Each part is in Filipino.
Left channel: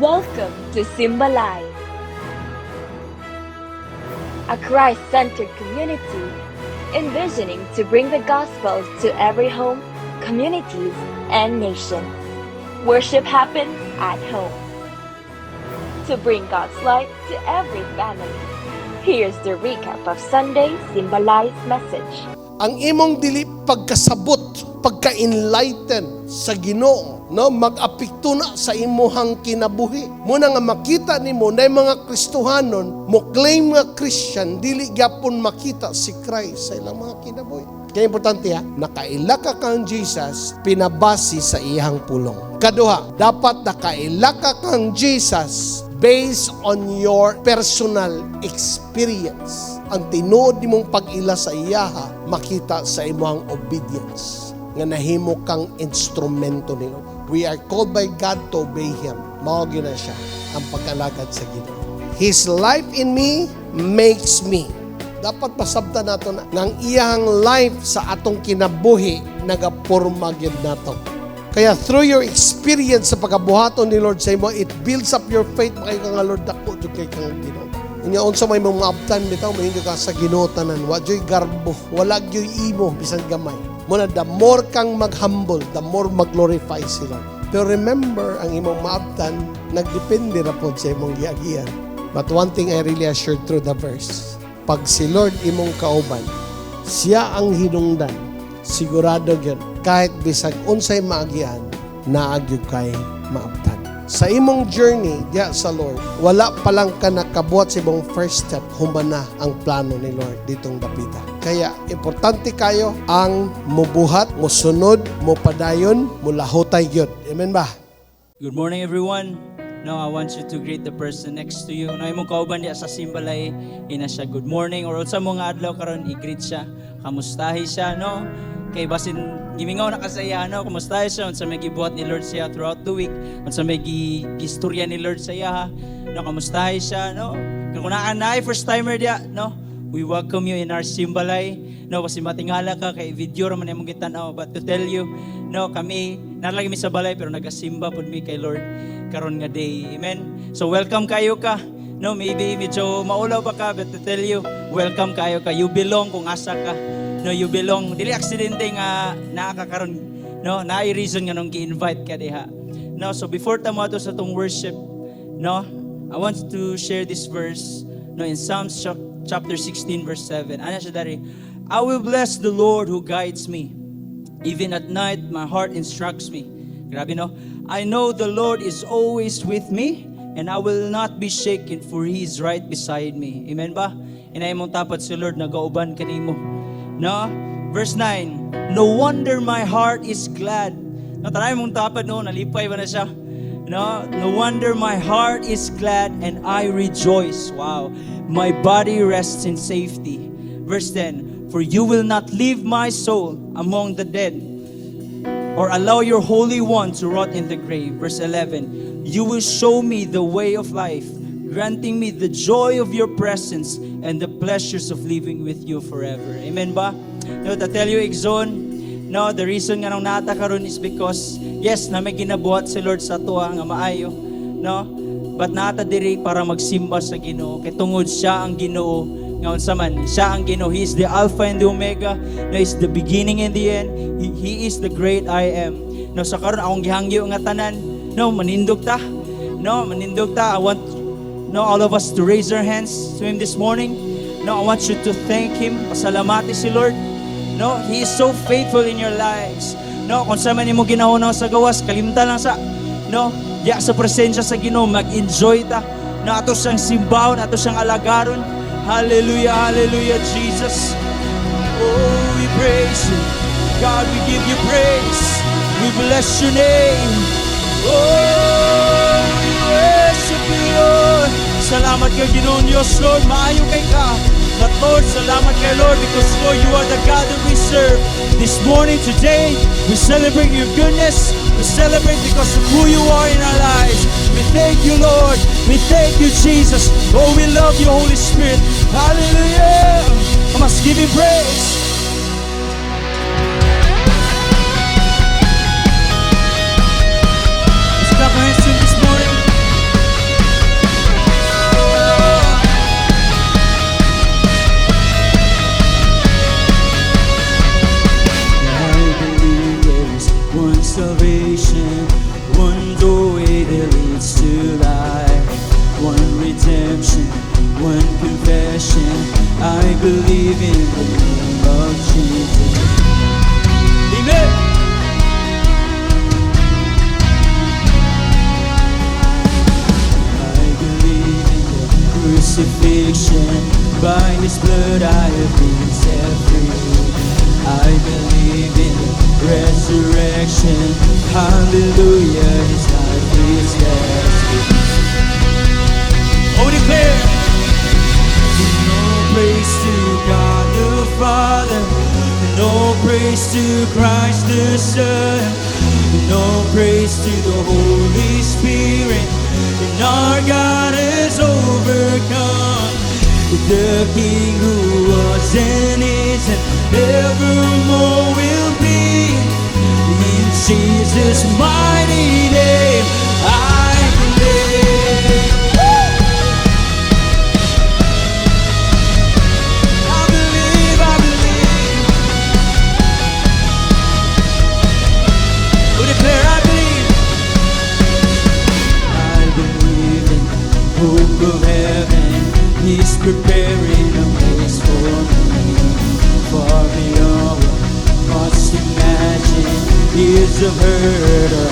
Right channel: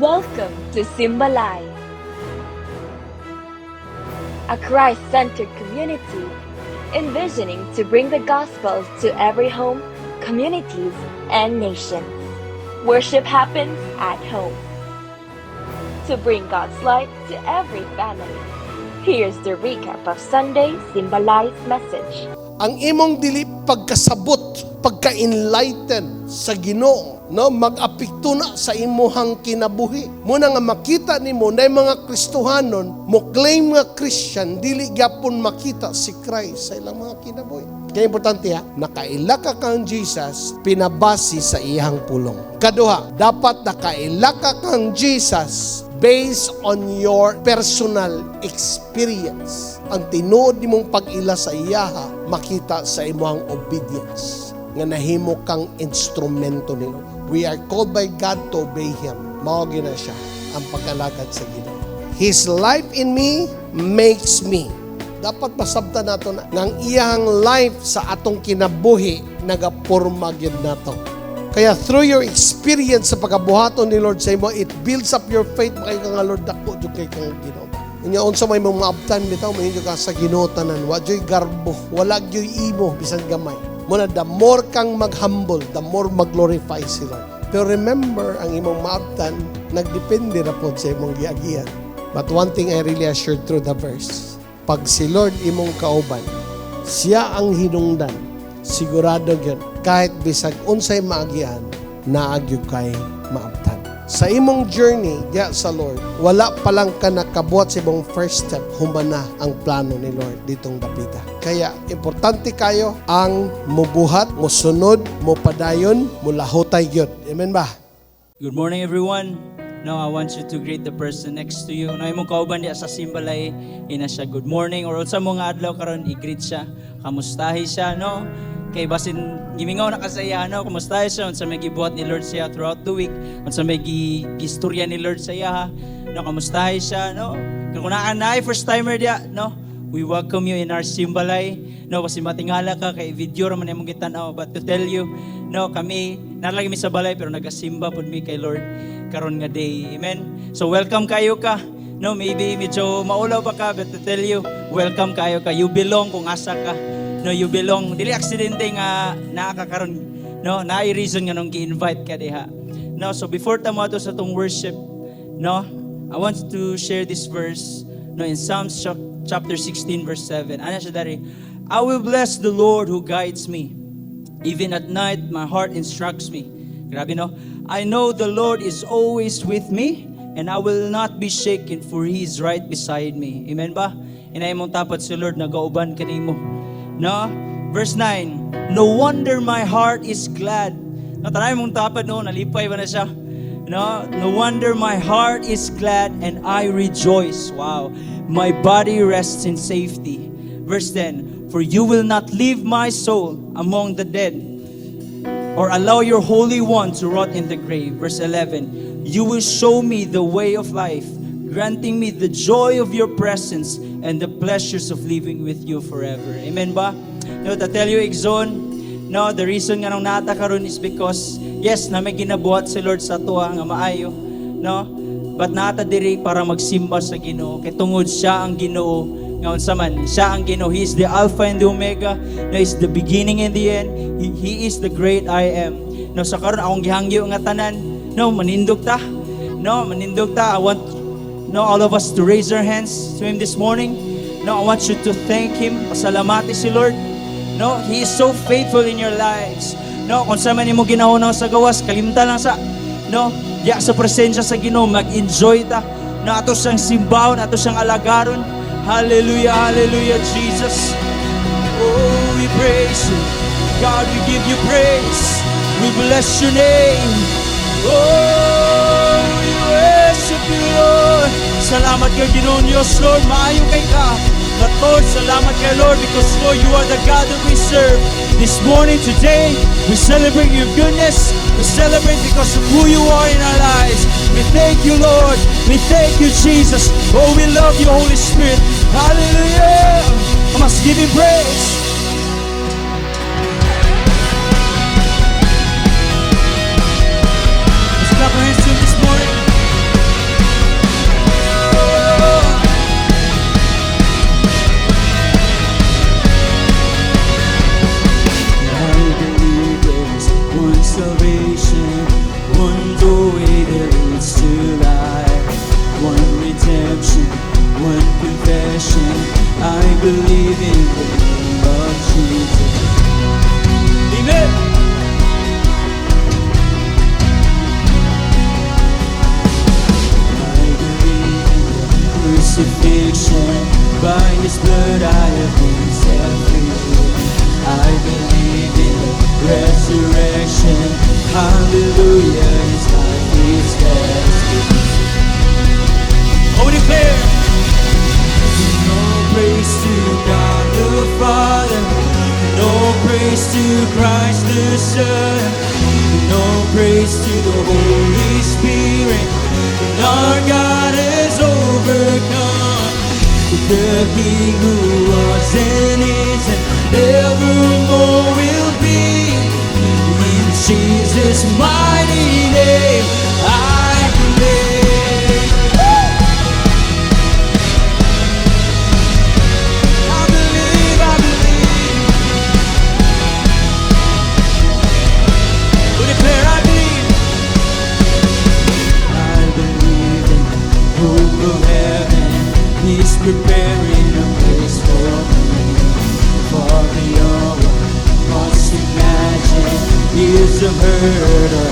Welcome to Simba Live, a Christ-centered community envisioning to bring the gospel to every home, communities, and nations. Worship happens at home. To bring God's light to every family, here's the recap of Sunday Simba Live's message. Ang imong dili pagkasabot, pagka-enlighten sa Ginoo, no, mag-apekto na sa imuhang kinabuhi. Muna nga makita nimo na mga Kristohanon mo claim nga Christian, dili gyapon makita si Christ sa ilang mga kinabuhi. Kaya importante nakaila ka kang Jesus, pinabasi sa iyang pulong. Kaduha, dapat nakaila ka kang Jesus based on your personal experience. Ang tinuod nimong pag-ila sa iyaha, makita sa imong obedience nga nahimo kang instrumento ni Lord. We are called by God to obey Him. Mao gina siya ang pag-alagad sa Ginoo. His life in me makes me. Dapat masabtan nato na ng iyang life sa atong kinabuhi nagaporma gyud nato. Kaya through your experience sa pagkabuhaton ni Lord sa imo, it builds up your faith. Makay ka nga Lord, dako jud kay kang Ginoo. Unya unsa may mga abtan bitaw, mahinyo ka sa Ginoo tanan. Wa joy garbo, wala joy imo bisan gamay. Muna, the more kang mag-humble, the more mag-glorify si Lord. Pero remember, ang imong maabtan, nagdepende na po sa imong giagian. But one thing I really assured through the verse, pag si Lord imong kauban, siya ang hinungdan, sigurado yun, kahit bisag unsay maagian, naagyog kay maabtan. Sa imong journey diya sa Lord, wala pa lang ka nakabuhat sa imong first step, humana ang plano ni Lord ditong dapita. Kaya importante kayo ang mubuhat, musunod, mupadayon, mulahutay gyud. Amen ba? Good morning, everyone. Now, I want you to greet the person next to you. Na imong kauban diya sa Simbalay, ina siya good morning or sa mga adlaw karon i-greet siya, kamustahi siya, no? Kay basin gimingaw na kasaya, no? Kamustahi siya sa may gibuhat ni Lord siya throughout the week, at sa may gistorya ni Lord sa iya, no? Kamustahi siya, no? Kung naanay first timer diya, no? We welcome you in our Simbalay. No, kasi matingala ka kay video ra man imong gitan-aw, but to tell you, no, kami nalagi mi sa balay pero nagasimba pud mi kay Lord karon nga day. Amen. So welcome kayo ka. No, maybe medyo maulaw ba ka, but to tell you, welcome kayo ka. You belong kung asa ka. No, you belong. Dili aksidente nga nakakaroon. No, naay reason nga nung gi-invite ka diha. No, so before tamo ato sa tong worship, no, I want to share this verse, no, in Psalms chapter 16 verse 7. Ano siya dari? I will bless the Lord who guides me. Even at night, my heart instructs me. Grabe, no? I know the Lord is always with me, and I will not be shaken, for He is right beside me. Amen ba? Inay mong tapat si Lord, nagauban kinimo. No? Verse 9, no wonder my heart is glad. At mong tapat doon, nalipay ba na siya? No wonder my heart is glad, and I rejoice. Wow. My body rests in safety. Verse 10, for you will not leave my soul among the dead, or allow your Holy One to rot in the grave. Verse 11, you will show me the way of life, granting me the joy of your presence and the pleasures of living with you forever. Amen ba? No, to tell you, Exon, no, the reason nga nung nata karon is because, yes, na may ginabuhat si Lord sa tuwa nga maayo, no? But nata diri para magsimba sa Ginoo, kay tungod siya ang Ginoo. Ngayon sa man, siya ang Ginoo. He is the Alpha and the Omega. He is the beginning and the end. He is the great I am. No, sa karon akong gihangyo nga tanan. No, manindog ta. No, manindog ta. I want all of us to raise our hands to Him this morning. No, I want you to thank Him. Pasalamati si Lord. No, He is so faithful in your lives. No, kung sa man mo ginauna sa gawas, kalimta lang sa, no, diya sa presensya sa Ginoo, mag-enjoy ta. Na ato siyang simbaw, na ato siyang alagaron. Hallelujah, hallelujah, Jesus. Oh, we praise you. God, we give you praise. We bless your name. Oh, worship you, Lord. Salamat kay Ginoong Diyos, Lord. Maayo kay ka. But Lord, salamat kay Lord, because Lord, you are the God that we serve. This morning, today, we celebrate your goodness. We celebrate because of who you are in our lives. We thank you, Lord. We thank you, Jesus. Oh, we love you, Holy Spirit. Hallelujah. I must give you praise. Let's clap our hands to Him this morning. resurrection. I believe in the name of Jesus. Amen. Crucifixion, by His blood I have been set free. I believe in resurrection. Hallelujah, His life is God. Oh, declare. No praise to God the Father, no praise to Christ the Son, no praise to the Holy Spirit. And our God has overcome the King who was and is and evermore will be. In Jesus' mighty name, I believe. I believe. Declare I believe. I believe in hope of heaven. He's preparing a place for me. For the hour, just imagine is a burden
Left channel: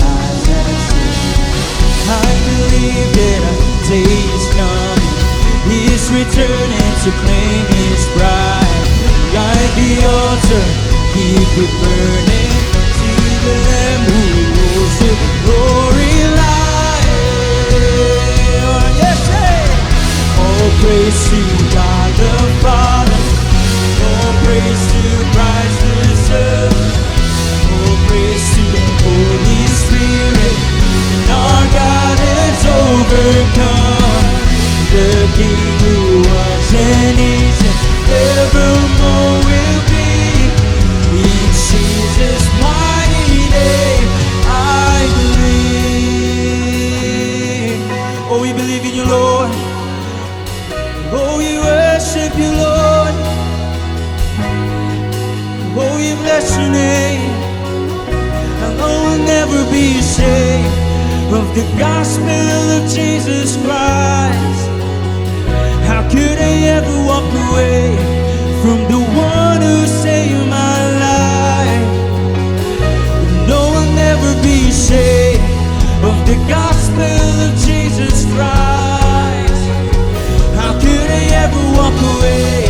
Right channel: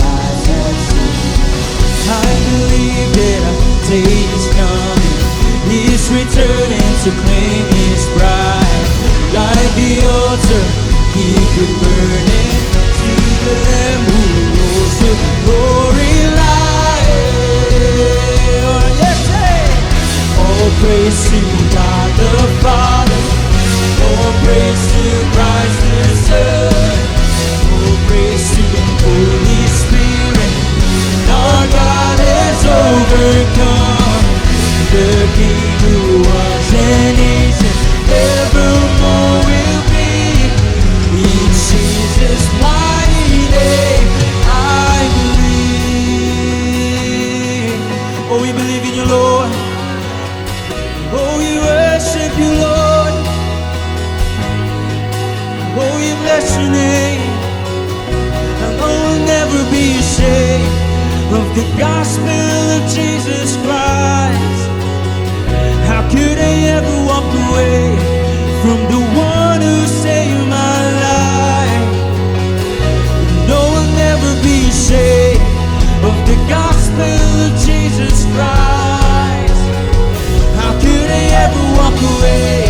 I believe that our day is coming. He's returning to claim His bride. Like the altar, He can burn it to them who say glory light. Yes, hey! All praise to God the Father. All praise to Christ the Son. All praise to the Holy Spirit. Our God is overcome. The King who was and is and evermore will be. In Jesus' mighty name, I believe. Oh, we believe in you, Lord. Oh, we worship you, Lord. Oh, we bless your name. I will never be ashamed of the gospel of Jesus Christ. How could I ever walk away from the one who saved my life? No, I'll never be ashamed of the gospel of Jesus Christ. How could I ever walk away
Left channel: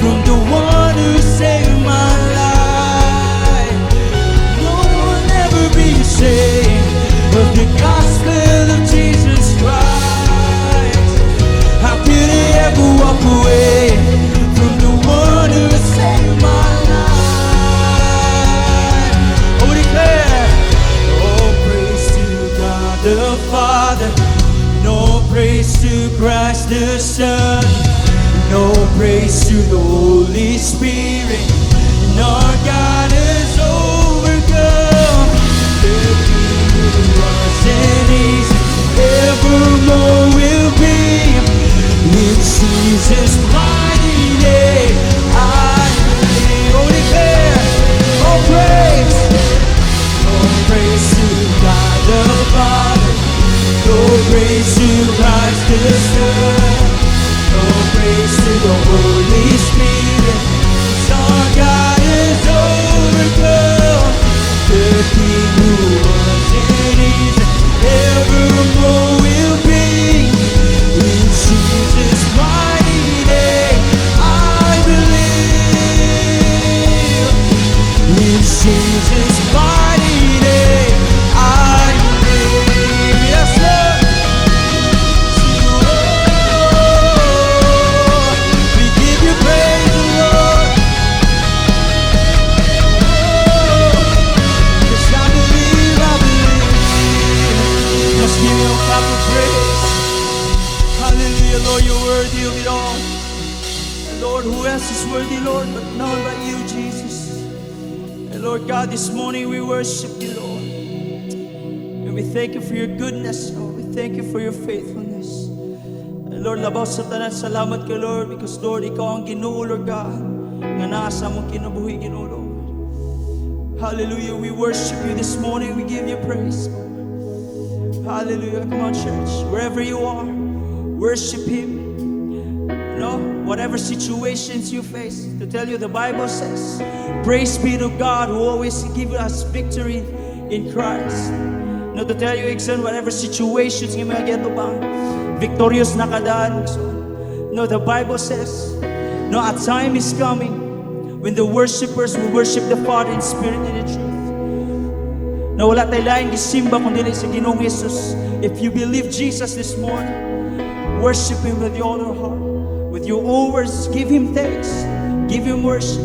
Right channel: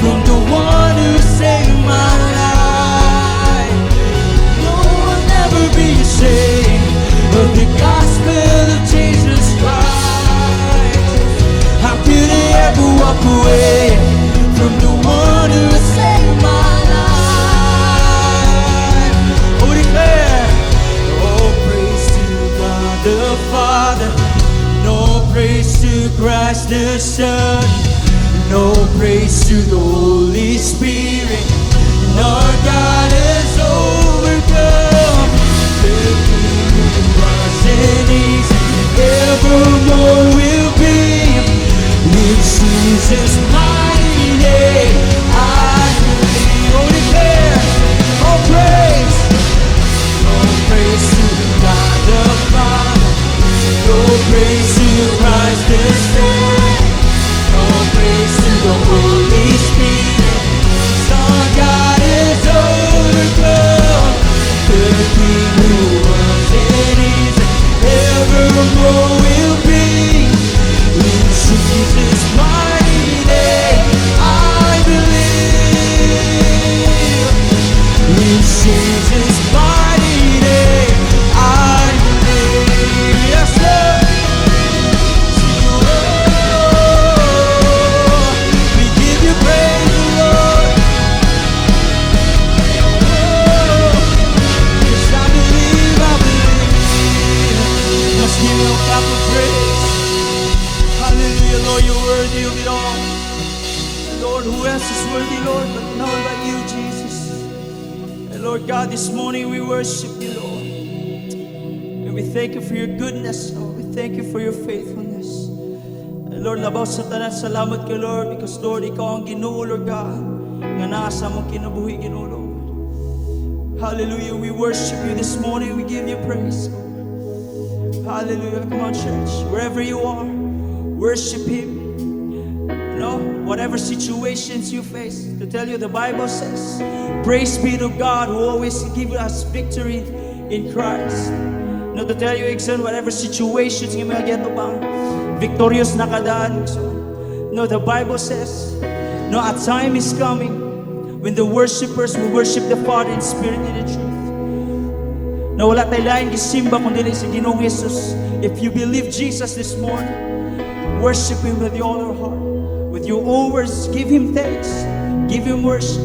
from the one who saved my life? No, I'll never be ashamed of the gospel of Jesus Christ. How could I ever walk away from the one who saved my life? Oh, declare. Oh, praise to God the Father. No praise to Christ the Son. No praise to the Holy Spirit. No, God is overcome. Mercedes evermore will be. In Jesus' mighty name, I declare. All praise. All praise to God the Father. All praise to Christ the Son. All praise to the Holy Spirit. Our God is overcome. The King who was and is and evermore will be. In Jesus' mighty name, I believe. In Jesus' mighty name, I believe. Yes, Lord. Oh, we give you praise, Lord. Oh, yes, I believe, I believe. Let's give you God the praise. Hallelujah, Lord, you're worthy of it all. Lord, who else is worthy, Lord, but not like you, Jesus. And Lord God, this morning we worship you, Lord. And we thank you for your goodness, Lord. We thank you for your faithfulness. And Lord, nabasa tanan salamat ka, Lord, because Lord, ikaw ang Ginoo, Lord God, na nasa mo kinabuhi, Ginoo, Lord. Hallelujah, we worship you this morning. We give you praise, Lord. Hallelujah, come on, church, wherever you are, worship him. You know, whatever situations you face. To tell you, the Bible says, praise be to God who always gives us victory in Christ. Now to tell you, Iksan, whatever situations you may get about, victorious na kadaan. No, the Bible says, no, a time is coming when the worshipers will worship the Father in spirit and in truth. No, wala tayong laing gisimba kung dili sa Ginoong Jesus. If you believe Jesus this morning, worship Him with your own heart. With your own words, give Him thanks. Give Him worship.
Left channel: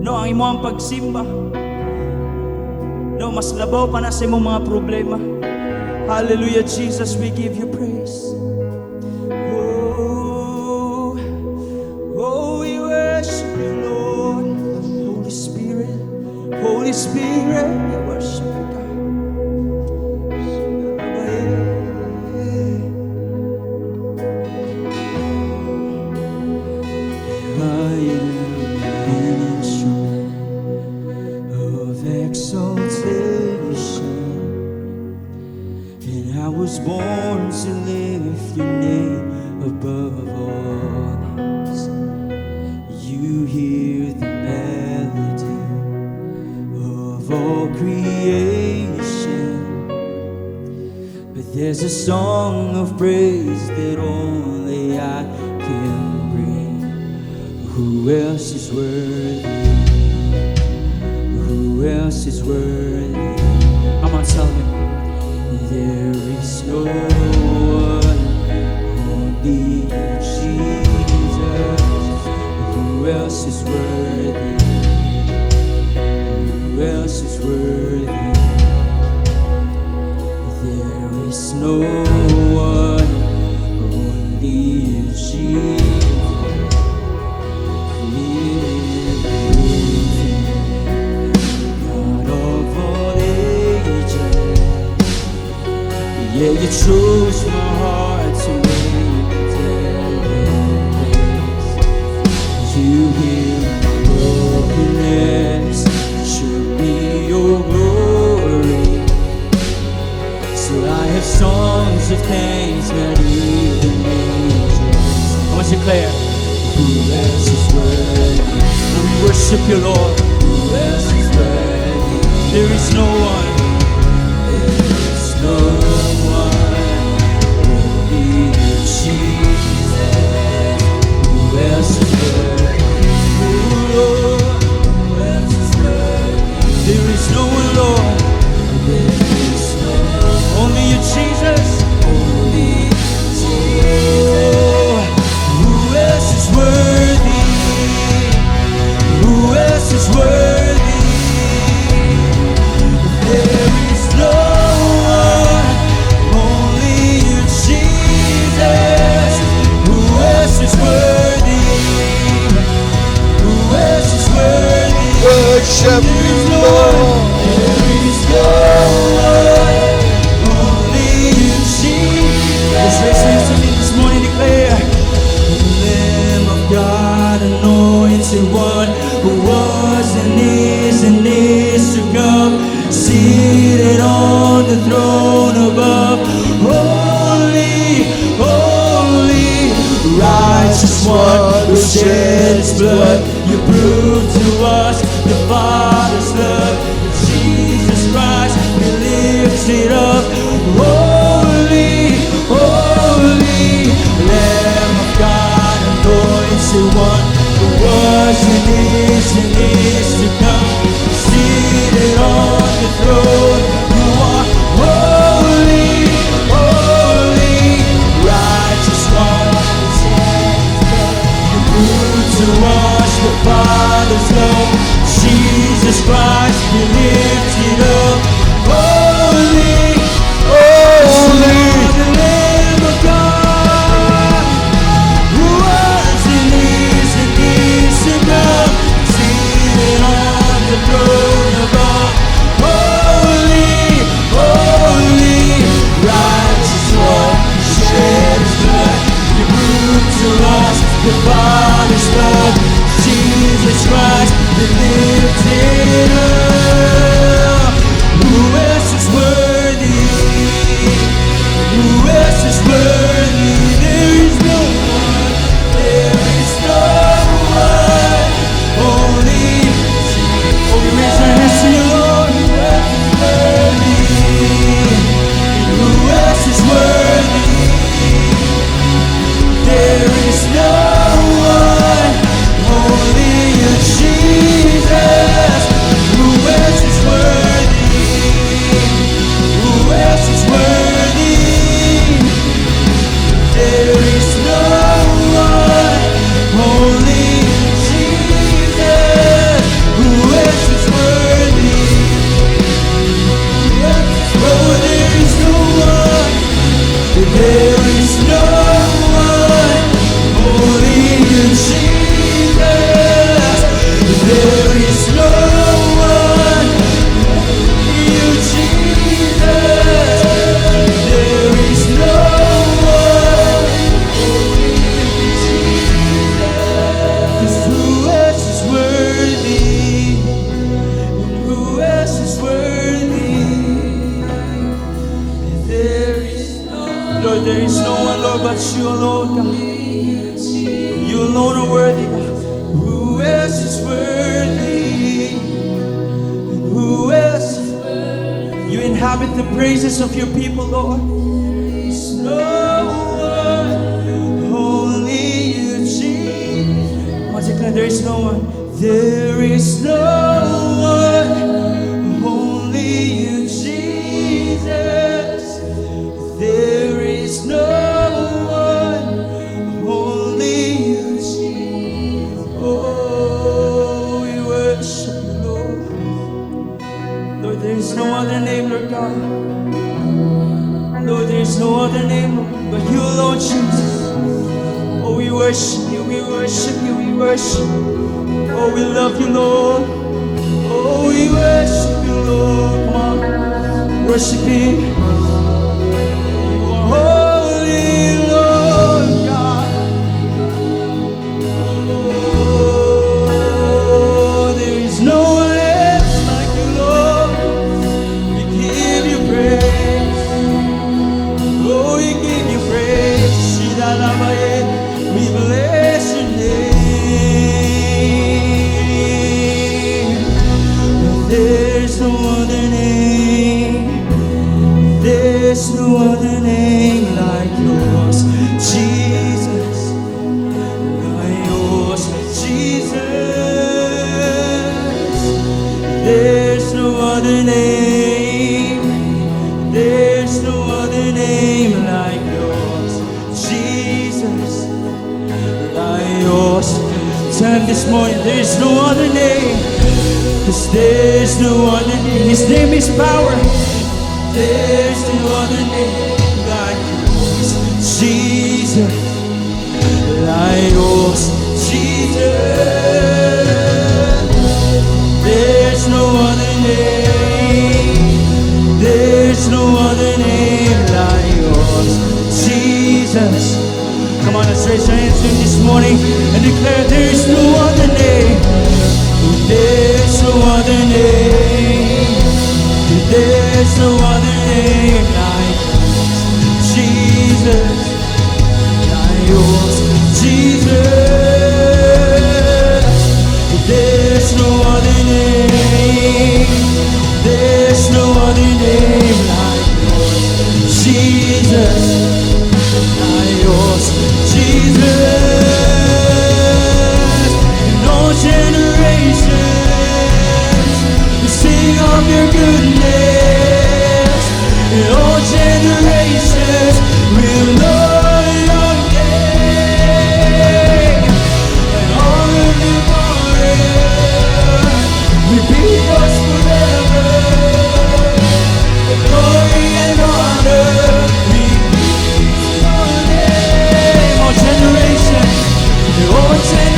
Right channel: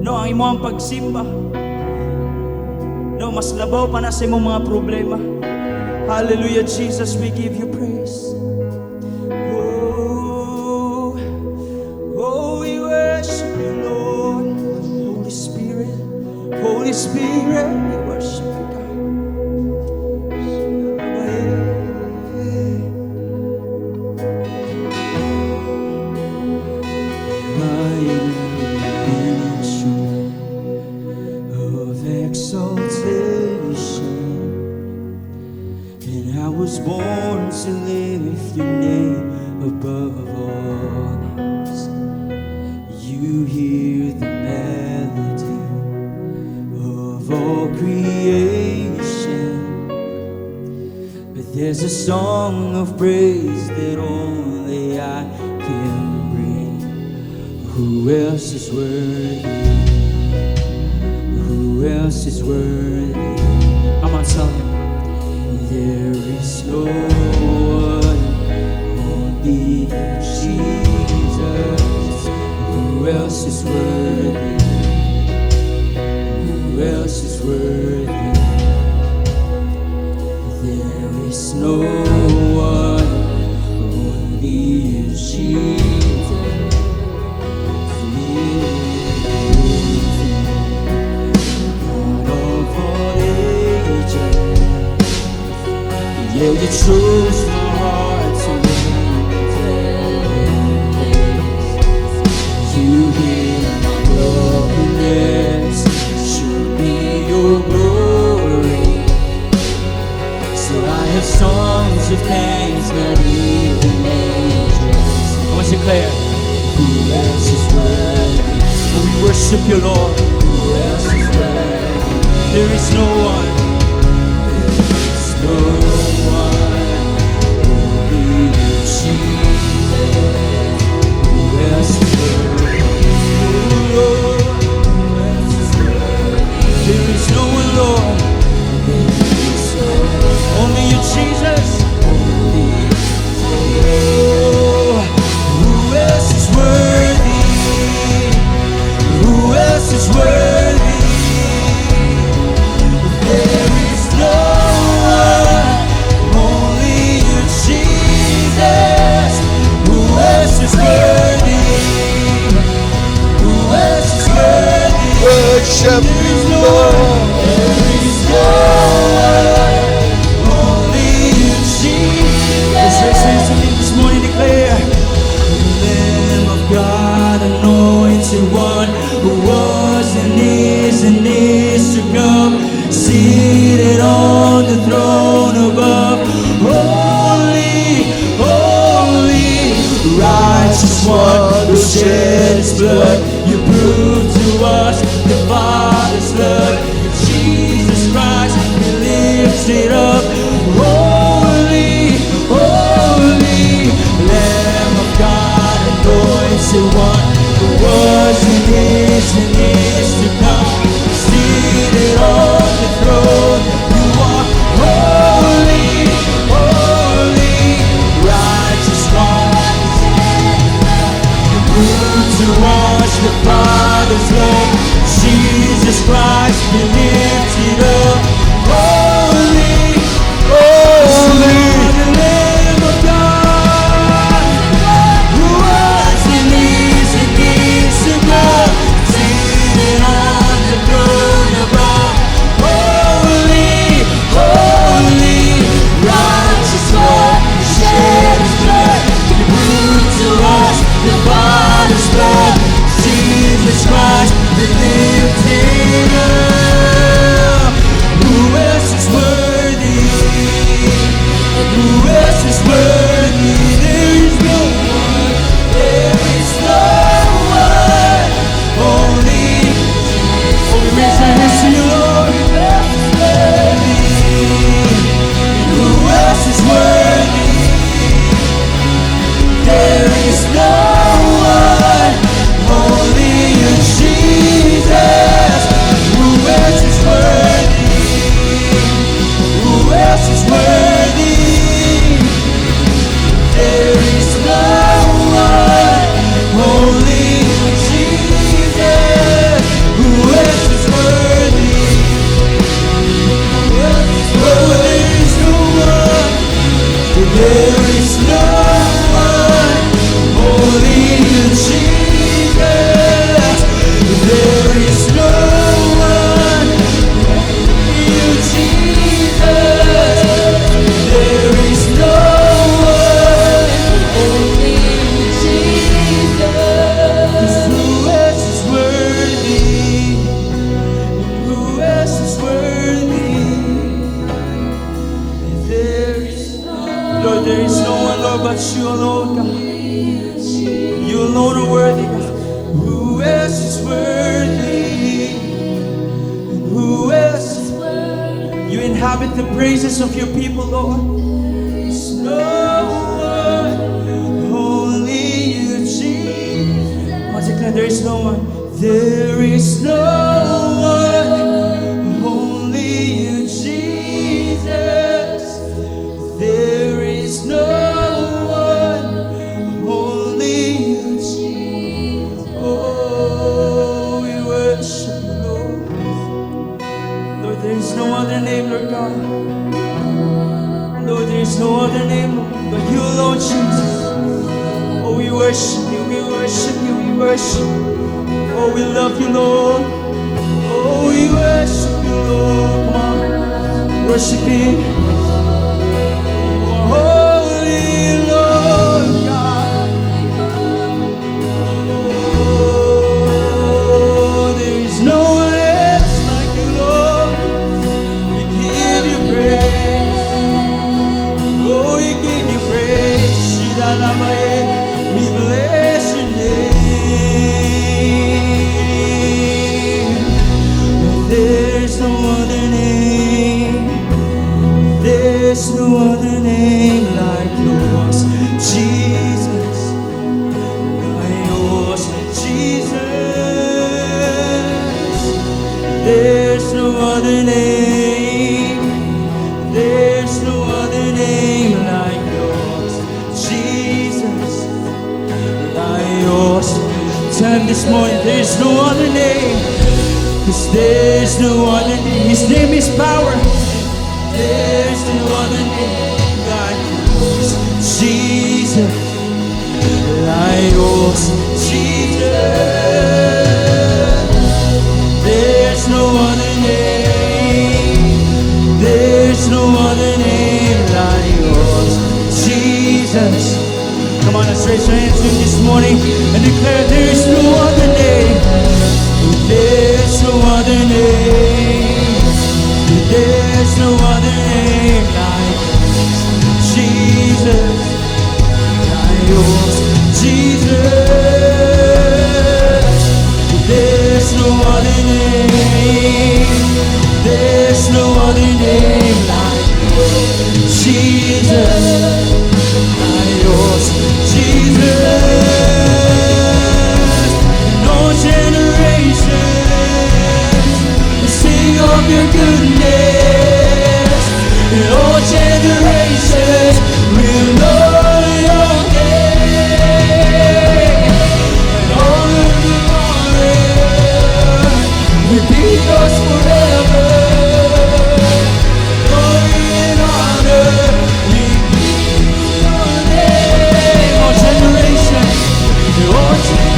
No, ang imo ang pagsimba. No, mas labaw pa na sa imong mga problema. Hallelujah, Jesus, we give you praise. Oh, oh, we worship you, Lord. Holy Spirit, Holy Spirit, we worship you, God. My nation of exaltation, and I was born to lift your name above all names. You hear the melody of all creation, but there's a song of praise that only I can bring. Who else is worthy? Who else is worthy? I'm on telling. There is no one, only Jesus. Who else is worthy? Who else is worthy? There is no one, only Jesus. Yeah, you choose my heart to live in praise. You hear my brokenness, should be your glory. So I have songs of thanks that will make you. What's it clear? Who else is worthy? Oh, worship you, Lord. Who else is worthy? There is no one. Seated on the throne above, holy, holy, righteous one who shed his blood. You proved to us the Father's love. Jesus Christ, be lifted up, holy, holy, Lamb of God, anointed one, who was and is to come. Seated on the throne, you are holy, holy, righteous one. You prove to us the Father's love. Jesus Christ, be lifted up, holy, holy, Lamb of God. As it is to come, seated on the throne above. Holy, holy, righteous one, shed his blood. Give to us the Father's love. Jesus Christ, be lifted up. Who else is worthy? Who else is worthy? There is no one. you alone, God. You alone are worthy, God. Who else is worthy? Who else? You inhabit the praises of your people, Lord. There's no one, only you, Jesus. Once again, there's no one. There is no one, only you, Jesus. There is no one, only you, Jesus. Oh, we worship you, Lord. Lord, there is no other name, Lord God. Lord, there is no other name but you, Lord Jesus. Oh, we worship you, we worship you, we worship you. Oh, we love you, Lord. Oh, we worship you, Lord. Worship you. Holy Lord God. Oh, there's no one else like you, Lord. We give you praise. Oh, we give you praise. Shiralamaye. We bless your name. There's no other name. There's no other name like yours, Jesus. Yours, Jesus. There's no other name. There's no other name like yours, Jesus. Like yours. Time this morning, there's no other name. 'Cause there's no other name. His name is power. There's no other name like yours, Jesus. Like yours, Jesus. There's no other name. There's no other name like yours, Jesus. Come on, let's raise your hands to him this morning and declare there's no other name. There's no other name. There's no other name like Jesus. Yours, Jesus. There's no other name. There's no other name like Jesus. Yours, Jesus. No generation sing of your goodness. No generations will know your name. All of the glory will be yours forever. Glory and honor be to all generations.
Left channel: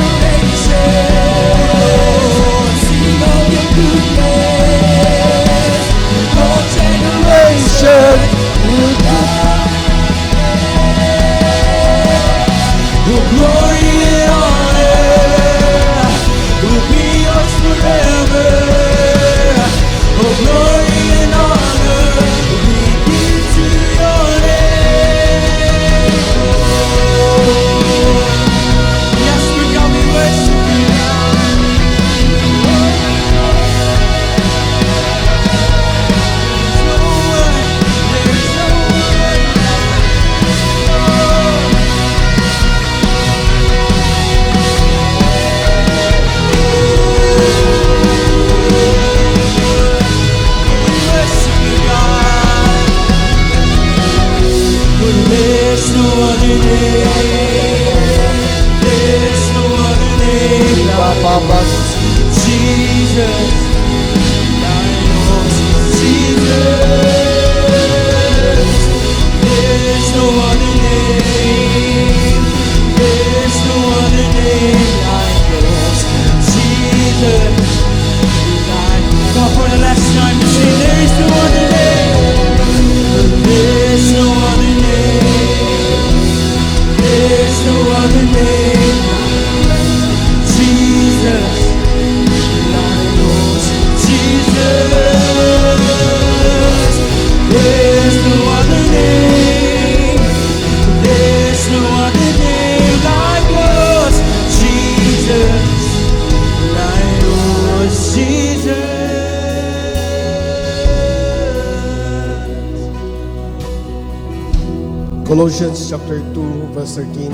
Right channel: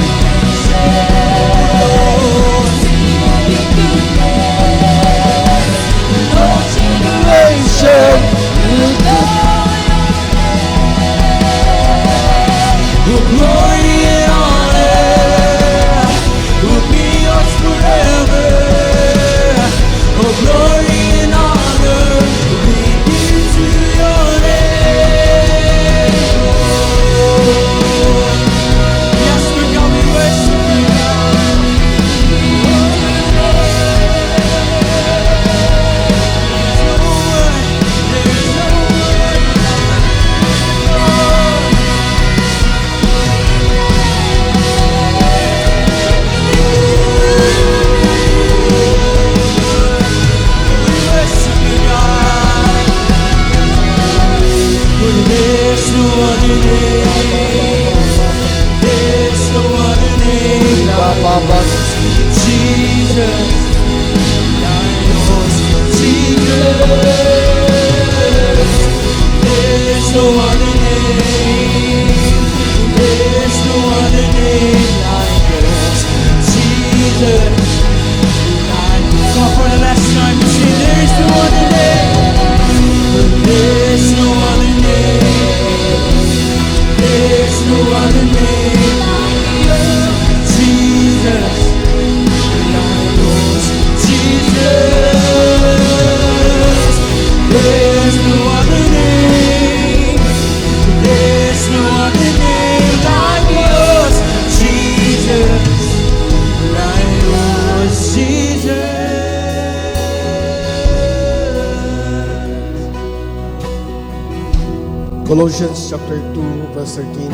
chapter 2, verse 13.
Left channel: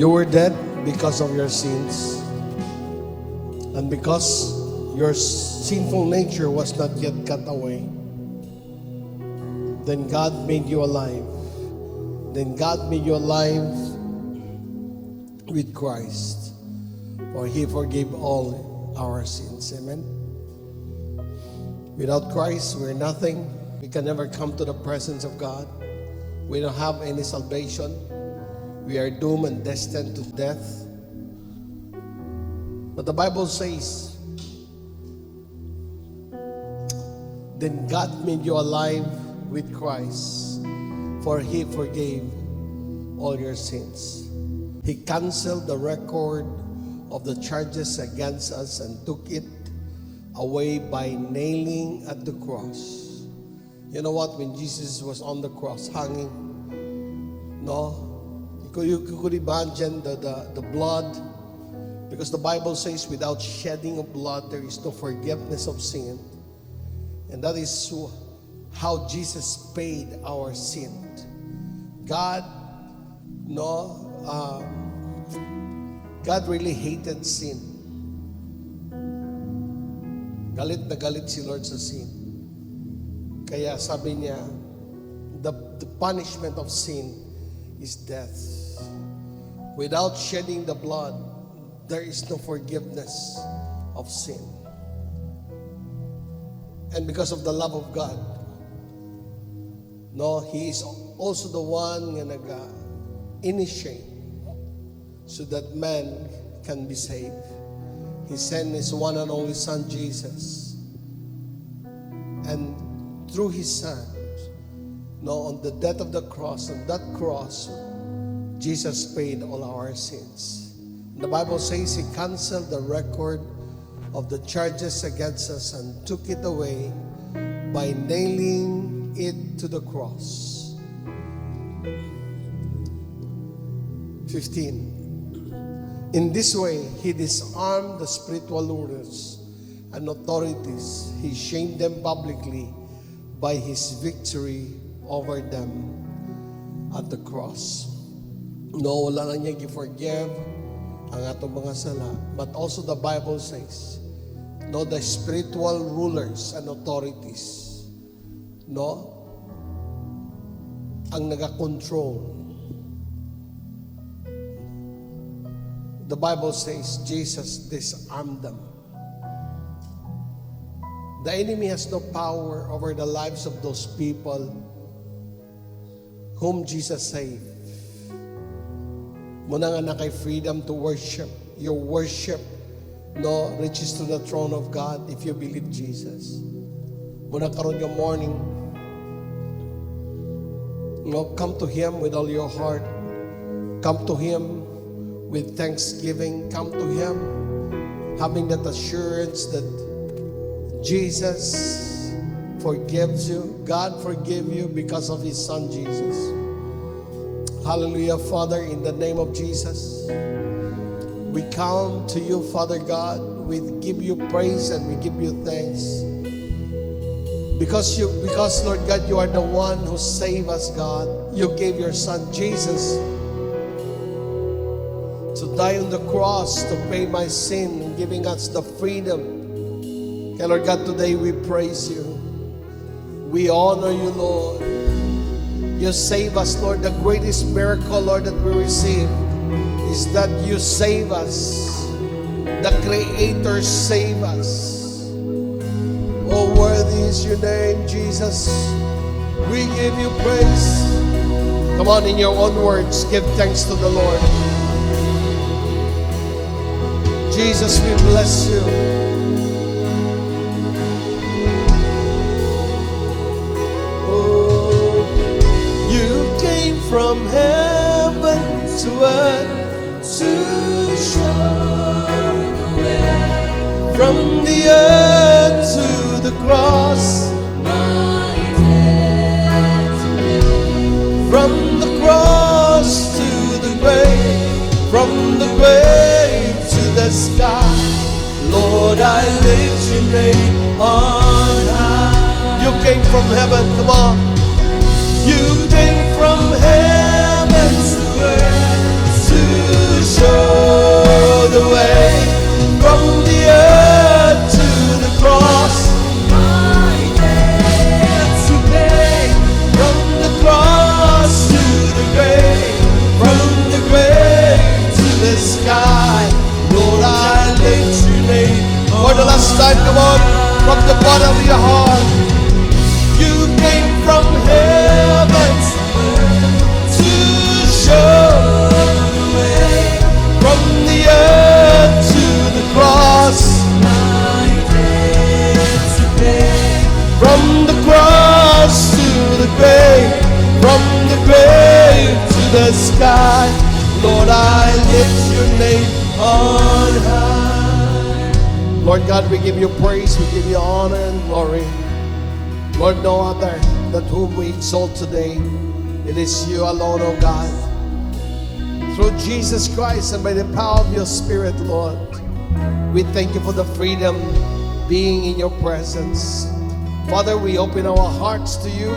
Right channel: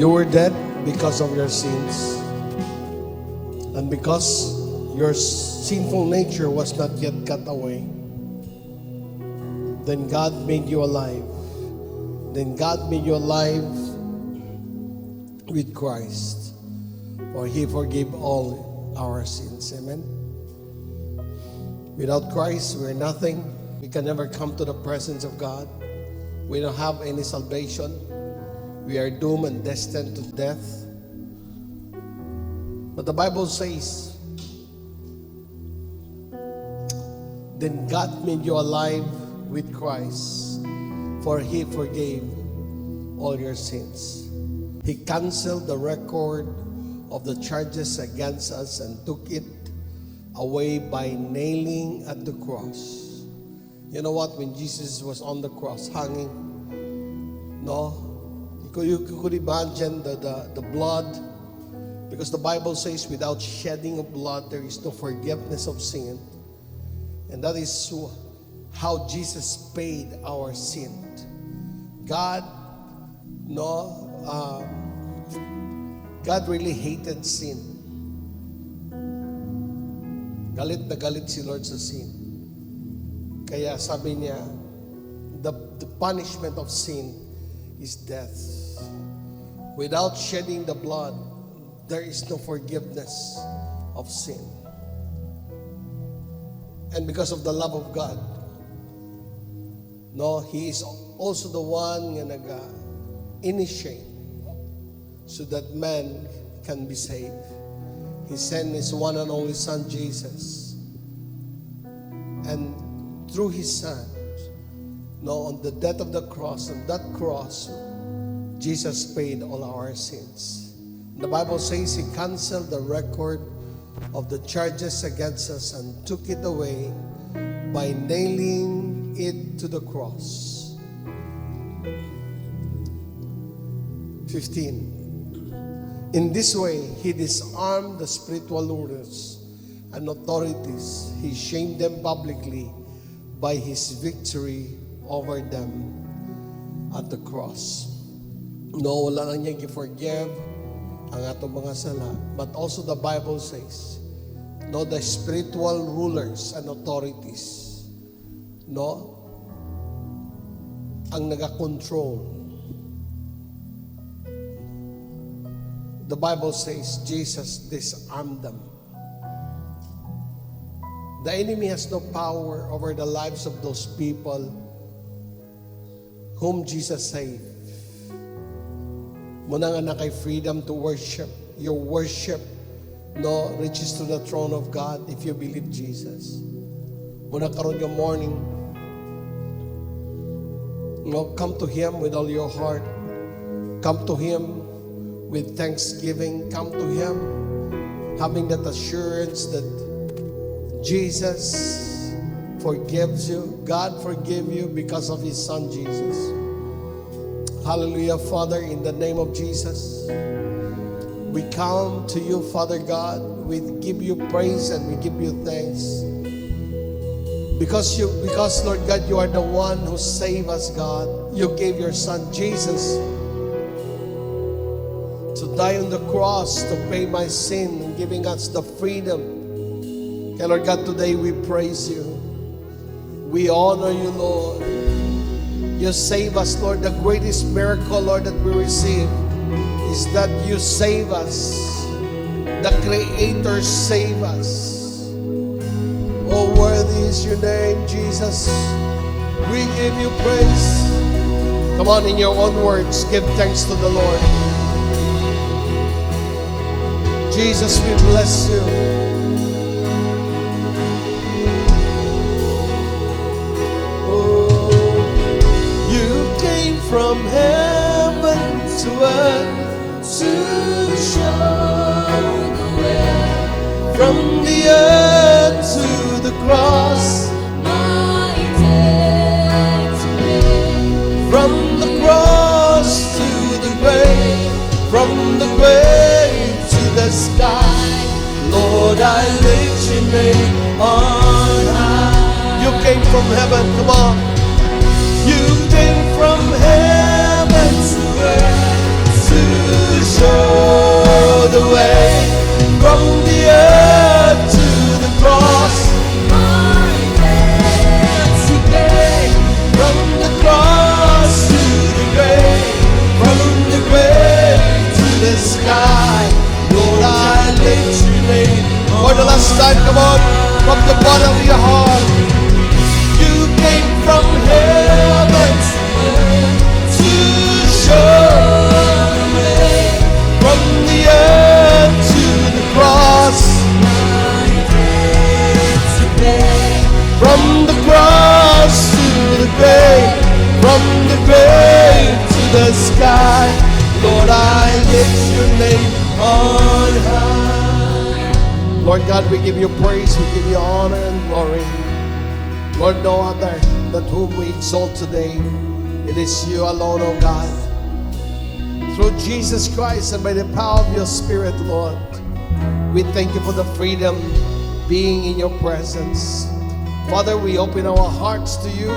You were dead because of your sins, and because your sinful nature was not yet cut away. Then God made you alive. Then God made you alive with Christ, for He forgave all our sins. Amen. Without Christ, we're nothing. We can never come to the presence of God. We don't have any salvation. We are doomed and destined to death. But the Bible says, then God made you alive with Christ, for He forgave all your sins. He canceled the record of the charges against us and took it away by nailing at the cross. You know what? When Jesus was on the cross hanging, you could imagine the blood, because the Bible says without shedding of blood there is no forgiveness of sin. And that is how Jesus paid our sin. God really hated sin. Galit na galit si Lord sa sin. Kaya sabi niya, the punishment of sin is death. Without shedding the blood, there is no forgiveness of sin. And because of the love of God, He is also the one na nag-initiate so that man can be saved. He sent His one and only Son, Jesus. And through His Son, on the death of the cross, on that cross, Jesus paid all our sins. The Bible says He canceled the record of the charges against us and took it away by nailing it to the cross. 15. In this way, He disarmed the spiritual rulers and authorities. He shamed them publicly by His victory over them at the cross. Wala na niya i-forgive ang atong mga sala. But also the Bible says, the spiritual rulers and authorities, ang nag-control. The Bible says Jesus disarmed them. The enemy has no power over the lives of those people whom Jesus saved. Muna nga na kay freedom to worship. Your worship reaches to the throne of God if you believe Jesus. Muna karon yung morning, come to Him with all your heart. Come to Him with thanksgiving. Come to Him having that assurance that Jesus forgives you. God forgave you because of His Son Jesus. Hallelujah, Father, in the name of Jesus. We come to you, Father God. We give you praise and we give you thanks. Because Lord God, you are the one who saved us, God. You gave your Son Jesus to die on the cross to pay my sin and giving us the freedom. Okay, Lord God, today we praise you. We honor you, Lord. You save us, Lord. The greatest miracle, Lord, that we receive is that you save us. The Creator save us. Oh, worthy is your name, Jesus. We give you praise. Come on, in your own words, give thanks to the Lord. Jesus, we bless you. From heaven to earth to show the way. From the earth to the cross, my destiny. From the cross to the grave, from the grave to the sky, Lord, I lift your name on high. You came from heaven, come on. You came shown the way from the earth to the cross. Today, from the cross to the grave, from the grave to the sky, Lord, I lift your name. For the last time, come on, from the bottom of your heart. You came from heaven to show the way from the earth to the cross. From the cross to the grave, from the grave to the sky, Lord, I lift your name on high. Lord God, we give you praise, we give you honor and glory. Lord, no other that whom we exalt today. It is you alone, O God. Through Jesus Christ and by the power of your Spirit, Lord, we thank you for the freedom being in your presence. Father, we open our hearts to you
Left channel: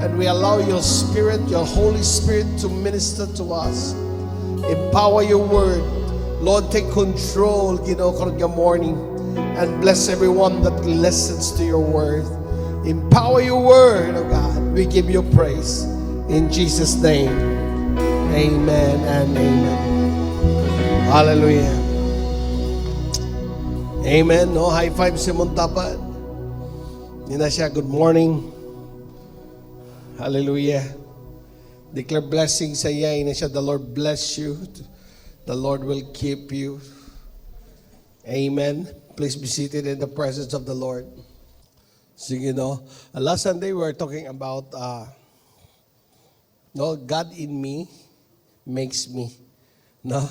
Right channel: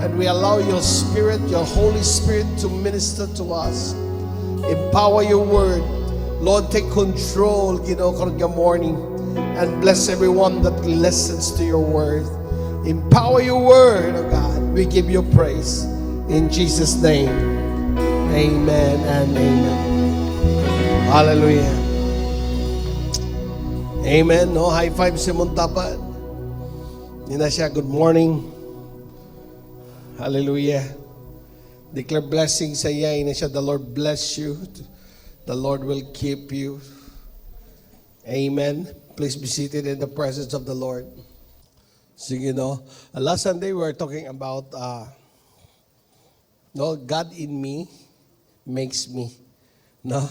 and we allow your Spirit, your Holy Spirit, to minister to us. Empower your word. Lord, take control, your morning and bless everyone that listens to your word. Empower your word, oh God. We give you praise. In Jesus' name, amen and amen. Hallelujah. Amen. No, high five si Montapan. Hindi na siya, good morning. Hallelujah. Declare blessing sa iya. Hindi siya, the Lord bless you. The Lord will keep you. Amen. Please be seated in the presence of the Lord. Sige, last Sunday we were talking about God in me makes me. No?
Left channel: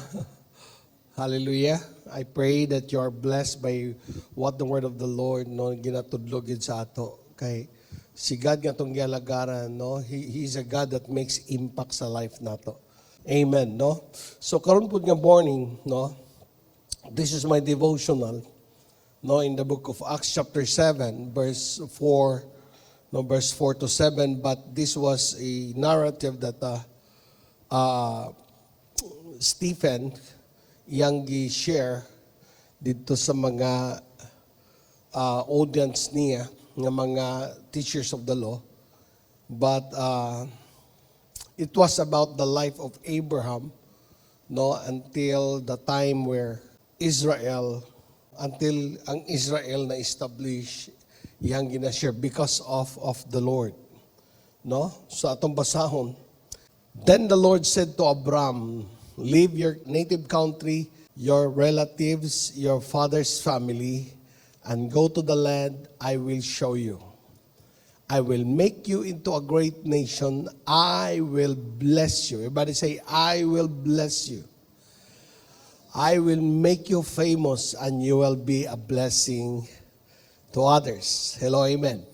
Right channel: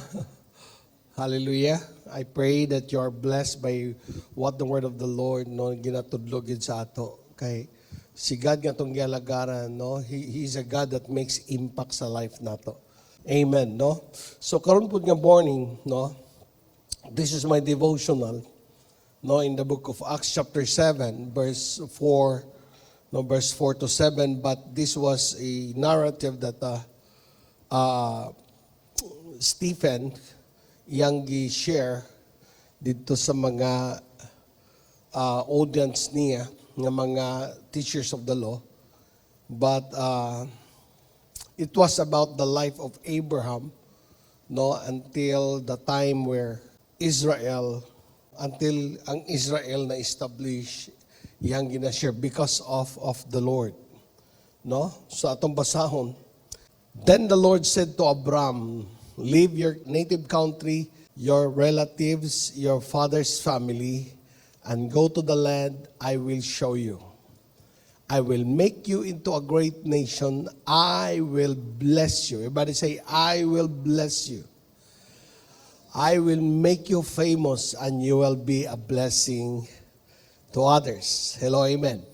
Hallelujah. I pray that you're blessed by what the word of the Lord ginatudlogin sa ato. Okay? Si God nga itong gialagaran, He's a God that makes impact sa life nato. Amen, So karon po nga morning, this is my devotional, in the book of Acts chapter 7, verse 4 to 7, but this was a narrative that Stephen yang gi-share dito sa mga audience niya, ng mga teachers of the law. But it was about the life of Abraham, until the time where until ang Israel na establish yang ginashare because of the Lord. So atong basahon. Then the Lord said to Abram, leave your native country, your relatives, your father's family, and go to the land I will show you. I will make you into a great nation. I will bless you. Everybody say, I will bless you. I will make you famous and you will be a blessing to others. Hello, amen.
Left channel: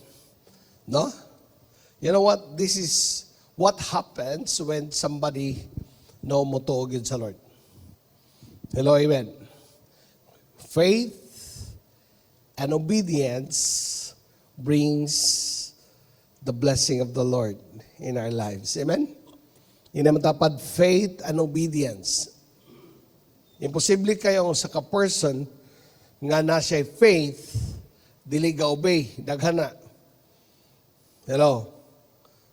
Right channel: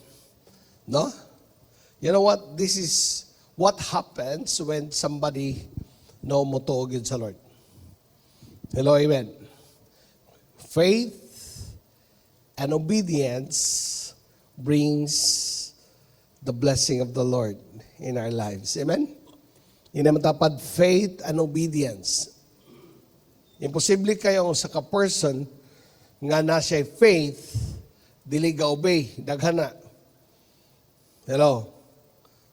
No? You know what? This is what happens when somebody mutuogin sa Lord. Hello, amen. Faith and obedience brings the blessing of the Lord in our lives. Amen? Inamatapad faith and obedience. Imposible kayo sa ka-person nga nasa faith, dili ga obey, daghana. Hello?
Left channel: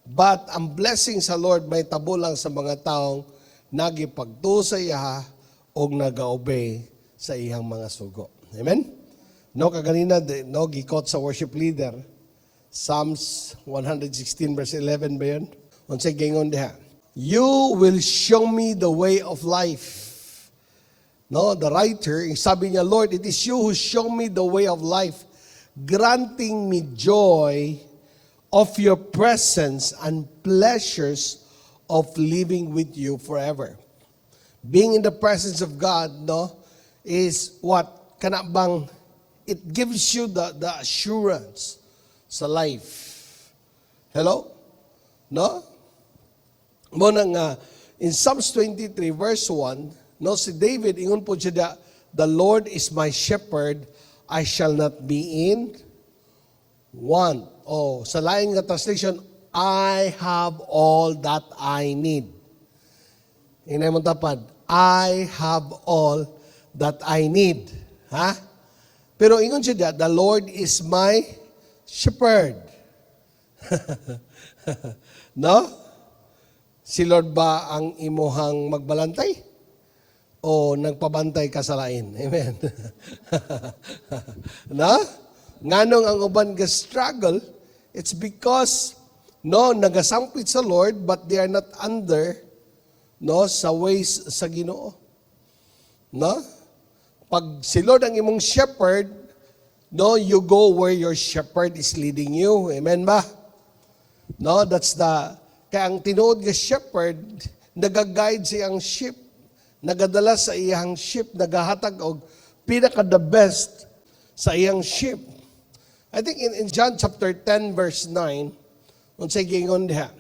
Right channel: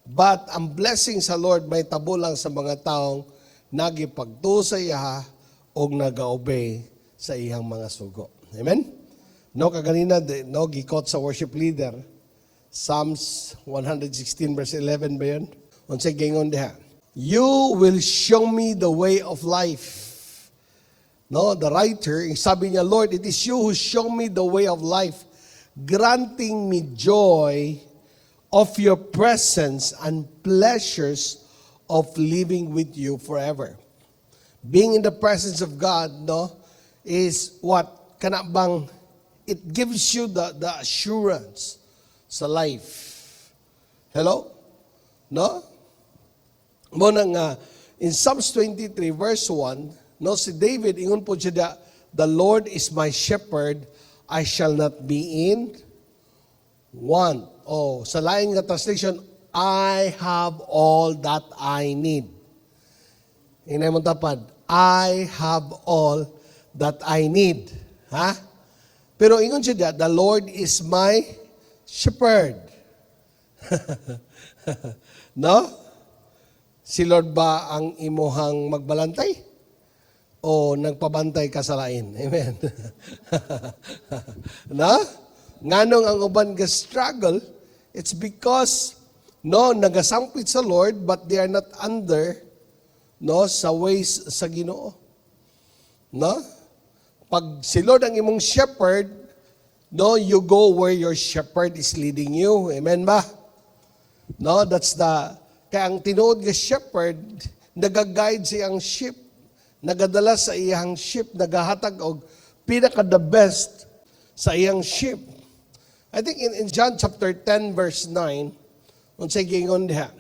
But ang blessing sa Lord may tabo lang sa mga taong nagipagtuo sa iya o naga-obey sa iyang mga sugo. Amen? Kaganina, gikot sa worship leader, Psalms 116 verse 11 ba yun? Unsay gingon diha? You will show me the way of life. The writer, sabi niya, Lord, it is you who show me the way of life, granting me joy of your presence and pleasures of living with you forever. Being in the presence of God, is what? Kanabang, it gives you the assurance sa life. Hello? Muna nga, in Psalms 23 verse 1, si David, ingon po siya, the Lord is my shepherd, I shall not be in want. Sa lain nga translation, I have all that I need. Inay mo tapad, I have all that I need. Ha? Pero ingon siya, the Lord is my shepherd. No? Si Lord ba ang imuhang magbalantay? O nagpabantay ka sa lain? Amen. No? Nganong ang uban ga-struggle, it's because nagasampit sa Lord but they are not under sa ways sa Ginoo. No? Pag si Lord ang imong shepherd, you go where your shepherd is leading you. Amen ba? No, that's kaya ang tinuod nga shepherd, nagaguide sa iyang sheep, nagadala sa iyang sheep, nagahatag og pinaka the best sa iyang sheep. I think in John chapter 10 verse 9, once again on that,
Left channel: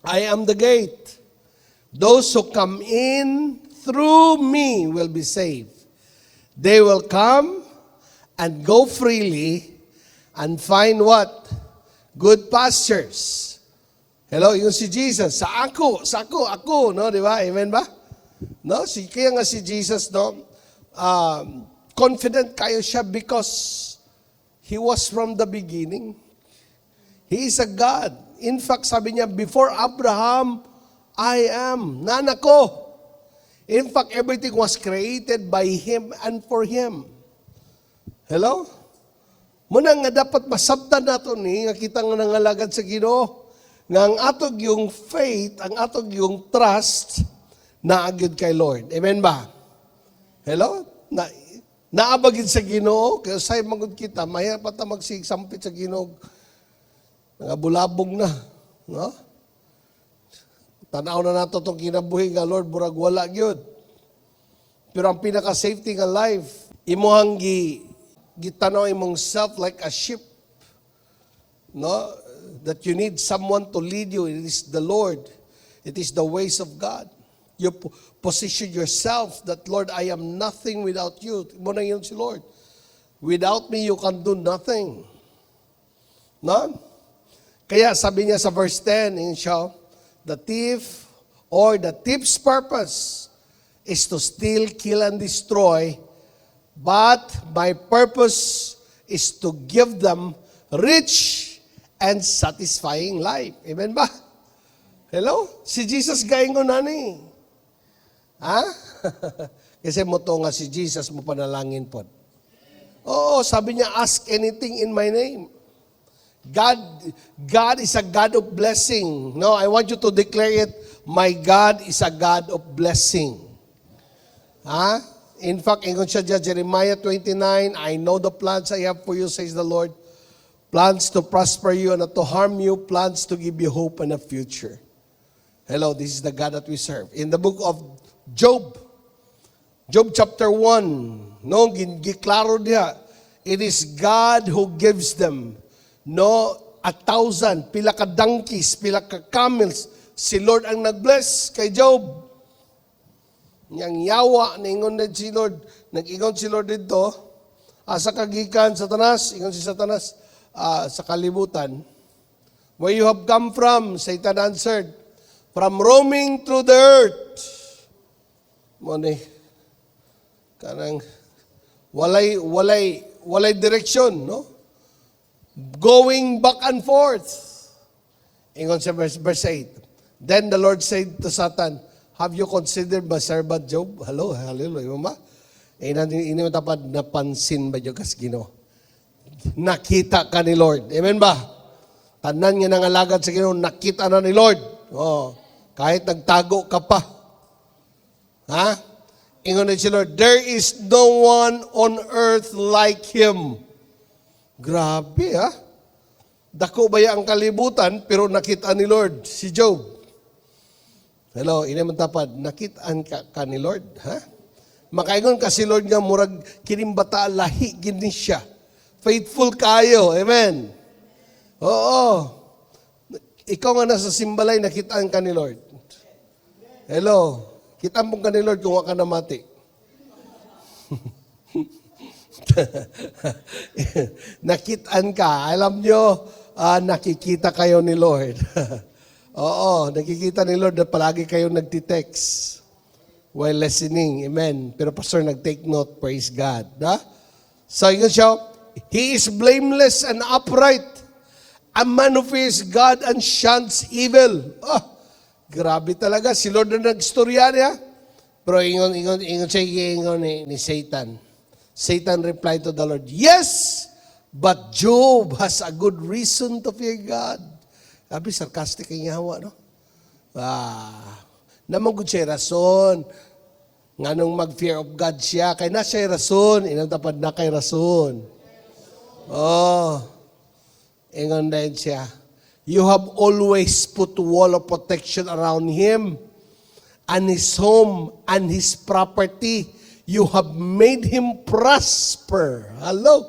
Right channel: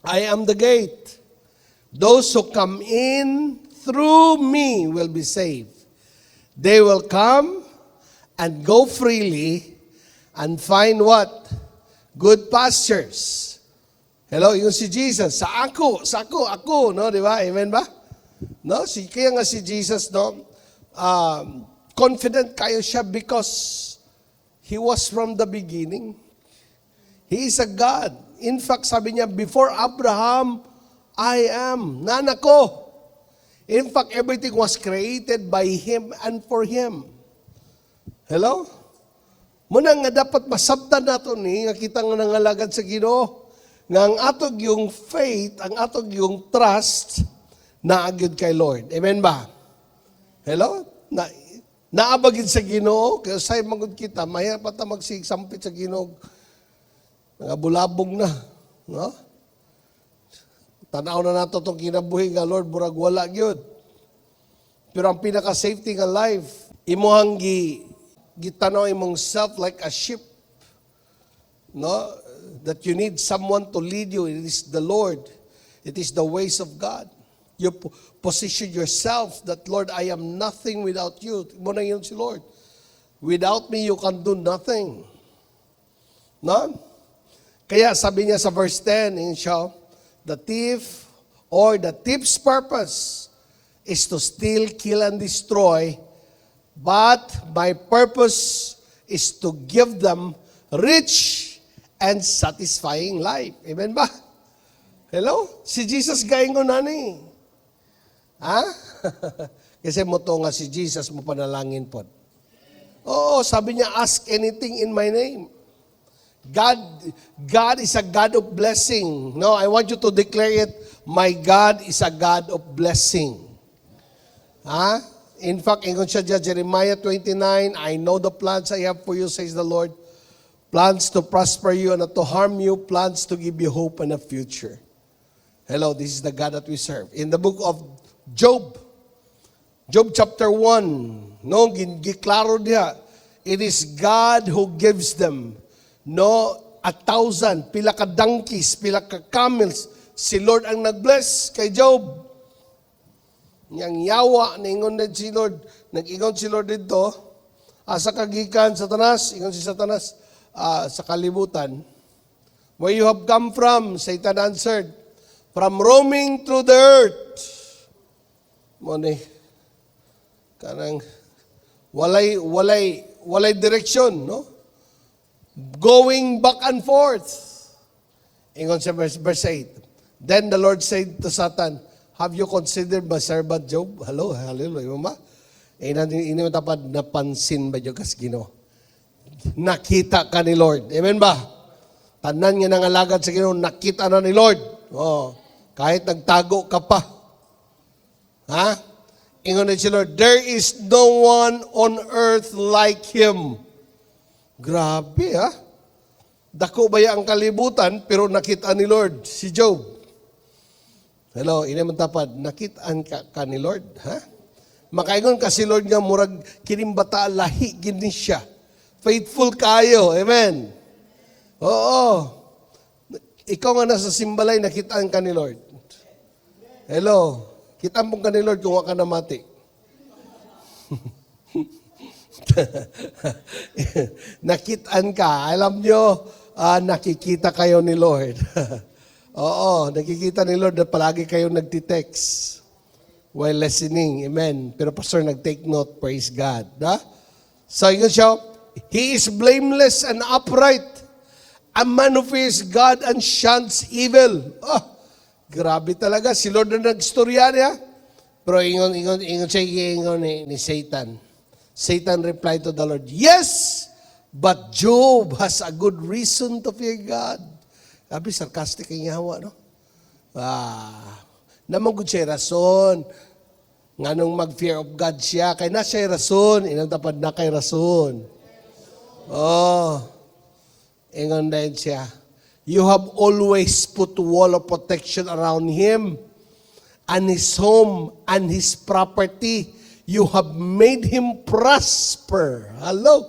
I am the gate. Those who come in through me will be saved. They will come and go freely and find what? Good pastures. Hello, yung si Jesus. Sa ako, no? Di ba? Amen ba? No? Kaya nga si Jesus, confident kayo siya because He was from the beginning. He is a God. In fact, sabi niya, before Abraham, I am. Nanako. In fact, everything was created by Him and for Him. Hello? Muna nga dapat masabtan nato nga kita nga nangalagad sa Ginoo. Na ang atog yung faith, ang atog yung trust, naagid kay Lord. Amen ba? Hello? Naabagid sa Ginoo, kaya sa'yo magod kita, maya pa ito magsigsampit sa Ginoo. Nangabulabog na. Yeah? Tanaw na nato itong kinabuhi nga, Lord, burag wala yun. Pero ang pinaka-safety nga life, imuhang gitanaw imong self like a sheep. No? That you need someone to lead you. It is the Lord. It is the ways of God. You position yourself that, Lord, I am nothing without you. Muna yun si Lord. Without me, you can do nothing. No? Kaya sabi niya sa verse 10, the thief's purpose is to steal, kill, and destroy, but my purpose is to give them rich and satisfying life. Amen ba? Hello? Si Jesus galing ko nani. Ha? Kasi mo to nga si Jesus mo panalangin po. Oo, sabi niya, ask anything in my name. God is a God of blessing. No, I want you to declare it, my God is a God of blessing. Ha? In fact, ingon siya dyan, Jeremiah 29, I know the plans I have for you, says the Lord. Plans to prosper you, not to harm you, plans to give you hope and a future. Hello, this is the God that we serve. In the book of Job chapter 1, giklaro niya, it is God who gives them, 1,000, pila ka donkeys, pila ka camels, si Lord ang nag-bless kay Job. Yang yawa, ningon na si Lord, nag-ingon si Lord dito, asa kagikan, Satanas, ingon si Satanas, sa kalibutan. Where you have come from, Satan answered, from roaming through the earth. Kanang walay direksyon, no? Going back and forth. Ingon sa verse 8. Then the Lord said to Satan, have you considered my servant Job? Hello, hallelujah, mama. Ina tapad napansin ba yung Ginoo? Nakita ka ni Lord. Amen ba? Tanan nga nangalagad sa Ginoo, nakita na ni Lord. Oh, kahit nagtago ka pa. Ha? Ingon na si Lord, there is no one on earth like Him. Grabe, ha? Dako ba ang kalibutan, pero nakita ni Lord, si Job. Hello, inaman tapad, nakitaan ka ni Lord, ha? Makaingon ka si Lord nga murag kinimbata lahi gini siya. Faithful kayo. Amen. Oo. Ikaw nga nasa simbalay, nakitaan ka ni Lord. Hello. Kitaan mong ka ni Lord kung waka na mati. Nakitaan ka. Alam nyo, nakikita kayo ni Lord. Oo, nakikita ni Lord na palagi kayo nagtitext. while listening. Amen. Pero pastor, nag-take note. Praise God. Ha? So yun siya, he is blameless and upright. A man who fears God and shuns evil. Grabe talaga. Si Lord na nag-storya niya. Pero ingon siya, ni Satan. Satan replied to the Lord, yes, but Job has a good reason to fear God. Sabi, sarcastic ang yawa, no? Naman good siya rason. Nga nung mag-fear of God siya, kaya na siya rason, inang dapat na kay rason. Ingon dahil siya, you have always put wall of protection around him and his home and his property. You have made him prosper. Hello?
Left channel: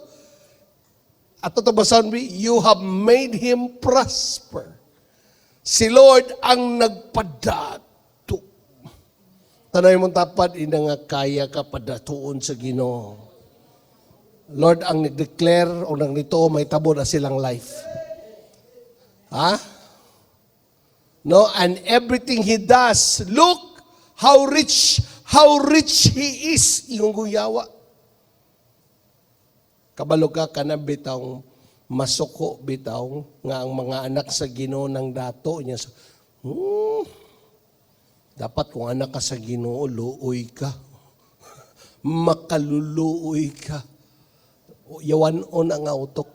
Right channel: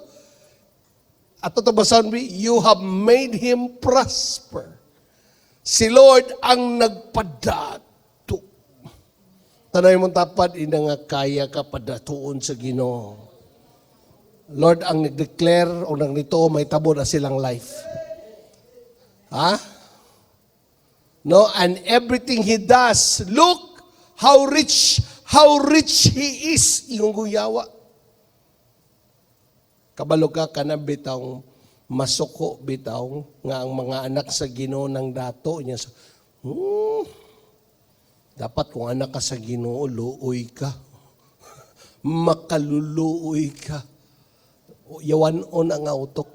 At ito basahan mo, you have made him prosper. Si Lord ang nagpadato. Tanay mong tapad, ina nga kaya ka padatuon sa Ginoo. Lord ang nag-declare o nang ito, may tabo na silang life. Ha? No, and everything he does, look how rich he is. Yung guyawa. Kabalo ka na bitaw, masuko bitaw, nga ang mga anak sa Ginoo ng dato niya. Dapat kung anak ka sa Ginoo, luoy ka. Makaluluoy ka. Yawan una nga utok.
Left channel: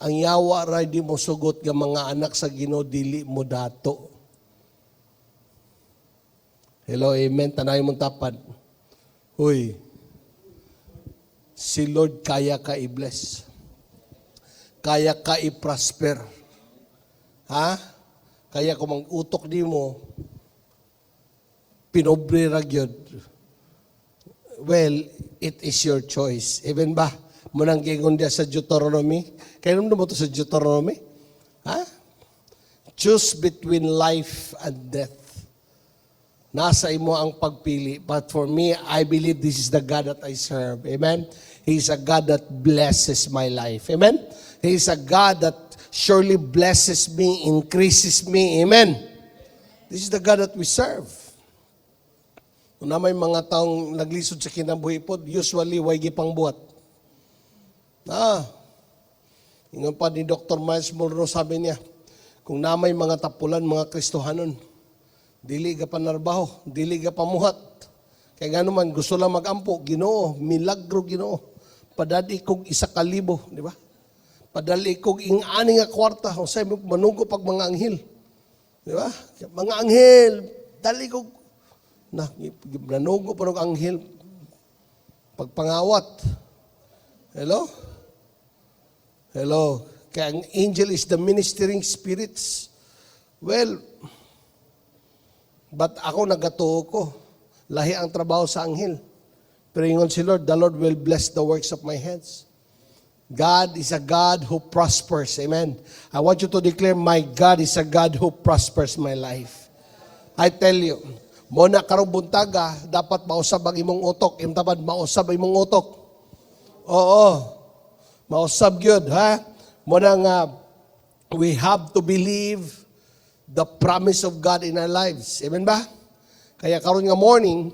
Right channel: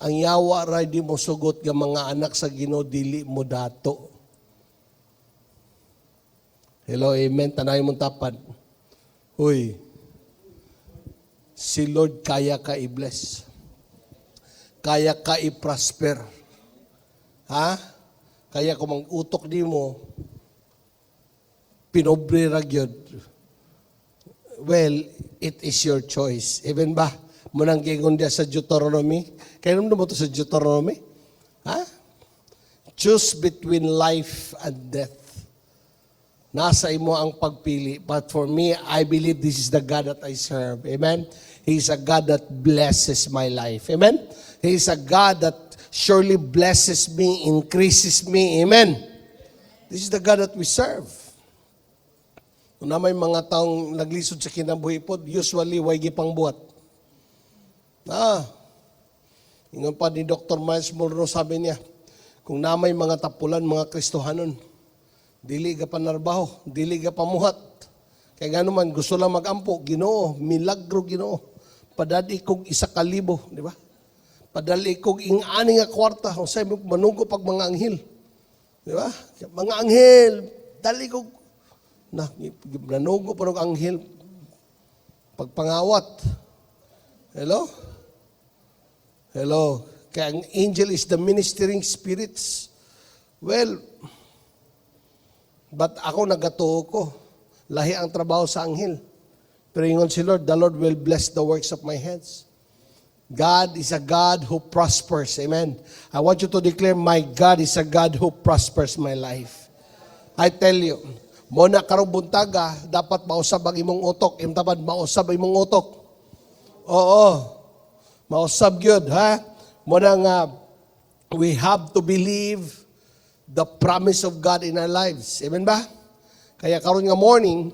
Ang yawa ra di mo sugot nga mga anak sa Ginoo dili mo dato. Hello, amen. Tanay mong tapad. Hoy, si Lord kaya ka i-bless. Kaya ka i-prosper. Ha? Kaya kung mang utok di mo, pinobre ra gyud. Well, it is your choice. Even ba? Manang gingon dia sa Deuteronomy. Kaya nung mo to sa Deuteronomy? Ha? Choose between life and death. Nasa imo ang pagpili. But for me, I believe this is the God that I serve. Amen? He's a God that blesses my life. Amen? He's a God that surely blesses me, increases me. Amen? This is the God that we serve. Kung na may mga taong naglisod sa kinabuhi po, usually, way gipang buhat. Ingon pa ni Dr. Miles Monroe, sabi niya, kung na may mga tapulan, mga Kristohanon, dili ka pa narbaho, dili ka pa muhat. Kaya gano'n man, gusto lang mag-ampo, Ginoo, milagro Ginoo. Padali kog 1,000, di ba? Padali kog ing-ani nga kwarta, sa manunggo pag mga anghel. Di ba? Mga anghel, dali kog, nanunggo pa ng anghel, pagpangawat. Hello? Hello? Kaya ang angel is the ministering spirits. Well, but ako nagatuo ko. Lahi ang trabaho sa anghel. Pero ingon si Lord, the Lord will bless the works of my hands. God is a God who prospers. Amen. I want you to declare, my God is a God who prospers my life. I tell you, muna karong buntaga, dapat mausab ang imong utok. Imtabad, mausab ang imong utok. Oo. Mausab yun, ha? Muna nga, we have to believe the promise of God in our lives. Amen ba? Kaya karon nga morning,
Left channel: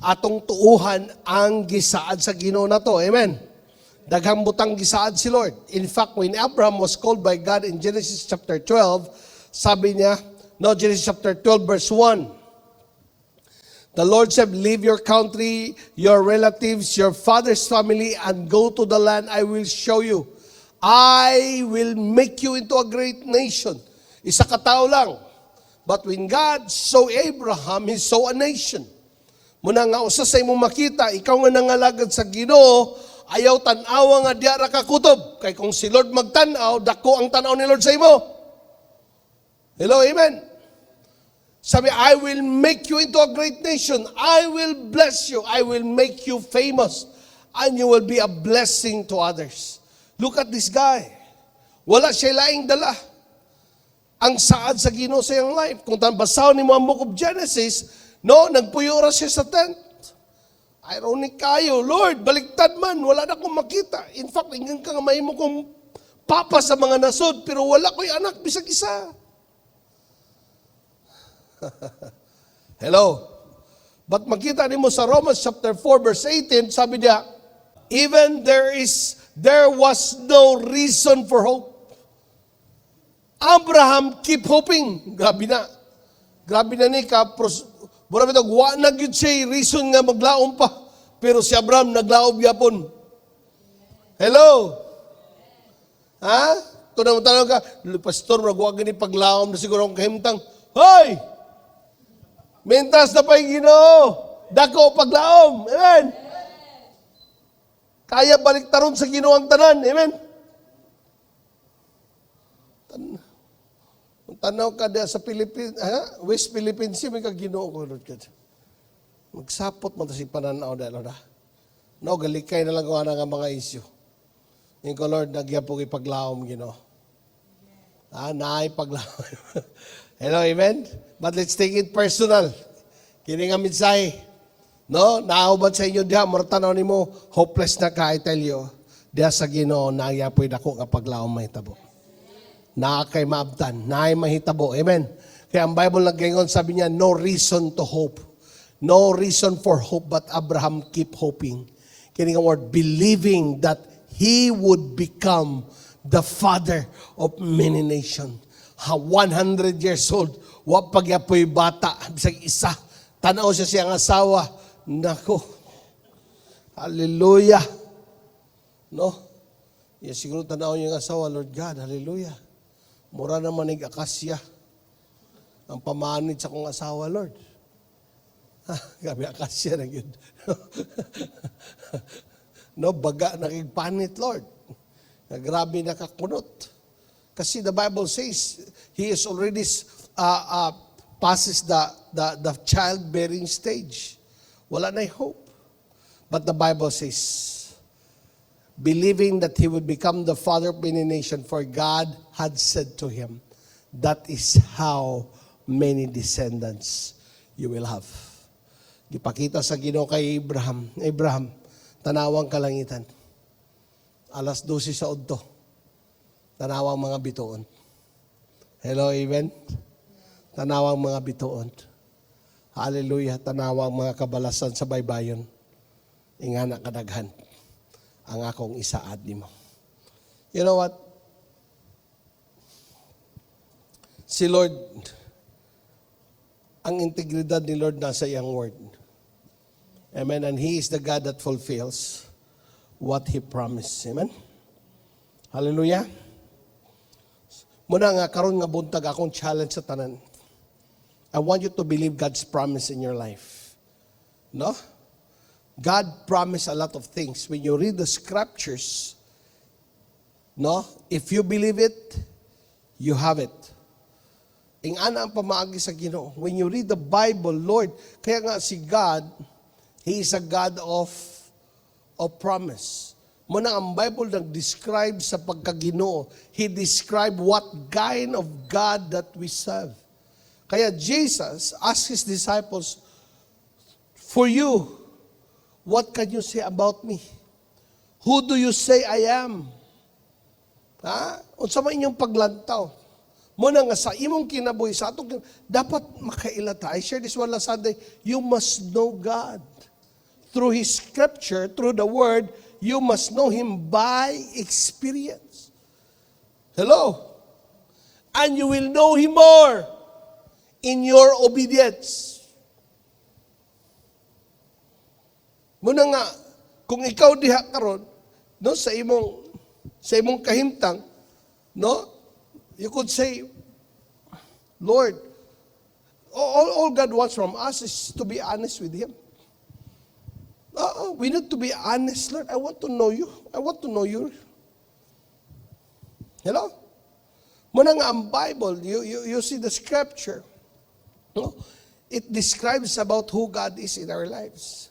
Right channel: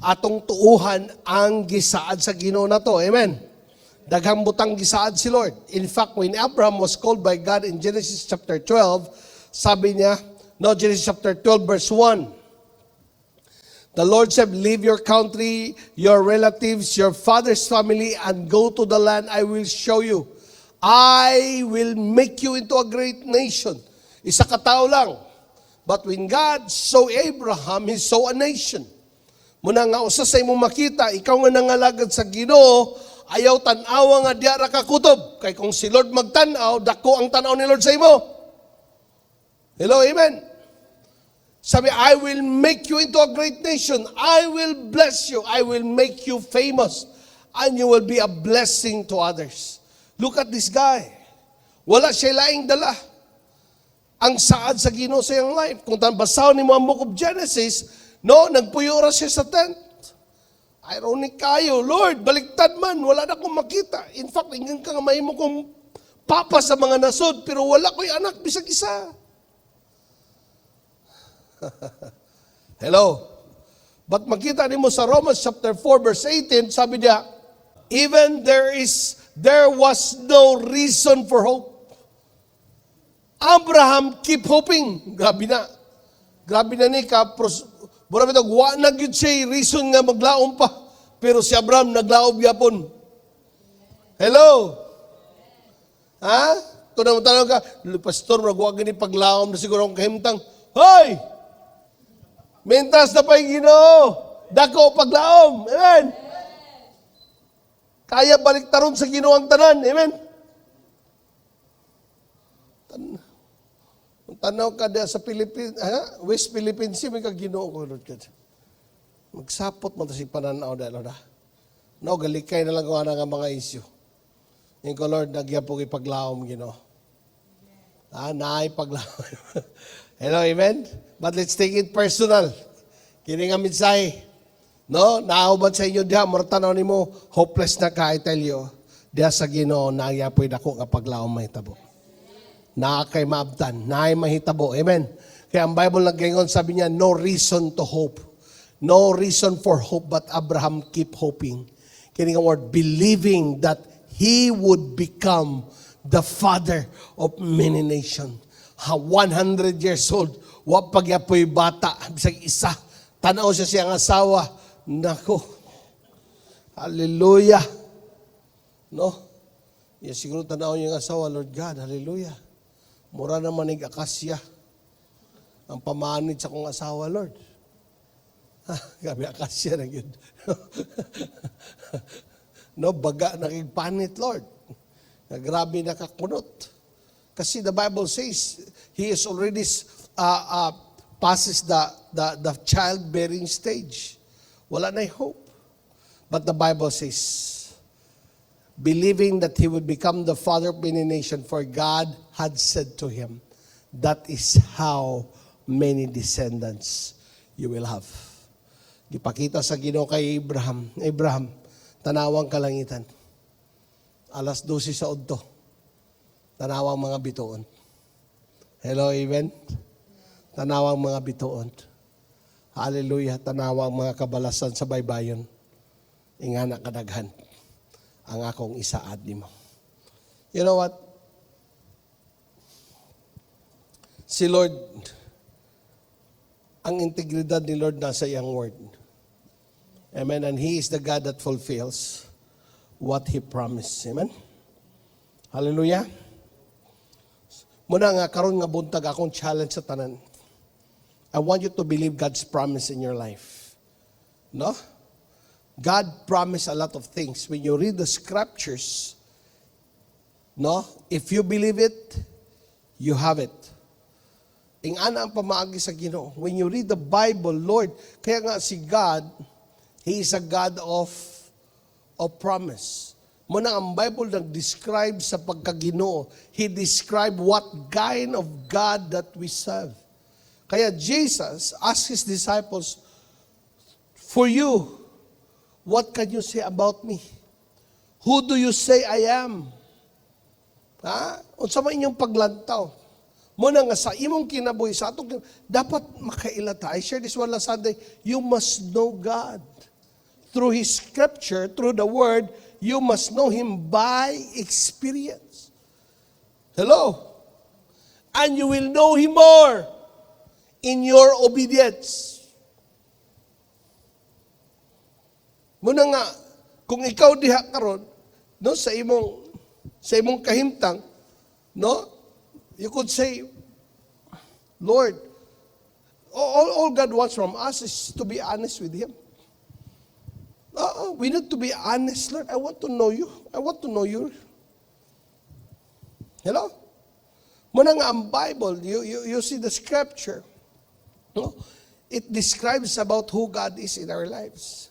atong tuuhan ang gisaad sa Ginoo na to. Amen? Daghang butang gisaad si Lord. In fact, when Abraham was called by God in Genesis chapter 12, sabi niya, Genesis chapter 12 verse 1, the Lord said, leave your country, your relatives, your father's family, and go to the land I will show you. I will make you into a great nation. Isa ka tao lang. But when God saw Abraham, He saw a nation. Muna nga usa sa imong makita, ikaw nga nangalagad sa Ginoo, ayaw tan-awa nga diara ka kutob. Kay kung si Lord magtan-aw, dako ang tan-aw ni Lord sa imo. Hello, amen. Sabi, I will make you into a great nation. I will bless you. I will make you famous. And you will be a blessing to others. Look at this guy. Wala siya laing dala. Ang saad sa Ginoo sa iyong life. Kung tanbasahon ni mo ang book of Genesis, nagpuyura siya sa tent. Ironic kayo, Lord, baligtad man, wala na akong makita. In fact, ingin ka nga mahimo kong papa sa mga nasod, pero wala ko'y anak, bisag isa. Hello? But makita nimo sa Romans chapter 4 verse 18, sabi niya, even there was no reason for hope. Abraham keep hoping. Gabi na ni kapros. Mura bitag wa na gid siya reason nga maglaom pa. Pero si Abraham naglaom yapon. Hello? Ha? Tanong ka, pastor, nagwa gani paglaom na siguro ang kahimtang. Hoy! Mentas na pa yung Ginoo. Dako paglaom. Amen. Kaya baliktaron sa Ginoo ang tanan. Amen. Tanaw ka sa Philippines, West Philippines, may ka Ginoo ko. Magsapot mo si pananaw na. No, galikay na lang ko nga mga issue. Ikaw, Lord, nagyapog ipaglaom, Ginoo. Naay paglaom. Hello, amen? But let's take it personal. Kini nga mensahe. No? Naaubad sa inyo diha, martanaw ni mo, hopeless na ka, I tell you. Diha sa Ginoo, nagyapoy dako kapag laom mahitabo. Kay maabtan, naay mahitabo. Amen? Kaya ang Bible nagringon, sabi niya, no reason to hope. No reason for hope, but Abraham keep hoping. Kini nga word, believing that he would become the father of many nations. 100 years old, wag pagyapoy bata, bisag isa, tanaw siya siyang asawa, nako, hallelujah, no? Yan siguro tanaw yung asawa, Lord God, hallelujah. Mura naman yung akasya, ang pamanid sa kong asawa, Lord. Gabi akasya na yun. No, baga na panit, Lord. Grabe nakakunot. Kasi the Bible says, he is already passes the childbearing stage. Wala na hope. But the Bible says, believing that he would become the father of many nations, for God had said to him, that is how many descendants you will have. Ipakita sa Ginoo kay Abraham, tanawang kalangitan. Alas 12 sa udto. Tanawang mga bituon. Hello, amen? Tanawang mga bituon. Hallelujah. Tanawang mga kabalasan sa baybayon. Ingana kadaghan. Ang akong isaad nimo. You know what? Si Lord, ang integridad ni Lord nasa iyang word. Amen. And He is the God that fulfills what He promised. Amen. Hallelujah. Muna nga, karon nga buntag akong challenge sa tanan. I want you to believe God's promise in your life. No? God promised a lot of things. When you read the scriptures, no? If you believe it, you have it. Ingana ang pamaagi sa Ginoo. When you read the Bible, Lord, kaya nga si God, He is a God of promise. Muna ang Bible nag-describe sa pagkaginoo. He described what kind of God that we serve. Kaya Jesus asked His disciples, for you, what can you say about me? Who do you say I am? Ha? Unsa man inyong paglantaw? Muna nga sa imong kinabuhi sa ato, dapat makailata. I share this one last Sunday. You must know God. Through His scripture, through the word, you must know Him by experience. Hello? And you will know Him more in your obedience. Muna nga, kung ikaw diha karon, do sa imong kahimtang, no? You could say, Lord, all God wants from us is to be honest with Him. We need to be honest, Lord. I want to know you. I want to know you. Hello? Muna nga ang Bible, you see the scripture. No? It describes about who God is in our lives.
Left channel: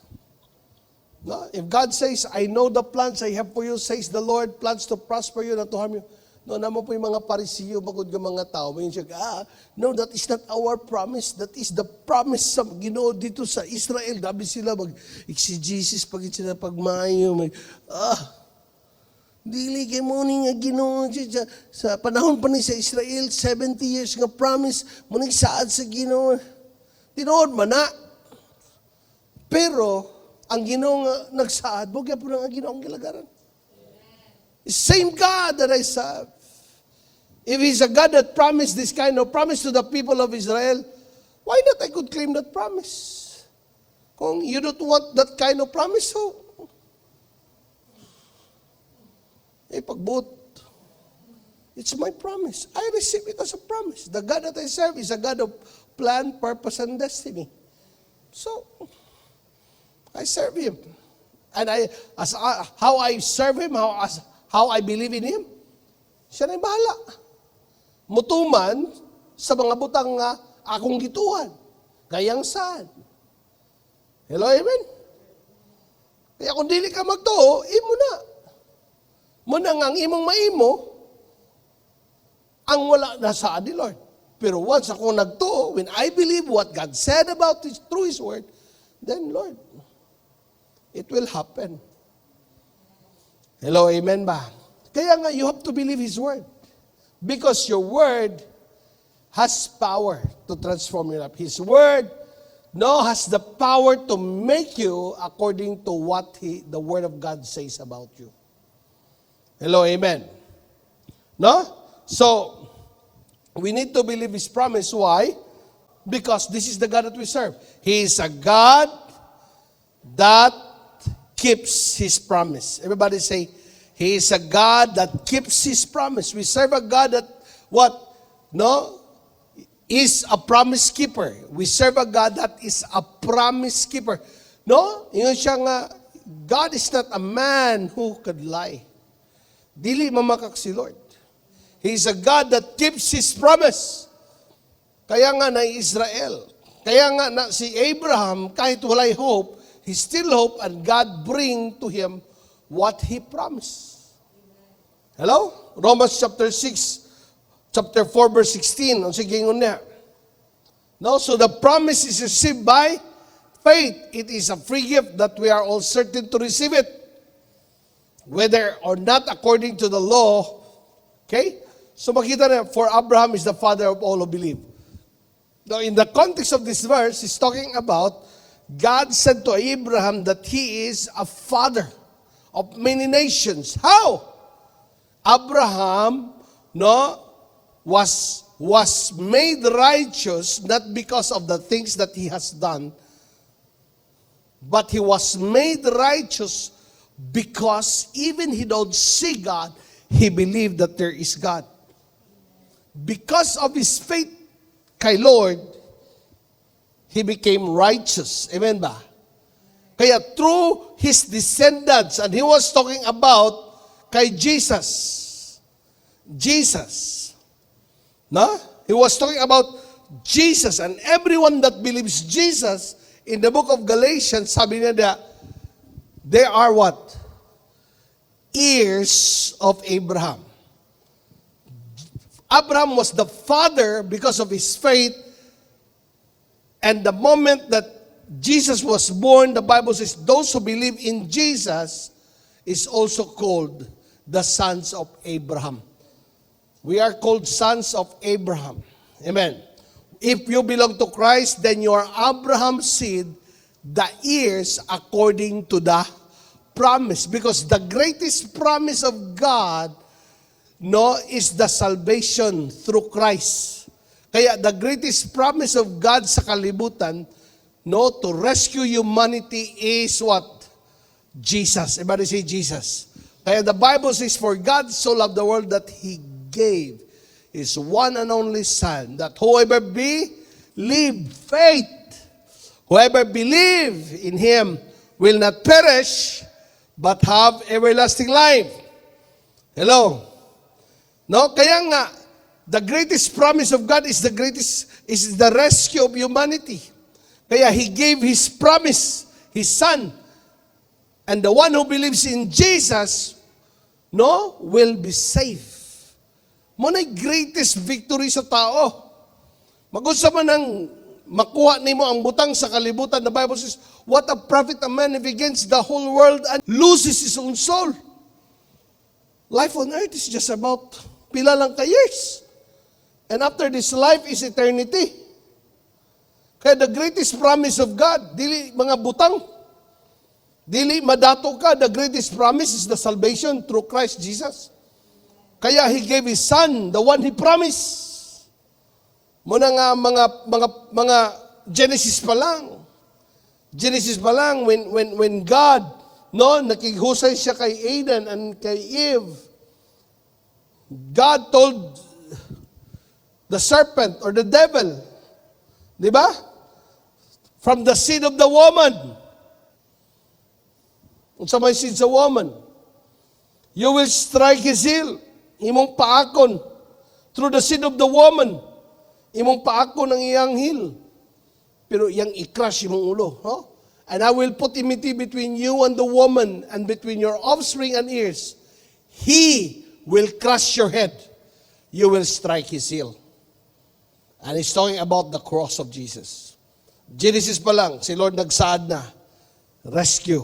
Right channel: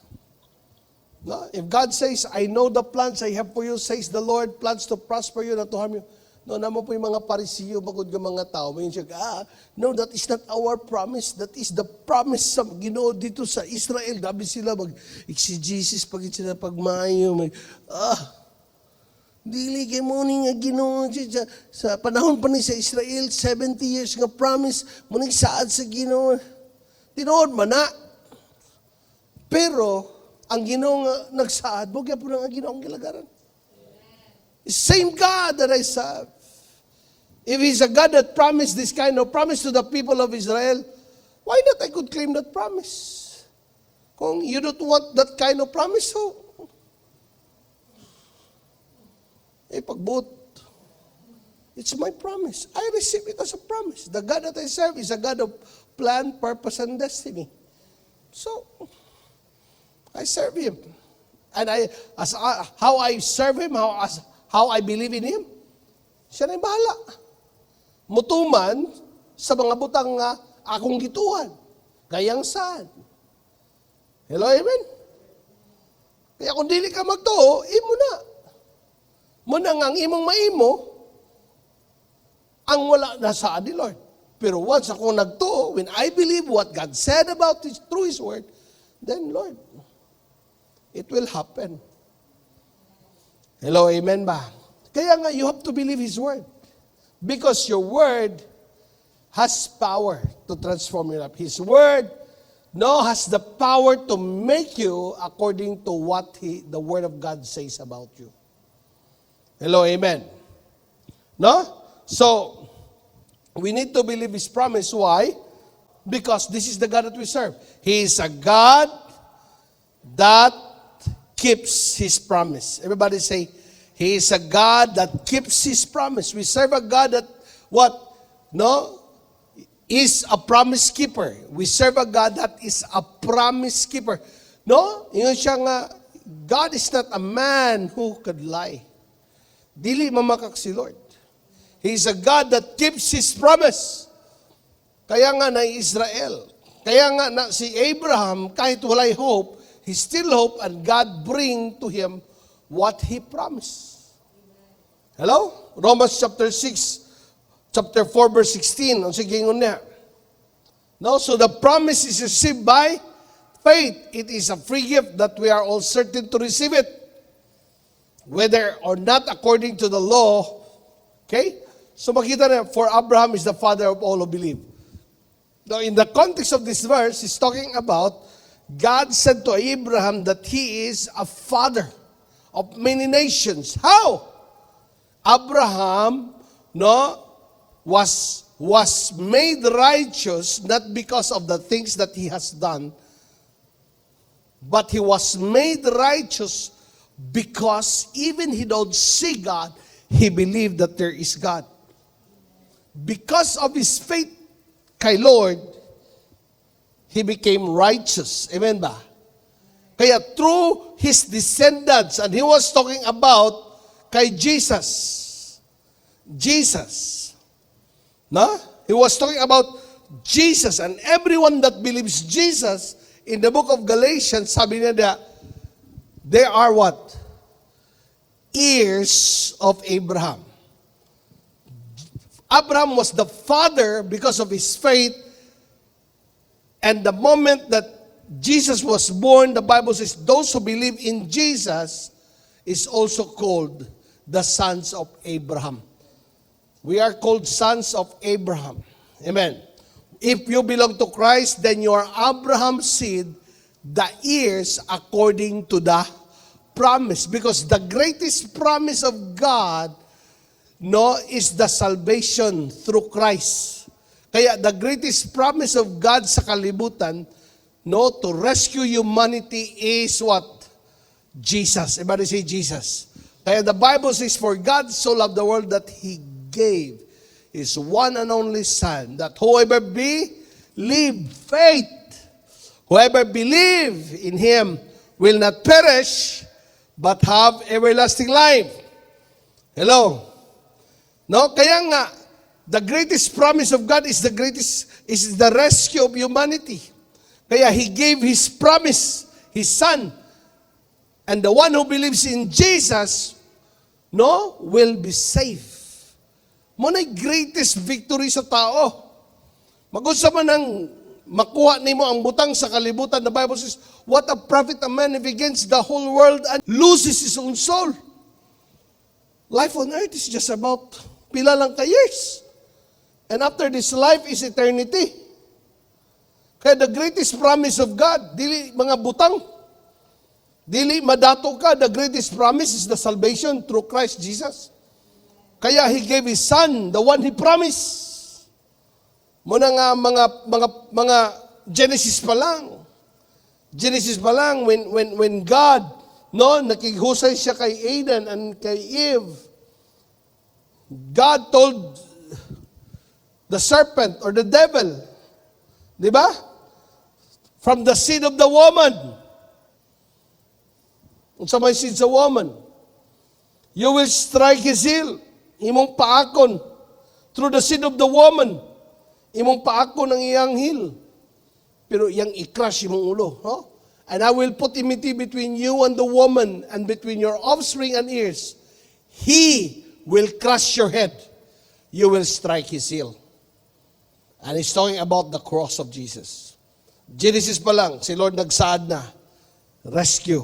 No? If God says, I know the plans I have for you, says the Lord, plans to prosper you, not to harm you. No, naman po yung mga parisiyo, bagod ng mga tao. May siya, no, that is not our promise. That is the promise sa Ginoo dito sa Israel. Dabi sila mag-exegesis pag sila pagmayo. Dili kay mo ni nga Ginoo sa panahon pa ni sa Israel, 70 years nga promise. Munig saad sa Ginoo. Tinood man na. Pero, ang Ginoo nga nagsaad, wag po na ang Ginoo ang gilagaran. Same God that I serve. If He's a God that promised this kind of promise to the people of Israel, why not I could claim that promise? Kung you don't want that kind of promise, so, pagbuot, it's my promise. I receive it as a promise. The God that I serve is a God of plan, purpose, and destiny. So, I serve Him. And how I serve Him, how I believe in Him, siya na'y bahala. Mutuman sa mga butang nga akong gituan. Gayang saan. Hello, amen? Kaya kung dili ka magtuo, imo na. Muna nga ang imong maimo, ang wala na sa adi, Lord. Pero once ako nagtuo, when I believe what God said about His, through His word, then Lord, it will happen. Hello, amen ba? Kaya nga, you have to believe His word. Because your word has power to transform your life. His word has the power to make you according to what the word of God says about you. Hello, amen. No? So, we need to believe His promise. Why? Because this is the God that we serve. He is a God that keeps His promise. Everybody say, He is a God that keeps His promise. We serve a God that, what? No? Is a promise keeper. We serve a God that is a promise keeper. No? Yung siya nga, God is not a man who could lie. Dili mamakak si Lord. He is a God that keeps His promise. Kaya nga na Israel. Kaya nga na si Abraham, kahit walay hope, he still hope and God bring to him what He promised. Hello? Romans chapter 6, chapter 4, verse 16. Ang sigingon niya. No, so the promise is received by faith. It is a free gift that we are all certain to receive it. Whether or not according to the law. Okay? So makita na, for Abraham is the father of all who believe. Now in the context of this verse, it's talking about God said to Abraham that he is a father of many nations. How? Abraham, was made righteous not because of the things that he has done, but he was made righteous because even he don't see God, he believed that there is God. Because of his faith kay Lord, he became righteous. Amen ba? Kaya through his descendants, and he was talking about kay Jesus. Jesus. No? He was talking about Jesus, and everyone that believes Jesus, in the book of Galatians, sabi na they are what? Heirs of Abraham. Abraham was the father because of his faith, and the moment that Jesus was born, the Bible says, those who believe in Jesus is also called the sons of Abraham. We are called sons of Abraham. Amen. If you belong to Christ, then you are Abraham's seed, the heirs according to the promise. Because the greatest promise of God, is the salvation through Christ. Kaya the greatest promise of God sa kalibutan, to rescue humanity is what? Jesus. Everybody say Jesus. Kaya the Bible says, for God so loved the world that He gave His one and only Son, that whoever believe in Him will not perish, but have everlasting life. Hello? No, kaya nga, the greatest promise of God is the rescue of humanity. Kaya He gave His promise, His Son. And the one who believes in Jesus, will be saved. Muna'y greatest victory sa tao. Mag-usa man ang makuha nimo ang butang sa kalibutan, the Bible says, what a profit a man if he gains the whole world and loses his own soul. Life on earth is just about pila lang ka years. And after this life is eternity. Kaya the greatest promise of God, dili mga butang. Dili madato ka, the greatest promise is the salvation through Christ Jesus. Kaya He gave His Son, the one He promised. Muna nga mga Genesis pa lang. Genesis pa lang when God nakihusay siya kay Adam and kay Eve. God told the serpent or the devil, di ba? From the seed of the woman. Sa may seed sa woman, you will strike his heel. Imong paakon. Through the seed of the woman, imong paakon ang iyang heel. Pero iyang i-crush imong ulo. Oh? And I will put enmity between you and the woman, and between your offspring and ears. He will crush your head. You will strike his heel. And he's talking about the cross of Jesus. Genesis pa lang, si Lord nagsaad na. Rescue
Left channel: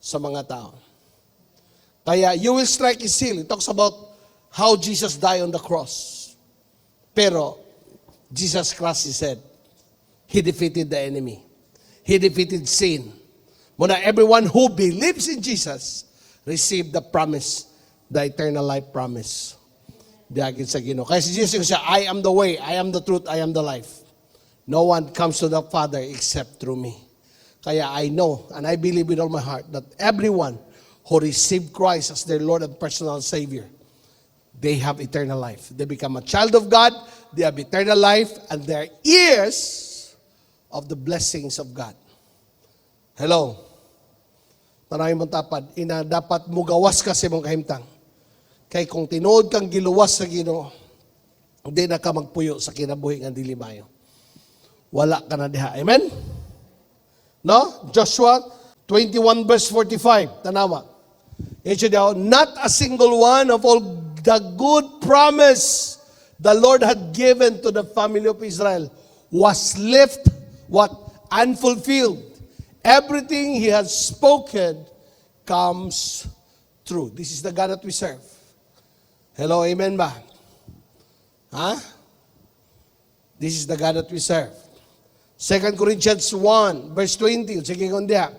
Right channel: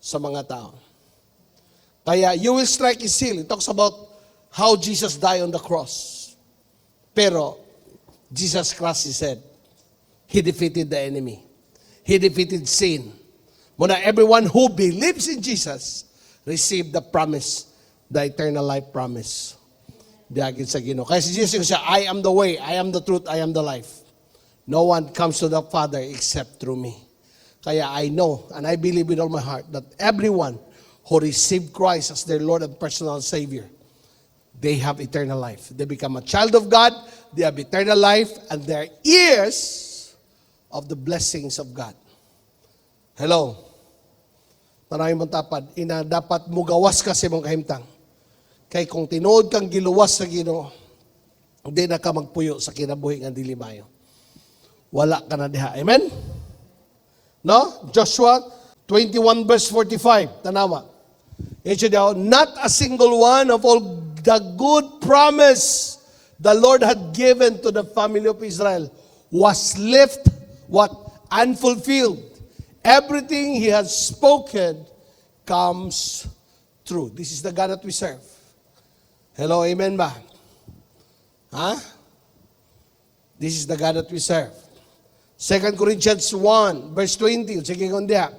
sa mga tao. Kaya you will strike his heel. It talks about how Jesus died on the cross. Pero Jesus crushed his head. He defeated the enemy. He defeated sin. Muna everyone who believes in Jesus received the promise, the eternal life promise. Diagin sa Ginoo. Kaya si Jesus said, I am the way, I am the truth, I am the life. No one comes to the Father except through me. Kaya I know and I believe with all my heart that everyone who received Christ as their Lord and personal Savior, they have eternal life. They become a child of God, they have eternal life, and they are heirs of the blessings of God. Hello. Maraming matapad. Ina dapat mugawas ka sa mong kahimtang. Kay kung tinuod kang giluwas sa Ginoo, hindi na ka magpuyo sa kinabuhi nga dili mayo. Wala ka na diha. Amen? No? Joshua 21 verse 45. Tanawa. Not a single one of all the good promise the Lord had given to the family of Israel was left unfulfilled. Everything He has spoken comes true. This is the God that we serve. Hello, amen ba? Huh? This is the God that we serve. 2 Corinthians 1 verse 20. Sige kung diya.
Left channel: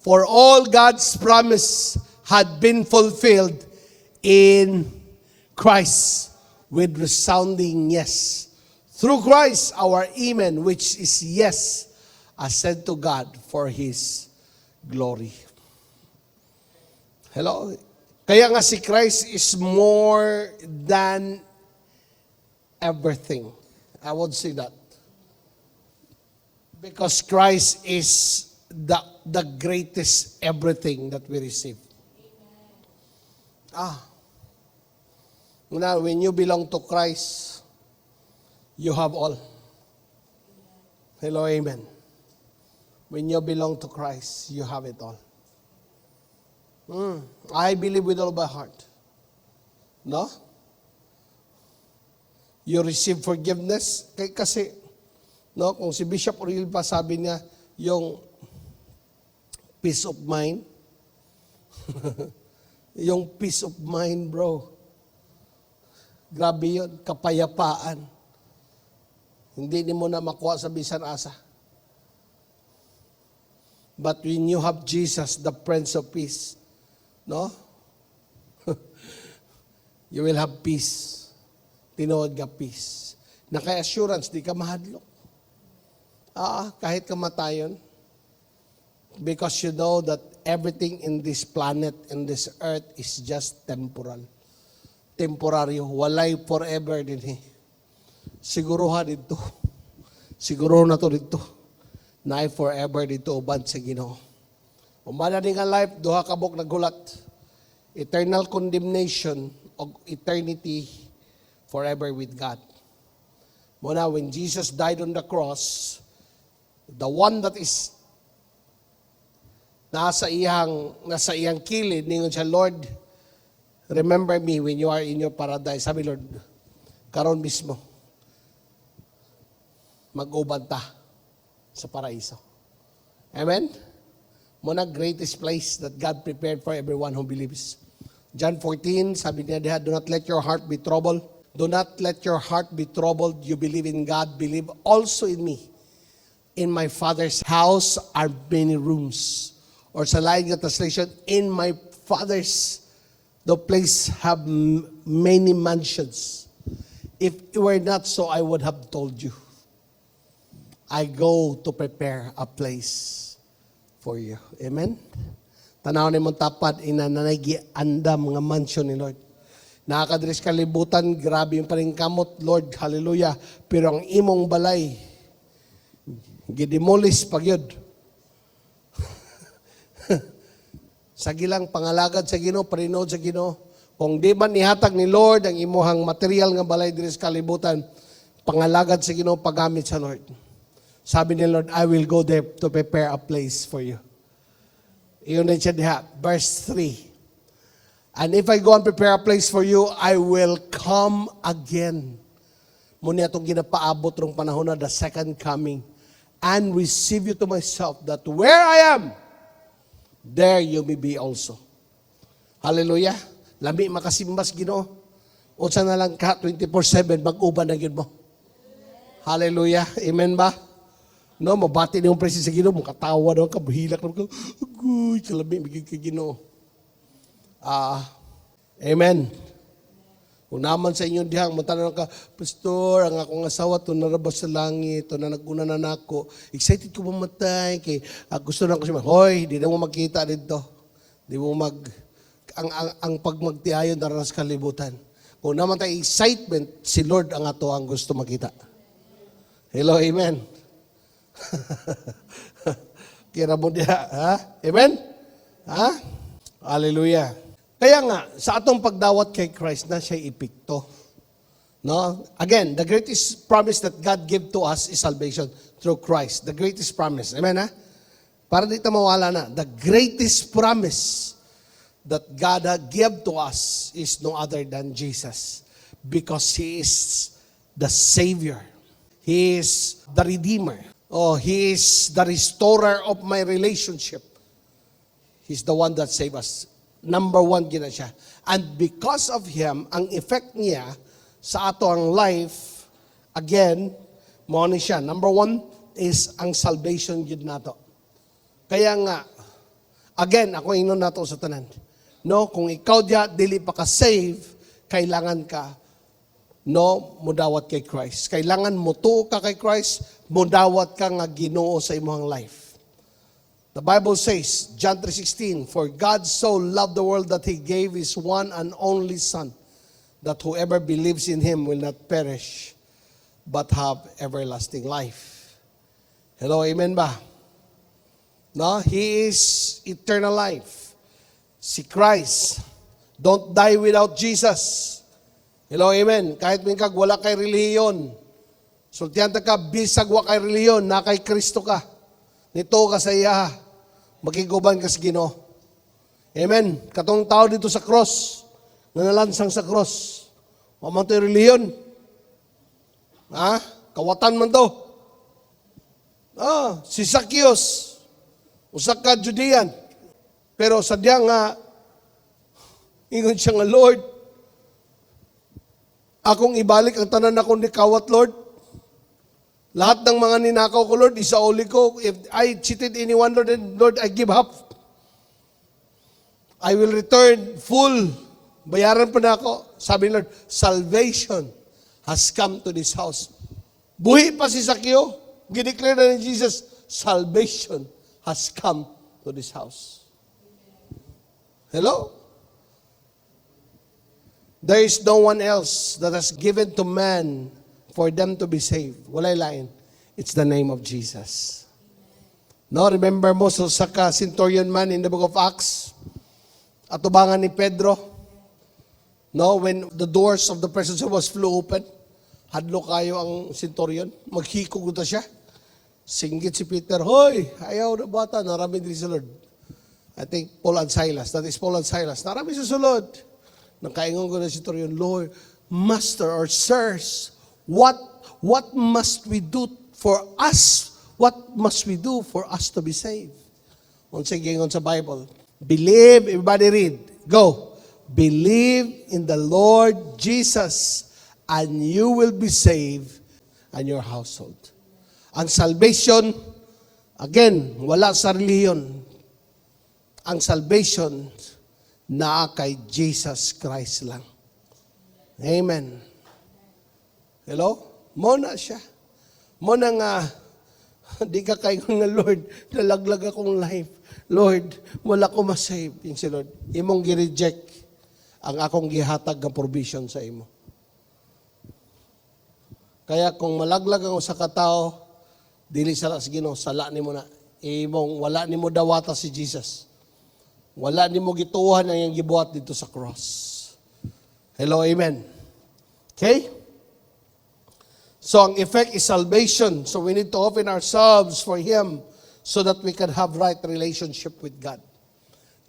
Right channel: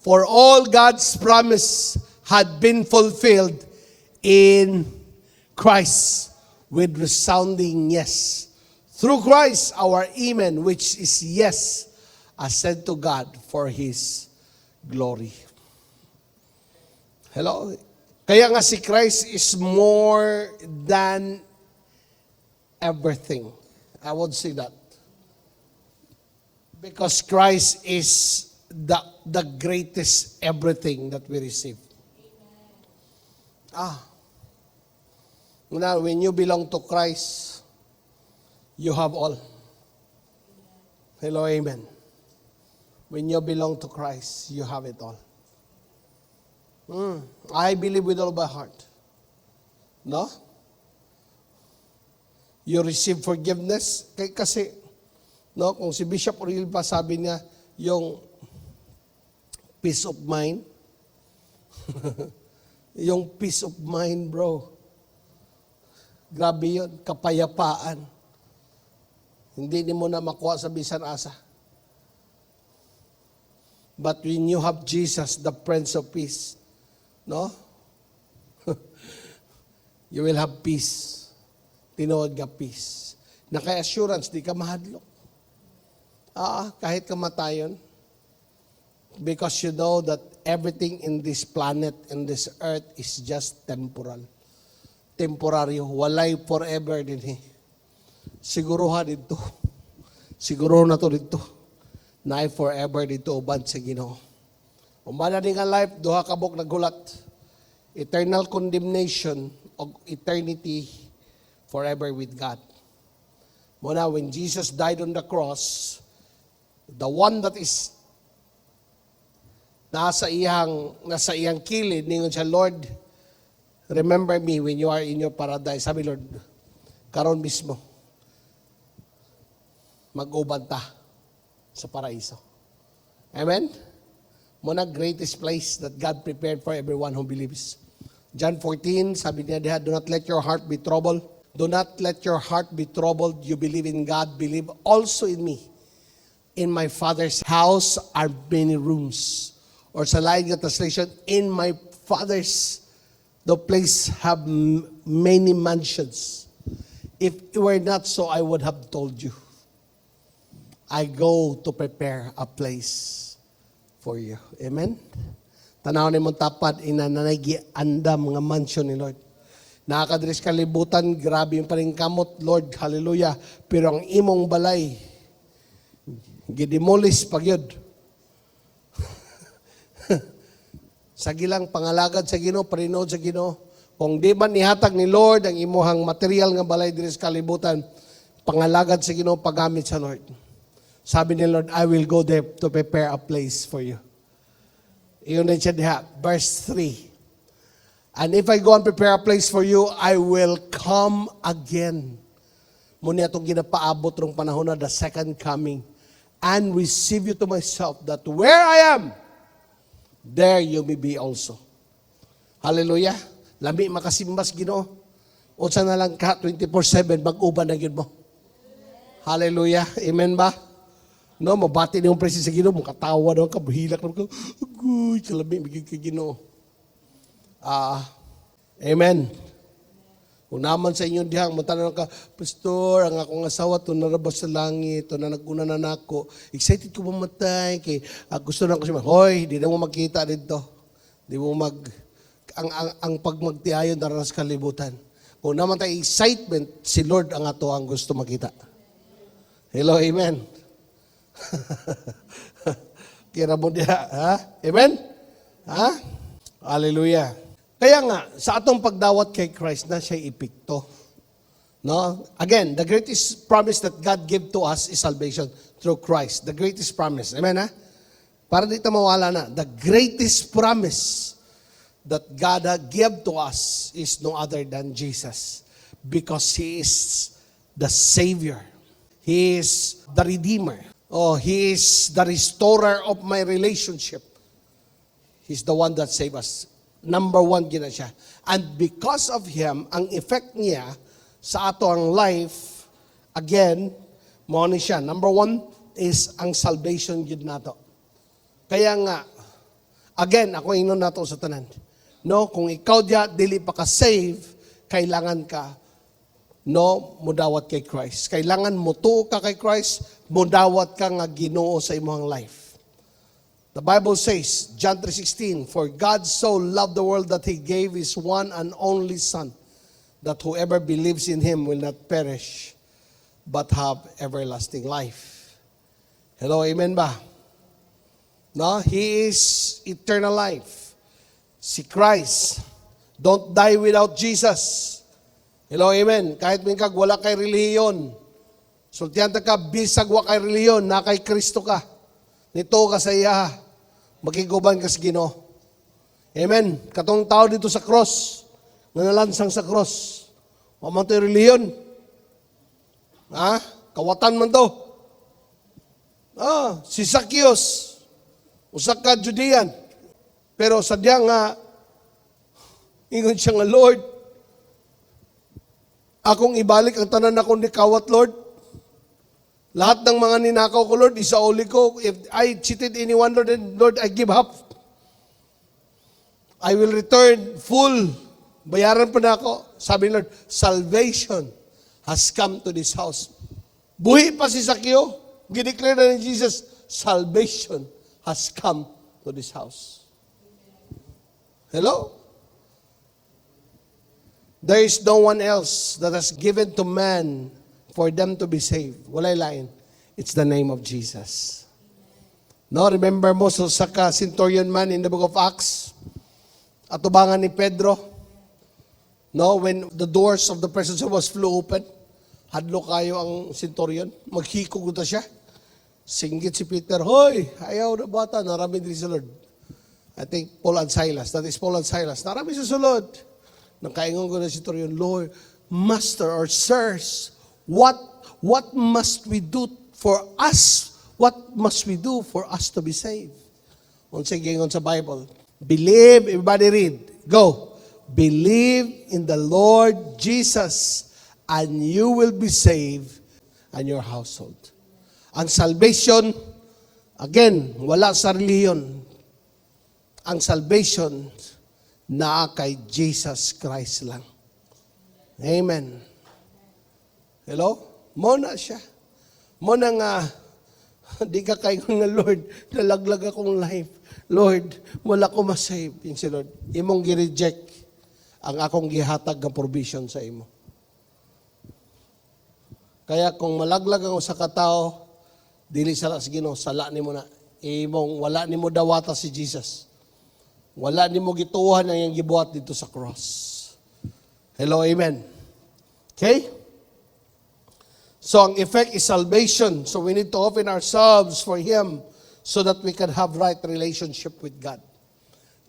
For all God's promise had been fulfilled in Christ with resounding yes. Through Christ, our amen, which is yes, ascend to God for His glory. Hello? Kaya nga si Christ is more than everything. I would say that. Because Christ is the greatest everything that we receive. Now, when you belong to Christ, you have all. Hello, amen. When you belong to Christ, you have it all. I believe with all my heart. No? You receive forgiveness. Kasi, no, kung si Bishop Oriel pa sabi niya, yung peace of mind. Yung peace of mind, bro. Grabe yun, kapayapaan. Hindi mo na makuha sa bisan asa. But when you have Jesus, the Prince of Peace, no? You will have peace. Tinuod ka peace. Naka-assurance, di ka mahadlok. Oo, kahit kamatayon. Because you know that everything in this planet, in this earth, is just temporal. Temporaryo. Walay forever din. Siguruhan dito. Siguro na to dito. Na forever dito uban sa Ginoo. Umana din ang life, duha ka bok nagulat. Eternal condemnation of eternity forever with God. Muna, when Jesus died on the cross, the one that is nasa iyang kilid, ningon siya, Lord, remember me when you are in your paradise. Sabi, Lord, karon mismo, mag-uban ta sa paraiso. Amen? Muna, greatest place that God prepared for everyone who believes. John 14, sabi niya diha, do not let your heart be troubled. Do not let your heart be troubled. You believe in God, believe also in me. In my Father's house are many rooms. Or sa lain nga translation, in my Father's the place have many mansions. If it were not so, I would have told you. I go to prepare a place for you. Amen? Tanaw ni mong tapat, inananay andam mga mansion ni Lord. Nakakadris kalibutan, grabe yung palingkamot, Lord, hallelujah. Pero ang imong balay, gidemolish pag yun. Sa gilang pangalagad sa Ginoo, parinod sa Ginoo. Kung di man nihatag ni Lord ang imuhang material nga balay diri sa kalibutan, pangalagad sa Ginoo, paggamit sa Lord. Sabi ni Lord, I will go there to prepare a place for you. Yun na siya diha, verse 3. And if I go and prepare a place for you, I will come again. Muna itong ginapaabot rong panahon na the second coming. And receive you to myself, that where I am, there you may be also. Hallelujah. Lami makasimbas Ginoo. O sa na lang ka 24/7 mag-uban na gyud mo. Hallelujah. Amen ba? No, mabati niyong presensya sa Ginoo, mo katawa daw ka, buhilak na ka. Uy, kalabi bigay kay Ginoo. Amen. Kung naman sa inyong dihang, muntanan ka, Pastor, ang akong asawa to nalabas sa langit, to na naguna na nako. Excited ko mamatay, kay gusto na ko siya. Hoy, di na mo magkita dito. Di mo ang pagmagtihayon daron sa kalibutan. Kung naman tayo excitement, si Lord ang ato ang gusto makita. Hello, amen. Kira mo diha, ha? Amen? Ha? Hallelujah. Kaya nga, sa atong pagdawat kay Christ na siya ipikto. No? Again, the greatest promise that God gave to us is salvation through Christ. The greatest promise. Amen, ha? Para di ta mawala na. The greatest promise that God gave to us is no other than Jesus. Because He is the Savior. He is the Redeemer. Oh, He is the restorer of my relationship. He's the one that saved us. Number one gina siya. And because of Him, ang effect niya sa atong life, again, mo ni siya. Number one is ang salvation gid nato. Kaya nga, again, ako inon nato sa tanan. No, kung ikaw diya dili pa ka save, kailangan ka mudawat kay Christ. Kailangan mo tuo ka kay Christ, mudawat ka nga Ginoo sa imong life. The Bible says, John 3:16, for God so loved the world that He gave His one and only Son, that whoever believes in Him will not perish, but have everlasting life. Hello, amen ba? No, He is eternal life. Si Christ, don't die without Jesus. Hello, amen. Kahit minsan wala kay reliyon. Sultihan ka, bisag wa kay reliyon, na kay Kristo ka. Nito ka sa iya, magiguban ka sa Ginoo. Amen. Katong tao dito sa cross, nalalansang sa cross, mamatay reliyon. Ha? Kamutan man to. Si Zacchaeus, usa ka Judean. Pero sadya nga, ingat siya nga, Lord, akong ibalik ang tanan akong nikawat, Lord. Lahat ng mga ninakaw ko, Lord, isauli ko. If I cheated anyone, Lord, then, Lord, I give up. I will return full. Bayaran pa na ako. Sabi ni Lord, salvation has come to this house. Buhi pa si Zacchaeus. Gideclare na ni Jesus, salvation has come to this house. Hello? There is no one else that has given to man for them to be saved. Walay lain. It's the name of Jesus. No, remember mo sa centurion man in the book of Acts? Atubangan ni Pedro. No, when the doors of the prison cell was flew open, hadlo kayo ang centurion. Maghikog ito siya. Singgit si Peter, hoy, ayaw na bata, narami din si Lord. I think Paul and Silas. That is Paul and Silas. Narami si sulod. Nakaingon ko na si centurion, Lord, Master or Sirs, what must we do for us? What must we do for us to be saved? Once again, on sa Bible. Believe, everybody read. Go. Believe in the Lord Jesus, and you will be saved and your household. Ang salvation, again, wala sa reliyon. Ang salvation na kay Jesus Christ lang. Amen. Hello? Muna siya. Muna nga, di ka kayo nga, Lord, nalaglag akong life. Lord, wala ko masave. Si Lord, imong gi-reject ang akong gihatag ng provision sa imo. Kaya kung malaglag ang usa ka tao, dili sa lang Ginoo, sala nimo na. Imong wala nimo dawata si Jesus. Wala nimo gituan ang iyang gibuhat dito sa cross. Hello, amen. Okay? So ang effect is salvation. So we need to open ourselves for Him so that we can have right relationship with God.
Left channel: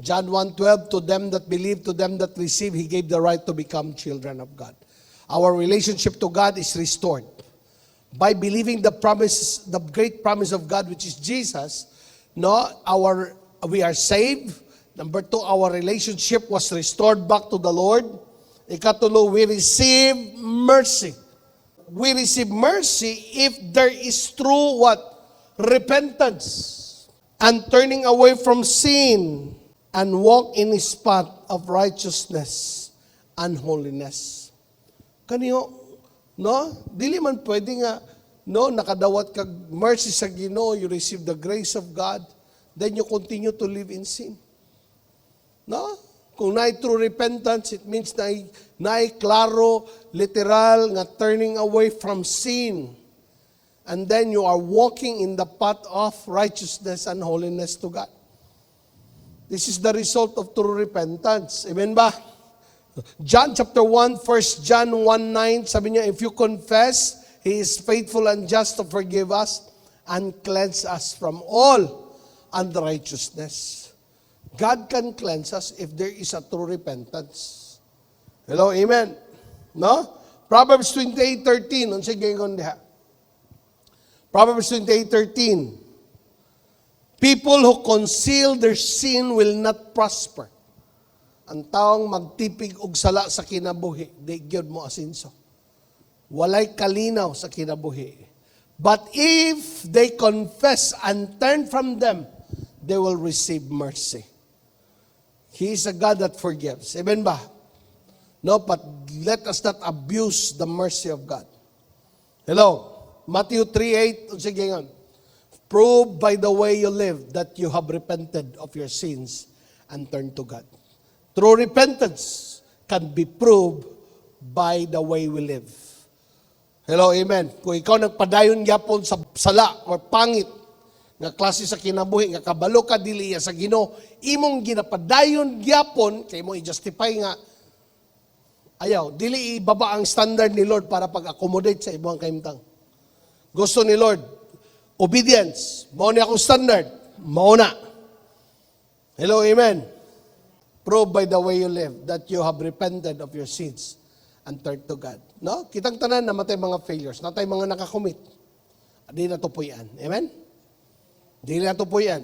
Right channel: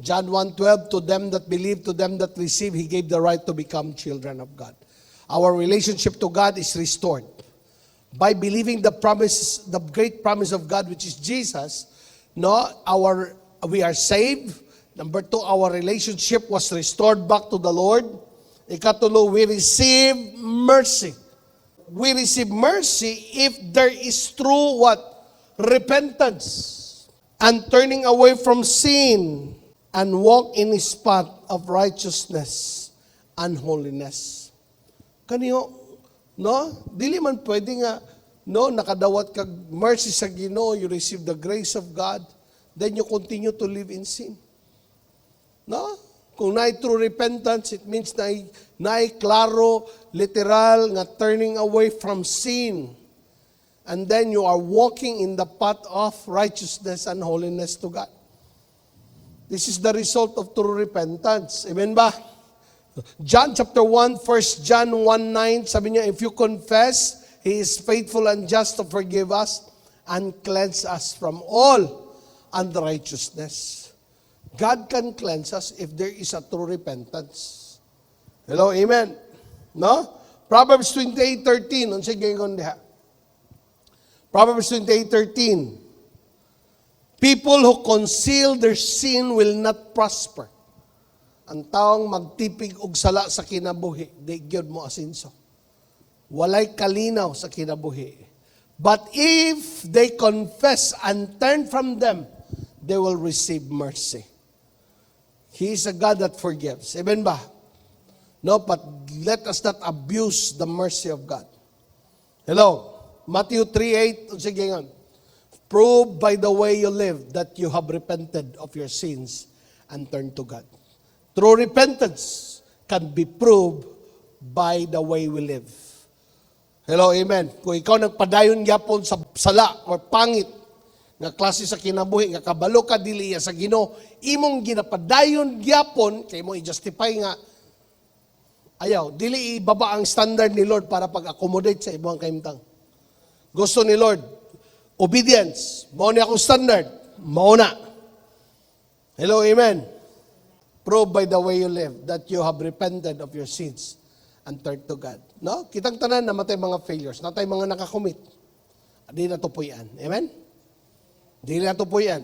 John 1:12, to them that believe, to them that receive, He gave the right to become children of God. Our relationship to God is restored. By believing the promise, the great promise of God, which is Jesus, no, we are saved. Number 2, our relationship was restored back to the Lord. Ikatulo, we receive mercy. We receive mercy if there is true what? Repentance. And turning away from sin and walk in His path of righteousness and holiness. Kaniyo, no? Dili man pwede nga, no, nakadawat kag mercy sa Ginoo, you receive the grace of God, then you continue to live in sin. No? Kung naay true repentance, it means naay klaro, literal, nga turning away from sin. And then you are walking in the path of righteousness and holiness to God. This is the result of true repentance. Amen ba? John chapter 1, 1 John 1:9, sabi niya, if you confess, He is faithful and just to forgive us and cleanse us from all unrighteousness. God can cleanse us if there is a true repentance. Hello, amen? No? Proverbs 28:13, ang sige ko niya. Proverbs 28:13, people who conceal their sin will not prosper. Ang taong magtipig og sala sa kinabuhi, di gyud mo asinso. Walay kalinaw sa kinabuhi. But if they confess and turn from them, they will receive mercy. He is a God that forgives. Amen ba? No, but let us not abuse the mercy of God. Hello? Matthew 3:8, sige nga. Prove by the way you live that you have repented of your sins and turned to God. True repentance can be proved by the way we live. Hello, amen. Kung ikaw nagpadayon gyapon sa sala or pangit nga klase sa kinabuhi, nga kabalo ka dili sa Ginoo, imong ginapadayon gyapon kay mo i-justify nga ayaw, dili ibaba ang standard ni Lord para pag-accommodate sa imong kaimtang. Gusto ni Lord, obedience. Mao ni akong standard. Mao na. Hello, amen. Prove by the way you live that you have repented of your sins and turned to God. No? Kitang tanan namatay mga failures. Natay mga nakakommit. Di na to po yan. Amen? Di na to po yan.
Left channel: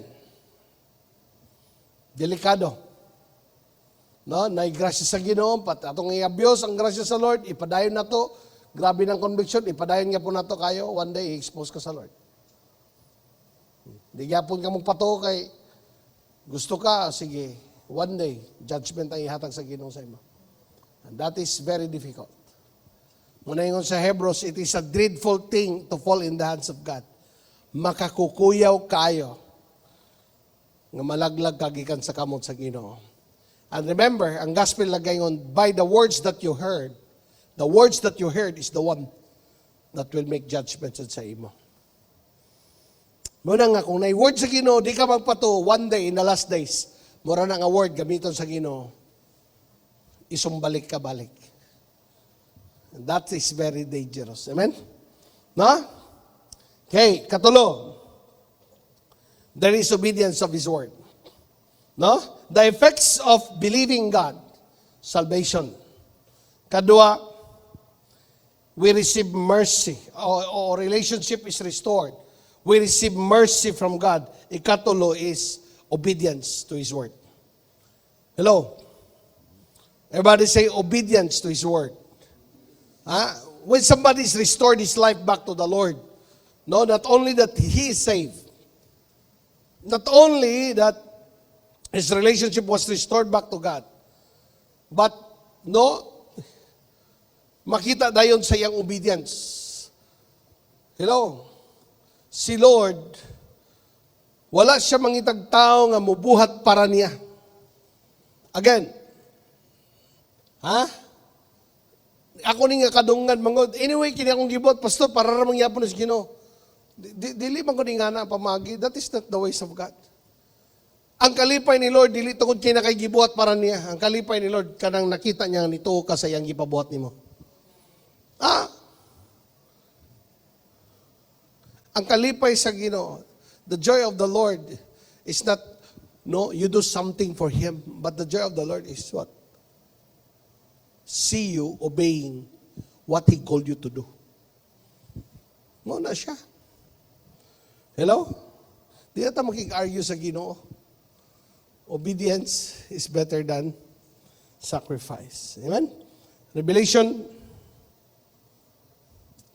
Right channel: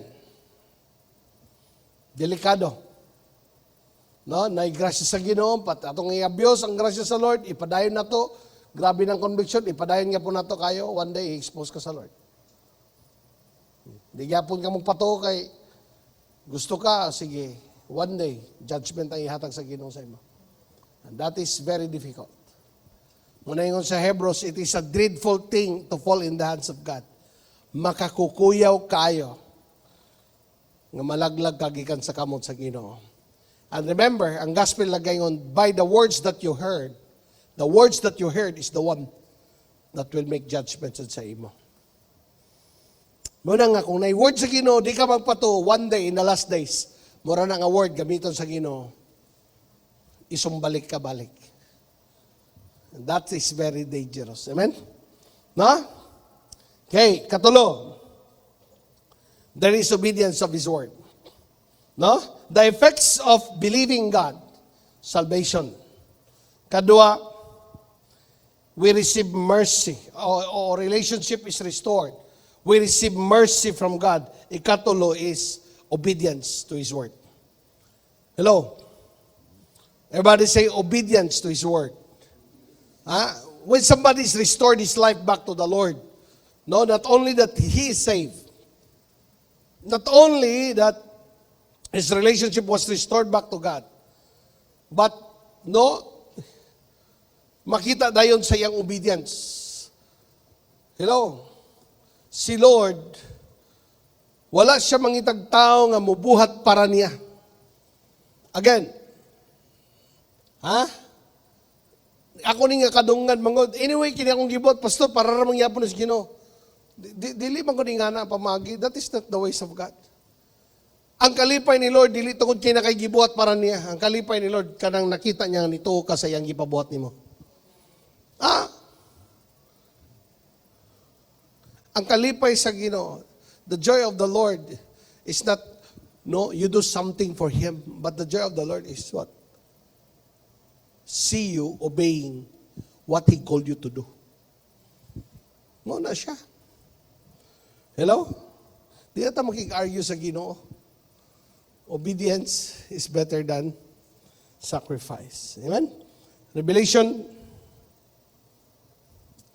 Delikado. No? Naigrasya sa Ginoo, atong i-abuse ang grasya sa Lord, ipadayon na to, grabe ng conviction, ipadayon nga po na to kayo, one day, i-expose ka sa Lord. Di yapon ka magpato kay, gusto ka, sige, one day, judgment ang ihatag sa Ginoo sa imo. That is very difficult. Muna yung sa Hebrews, it is a dreadful thing to fall in the hands of God. Makakukuyaw kayo na malaglag kagikan sa kamot sa Ginoo. And remember, ang gospel lagay on, by the words that you heard, the words that you heard is the one that will make judgments sa imo. Muna nga, kung na-word sa Ginoo, di ka magpato, one day, in the last days, mura na nga word, gamiton sa Ginoo, isumbalik ka balik. And that is very dangerous. Amen? Na? Okay, katulong. There is obedience of His word. No? The effects of believing God, salvation. Kadua, we receive mercy. Our relationship is restored. We receive mercy from God. Ikatulo is obedience to His word. Hello? Everybody say obedience to His word. When somebody's restored his life back to the Lord, No, not only that he is saved, not only that his relationship was restored back to God, but no, makita dayon sa iyang obedience. Si Lord, wala siya mangitag tao nga mubuhat para niya. Again, ako ni nga kadunggan mangod. Anyway, kini akong gibot, pastor, para ra mangyapon sa Ginoo. Dili man ko ni nga na pamagi. That is not the ways of God. Ang kalipay ni Lord, dili tungod kay nakay gibuhat para niya. Ang kalipay ni Lord, kanang nakita niya nito ka sa iyang gipabuhat nimo. Ang kalipay sa Ginoo, the joy of the Lord is not, no, you do something for Him, but the joy of the Lord is what? See you obeying what He called you to do. No na siya. Hello? Di ata makik-argue sa Ginoo. Obedience is better than sacrifice. Amen? Revelation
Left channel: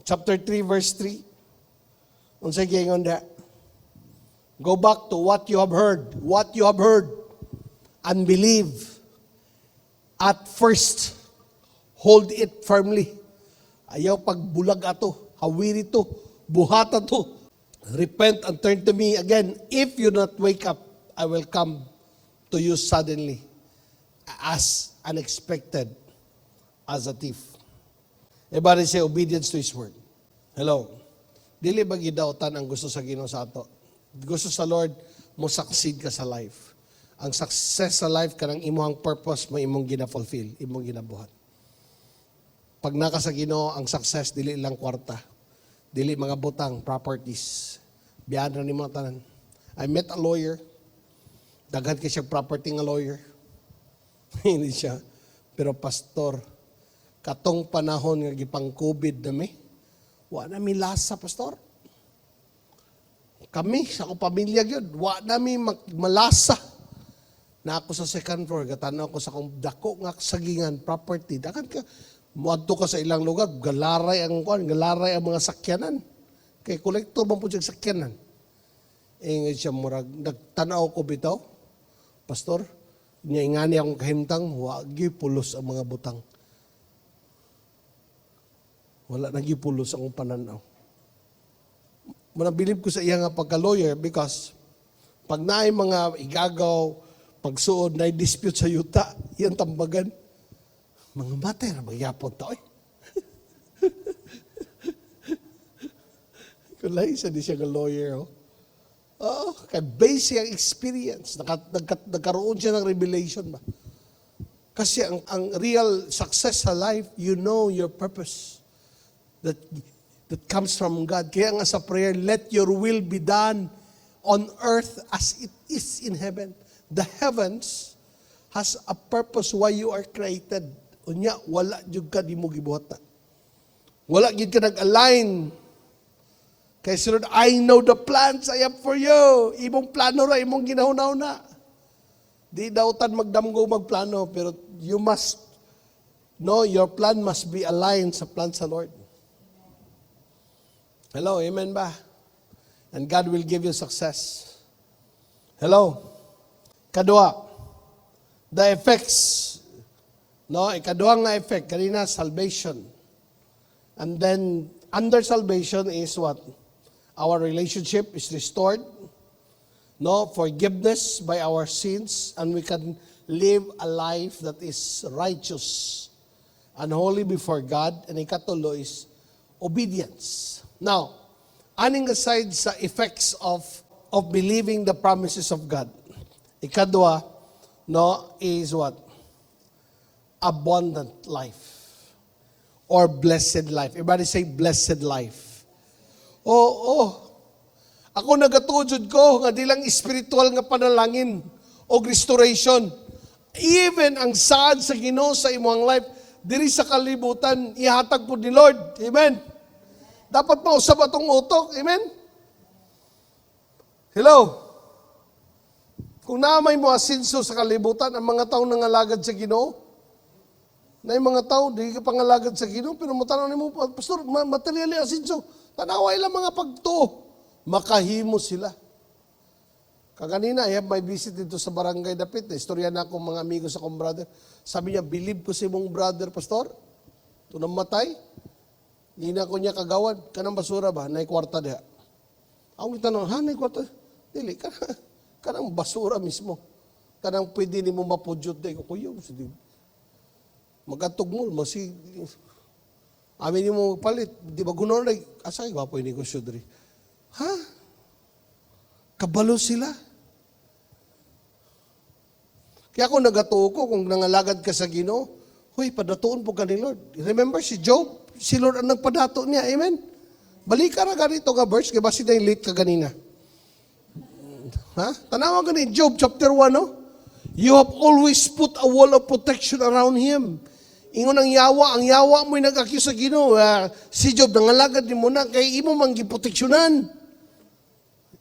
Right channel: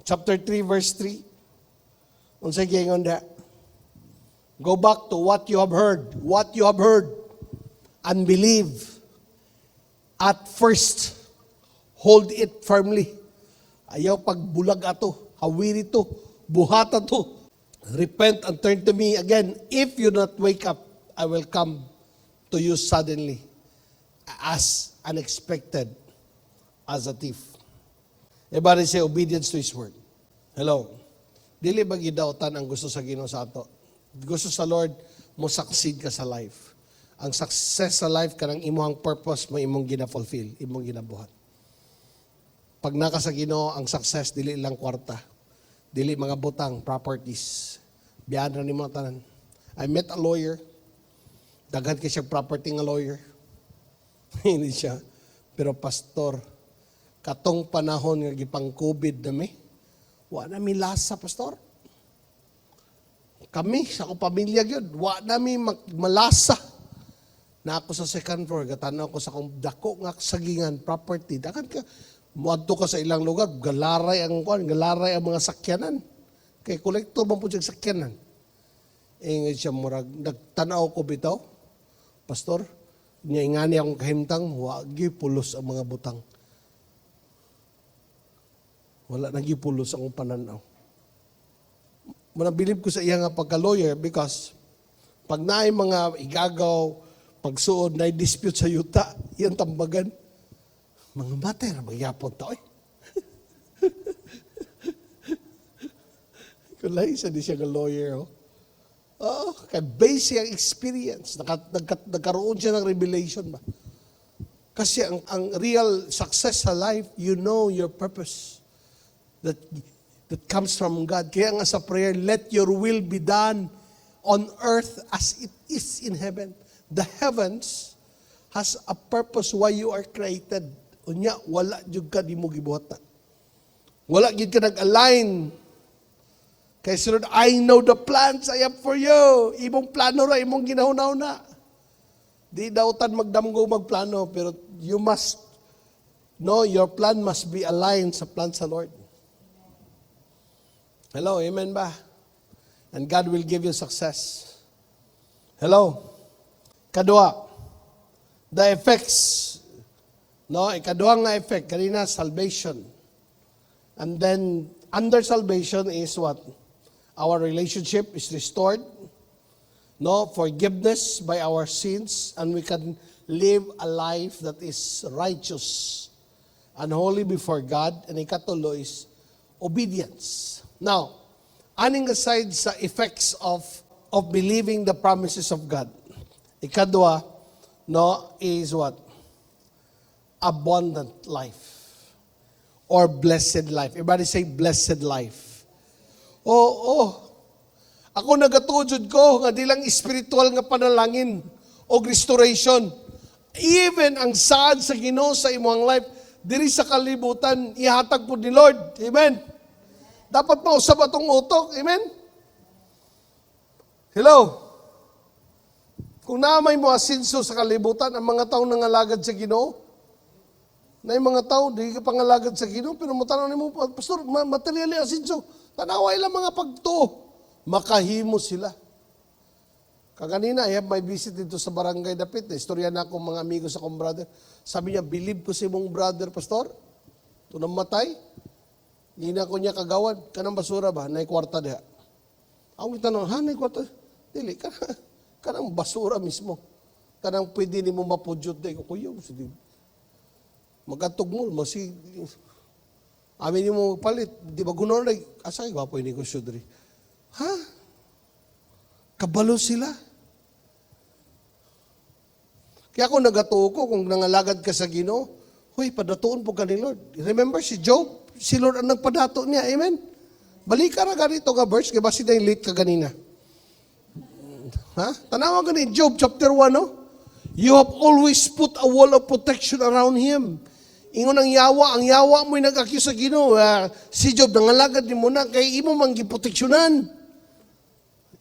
chapter 3 verse 3. Unsay gingon da? Go back to what you have heard. What you have heard. And believe. At first, hold it firmly. Ayaw pagbulag ato. Hawiri to. Buhata to. Repent and turn to me again. If you not wake up, I will come to you suddenly. As unexpected as a thief. Everybody say obedience to His word. Hello. Dili ba gidawtan ang gusto sa Ginoo sa ato? Gusto sa Lord, mo succeed ka sa life. Ang success sa life, kanang imong purpose mo, imong gina-fulfill, imong ginabuhat. Pag naka sa Ginoo, ang success, dili lang kwarta. Dili mga butang, properties. Biyan ra ni mga tanan. I met a lawyer. Daghan kay siya property nga lawyer. Hindi siya. Pero pastor, katong panahon nga gipang COVID na wala namin lasa, pastor. Kami, sa akong pamilya yun, wala namin malasa. Na ako sa second floor, katanaw ko sa akong dako nga sagingan, property. Dakan ka, buwadto ka sa ilang lugar, galaray ang mga sakyanan. Kay kolektor man po sa sakyanan. Ngayon siya murag, nagtanaw ko bitaw, pastor, niya ingani akong kahimtang, wagi pulos ang mga butang. Wala nagipulos ang pananaw. Manabilib ko sa iya nga pagka-lawyer because pag naay mga igagaw, pagsuod na dispute sa yuta, yan tambagan. Mga bata na magyapon to Kulay isa di siya nga lawyer. Base siya experience. Nagkaroon siya ng revelation ba? Kasi ang real success sa life, you know your purpose. That comes from God. Kaya nga sa prayer, let your will be done on earth as it is in heaven. The heavens has a purpose why you are created. Unya, wala jud ka di mo gibuhat. Wala gid ka nag-align. Kay Lord, I know the plans I have for you. Imong plano ra, imong ginahunaw na. Di daotan magdamgo magplano, pero you must, no, your plan must be aligned sa plan sa Lord. Hello, amen ba? And God will give you success. Hello? Kadua, the effects. No, ikadua nga effect, kanina salvation. And then, under salvation is what? Our relationship is restored. No, forgiveness by our sins, and we can live a life that is righteous and holy before God. And ikatulo is obedience. Now, aning aside sa effects of believing the promises of God, ikadua, no, is what? Abundant life. Or blessed life. Everybody say blessed life. Oh. Ako nagatuod ko, nga di lang spiritual nga panalangin o restoration. Even ang saad sa Ginoo sa imong life, diri sa kalibutan, ihatag po ni Lord. Amen. Dapat mausap atong utok. Amen? Hello? Kung naamay mo asinso sa kalibutan, ang mga tao nangalagad sa Ginoo, na yung mga tao, hindi ka pangalagad sa Ginoo, pero matanong ni mo, pastor, materially asinso. Tanaway lang mga pagto. Makahimo sila. Kaganina, I have my visit dito sa Barangay Dapit. Istorya na akong mga amigo sa akong brother. Sabi niya, believe ko si mong brother, pastor. Ito nang matay. Hindi na ko niya kagawan. Kanang basura ba? Nay kwarta niya. Ang tanong, ha, nay kwarta? Dili, kanang basura mismo. Kanang pwede ni mo mapudyot dahil ko, kuya, basta din. Magantok mo, basi. Amin mo palit. Di ba kuno na, asa yung wapo yung negosyo diri? Ha? Kabalo sila. Kaya kung nagatuo ko, kung nangalagad ka sa Ginoo, hoy, padatuon po ka ni Lord. Remember si Job? Si Lord ang nagpadato niya. Amen? Balik ka na ganito ka verse, kaya ba sila yung late ka ganina? Ha? Tanawa ka ni Job chapter 1, no? You have always put a wall of protection around him. Ingon ang yawa mo yung nag-accuse sa Ginoo. Si Job, nangalagad ni mo na, kay imo mang giproteksyonan.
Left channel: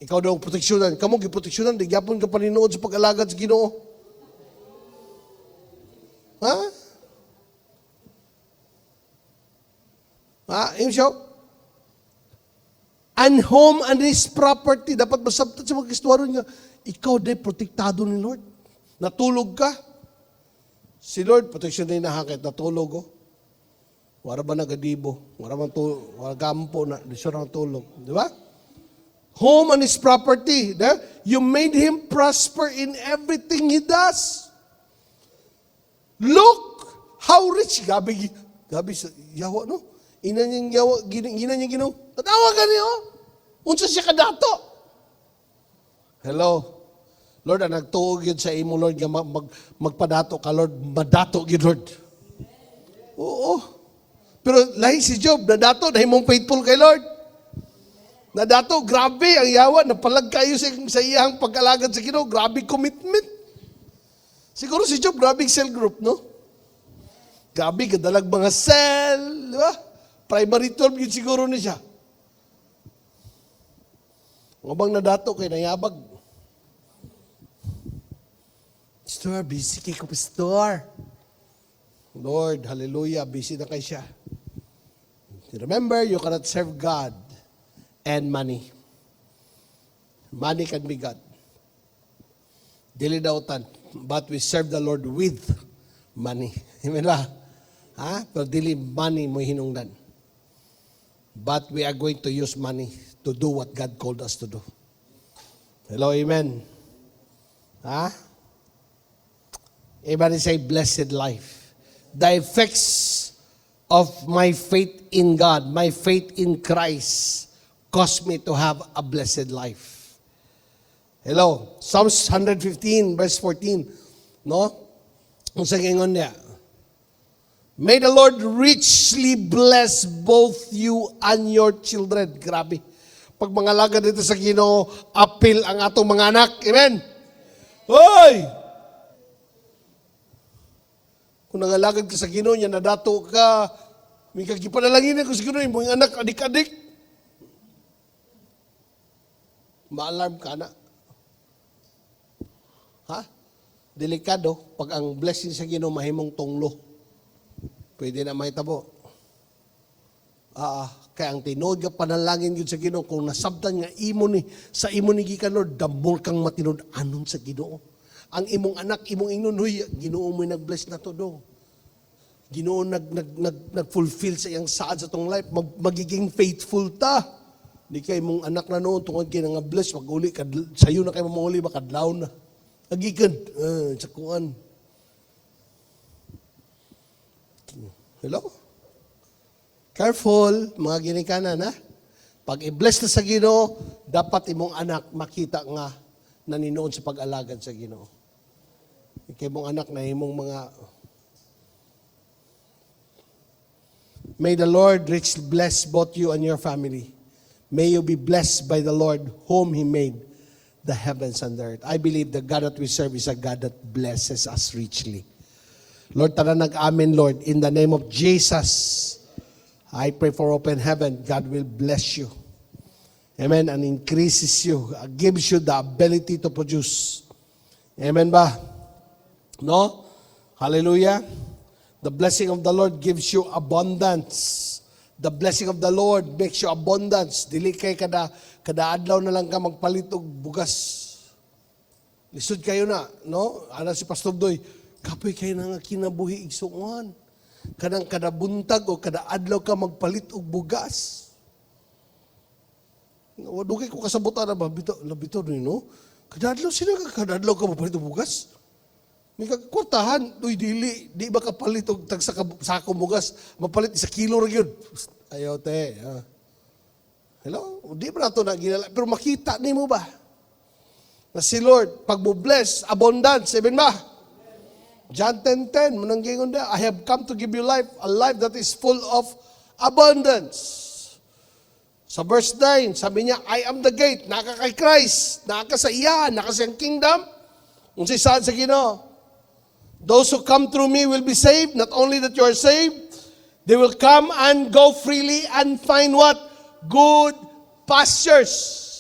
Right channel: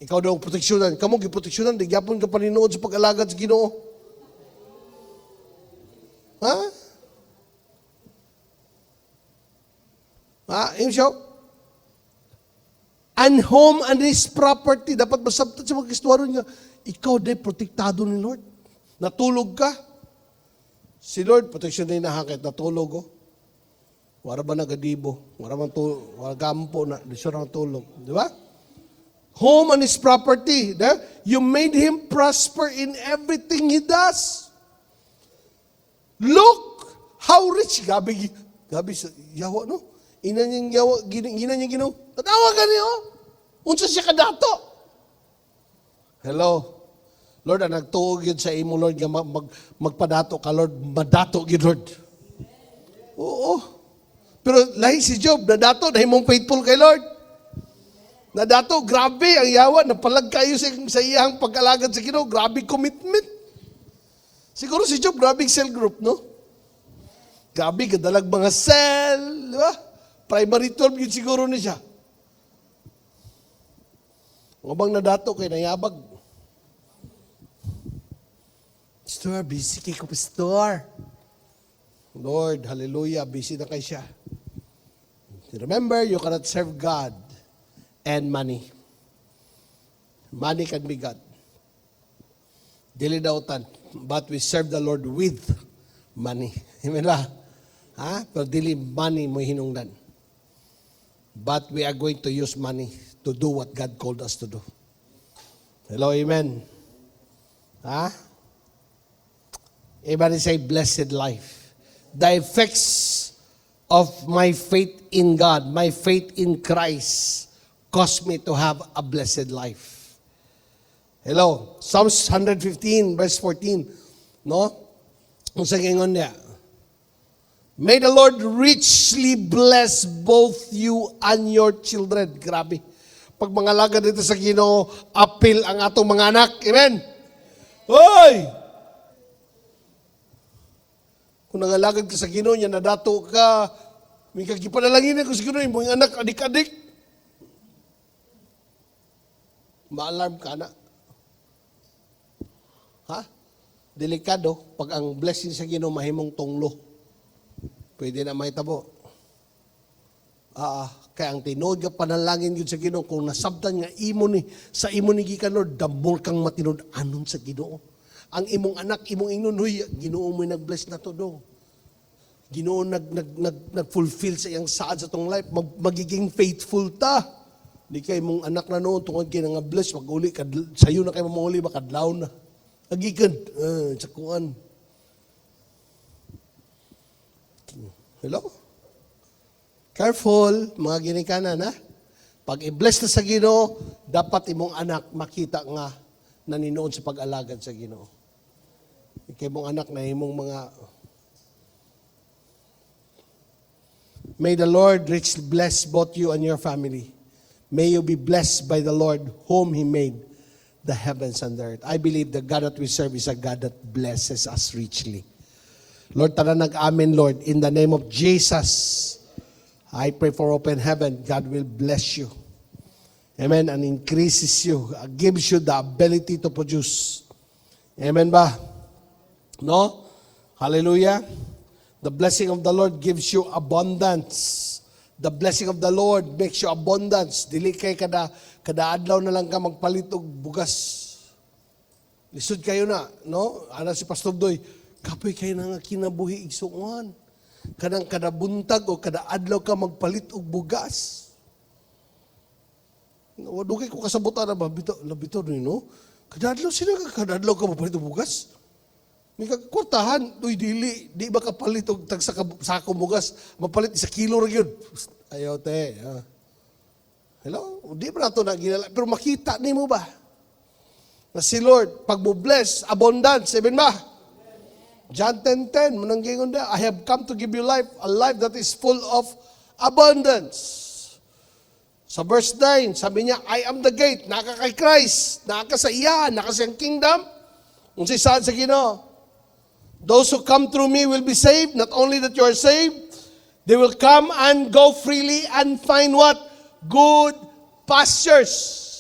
Ikaw daw proteksyonan. Kamu giproteksyonan, di gyapon ka paninood sa pag-alagad sa Ginoo. Ha? Yung siya? And home and his property. Dapat masabtan sa mga istwaro niya. Ikaw day protektado ni Lord. Natulog ka. Si Lord, proteksyon din nahakit. Natulog ko. Wala ba nagadibo? Wala man to, wala gampo na. Di siya natulog. Di ba? Home and his property. Da? You made him prosper in everything he does. Look how rich. Gabi sa yawa, no? Ina niyang yawa, gina niya gino. Tatawa ka niyo. Unsa siya kadata. Hello. Lord, nagtuog yun sa imo, Lord, magpadato ka, Lord. Madato yun, Lord. Oo. Pero lahi si Job, nadato, dahil mong faithful kay Lord. Nadato, grabe ang yawa. Napalag kayo sa iyang pag-alagad sa Ginoo. Grabe commitment. Siguro si Job, grabe cell group, no? Grabe, gadalag mga cell, di ba? Primary 12 yun siguro na siya. Habang nadato kay nayabag. Pastor, busy kay ko, Pastor. Lord, hallelujah, busy na kay siya. Remember, you cannot serve God and money. Money can be God. Dili dautan. But we serve the Lord with money. Amen ba? Ha? Pero dili money mo hinungdan. But we are going to use money to do what God called us to do. Hello, amen. Ha? Everybody say, blessed life. The effects of my faith in God, my faith in Christ, caused me to have a blessed life. Hello, Psalms 115 verse 14. No? Kung sa gingon niya, may the Lord richly bless both you and your children. Grabe. Pag mga lagad dito sa Ginoo, appeal ang atong mga anak. Amen? Hoy! Kung nangalagad ka sa Ginoo niya, nadato ka, may kagipanalangin ako sa Ginoo, yung mga anak, adik-adik. Ma-alarm ka na. Ha? Delikado pag ang blessing sa Ginoo mahimong tunglo. Pwede na mahitabo. Kaya ang tinuod nga panalangin gid sa Ginoo kung nasabtan nga imo ni sa imo ni gikan Lord, damol kang matinud anon sa Ginoo. Ang imong anak, imong ingnon, huy, Ginoo mo nag-bless na to dong. Ginoo nag-fulfill sa iyang saad sa tong life, magiging faithful ta. Di kay mong anak na noon tungod kay nga bless, maguli sayo na kay mamuli makadlaw no. Agigan, sakuan. Hello? Careful, mga ginikanan, ha? Pag i-bless na sa Ginoo, dapat imong anak makita nga naninood sa pag-alagad sa Ginoo. Kay mong anak na imong mga May the Lord richly bless both you and your family. May you be blessed by the Lord whom He made the heavens and the earth. I believe the God that we serve is a God that blesses us richly. Lord, taga nag-amen, Lord. In the name of Jesus, I pray for open heaven. God will bless you. Amen. And increases you. Gives you the ability to produce. Amen ba? No? Hallelujah. The blessing of the Lord gives you abundance. The blessing of the Lord makes you abundance. Dili kay kada adlaw na lang ka magpalit og bugas. Lisod kayo na, no? Ana si Pastor Doy, kapoy kayo na nga kinabuhi igsuon. Kanang kada buntag o kada adlaw ka magpalit og bugas. Wadugi ko kasabutan na ba? Labito rin, no? Kada adlaw sila kada adlaw ka magpalit og bugas. May kagkwartahan, doy di ba kapalit og tag sa sako bugas, mapalit sa kilo ra gyud. Ayaw te. Hello? Di ba ito na ginala? Pero makita ni mo ba? Na si Lord, pag mo bless, abundance, sabihin ba? John 10:10, mananggingon na, I have come to give you life, a life that is full of abundance. Sa verse 9, sabi niya, I am the gate, naka kay Christ, naka sa iya, naka sa kingdom. Kung sa saan sa Ginoo, those who come through me will be saved. Not only that you are saved, they will come and go freely and find what? Good pastures.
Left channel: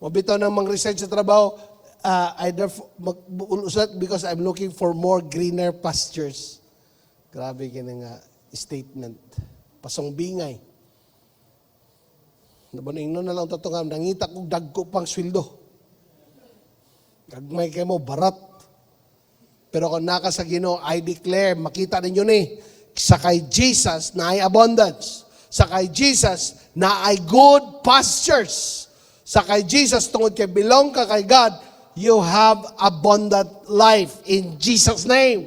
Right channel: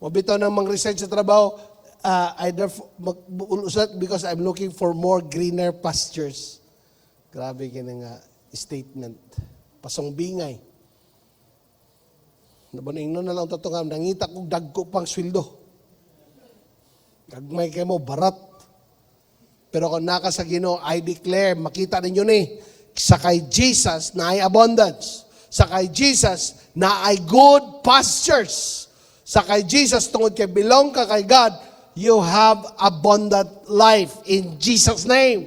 Mabitaw na mang-resign sa trabaho, either mag-ulusat because I'm looking for more greener pastures. Grabe ka nga statement. Pasong bingay. Nabaning na lang tutungan, nangita kong dagko pang sweldo. Gagmay kayo mo, barat. Pero kung naka sa Ginoo, I declare, makita ninyo ni, sa kay Jesus na ay abundance. Sa kay Jesus na ay good pastures. Sa kay Jesus, tungod kay belong ka kay God, you have abundant life in Jesus' name.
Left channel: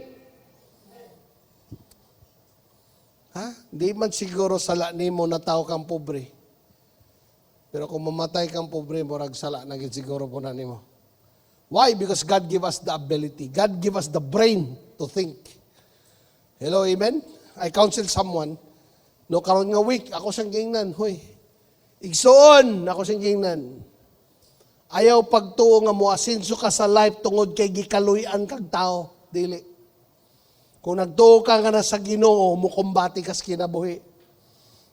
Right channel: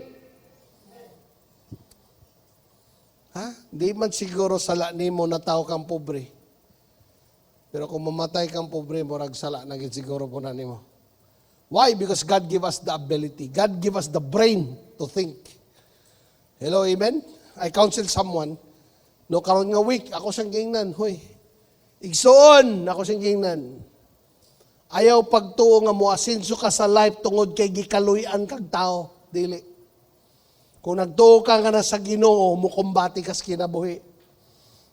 Di man siguro sala nimo na tao kang pobre. Pero kung mamatay kang pobre, murag sala na siguro po na nimo. Why? Because God give us the ability. God give us the brain to think. Hello, amen? I counsel someone. No, karon nga week, ako sang gingnan. Huy, igsoon, ako sang gingnan. Ayaw pagtuo nga mo asinso ka sa life tungod kay gikaluyan kang tao. Dili. Kung nagtuo ka nga na sa Ginoo, mukumbati kas kinabuhi.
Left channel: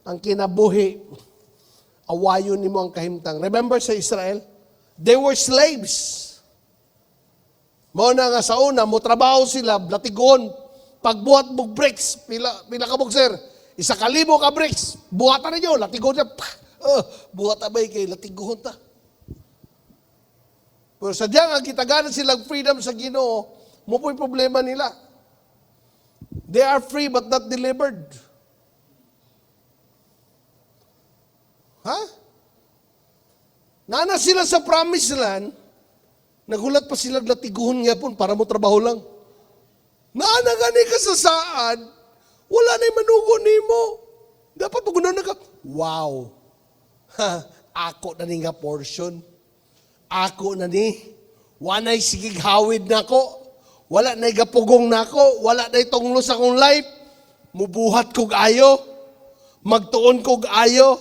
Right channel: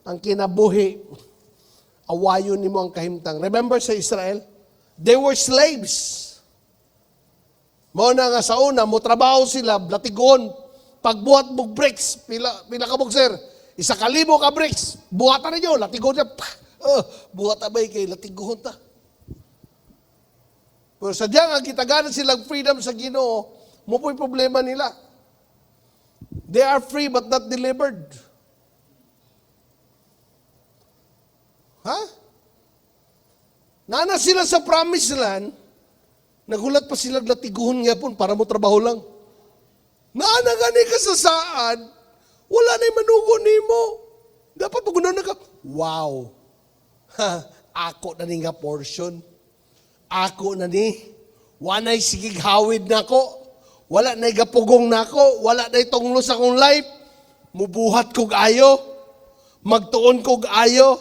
Ang kinabuhi, awayon ni mo ang kahimtang. Remember sa Israel? They were slaves. Mo na nga sa una, mo trabaho sila, latigon. Pagbuhat mo bricks, pila ka sir, 1,000 ka bricks, buhatan ninyo, latigon na, buhatan ba kayo, latigon na. Pero sadya nga, kitaganan silang freedom sa Ginoo, mo po'y problema nila. They are free but not delivered. Nana sila sa promised land, nagulat pa sila latiguhon nga po para mo trabaho lang. Naana gani ka sa saan, wala na yung manugo ni mo. Dapat mo na wow. Ako na ni nga portion. Ako na ni. Wanay sigig hawid na ko. Wala na gapugong na ko. Wala na itonglo sa kong life. Mubuhat kog ayo. Magtuon kog ayo.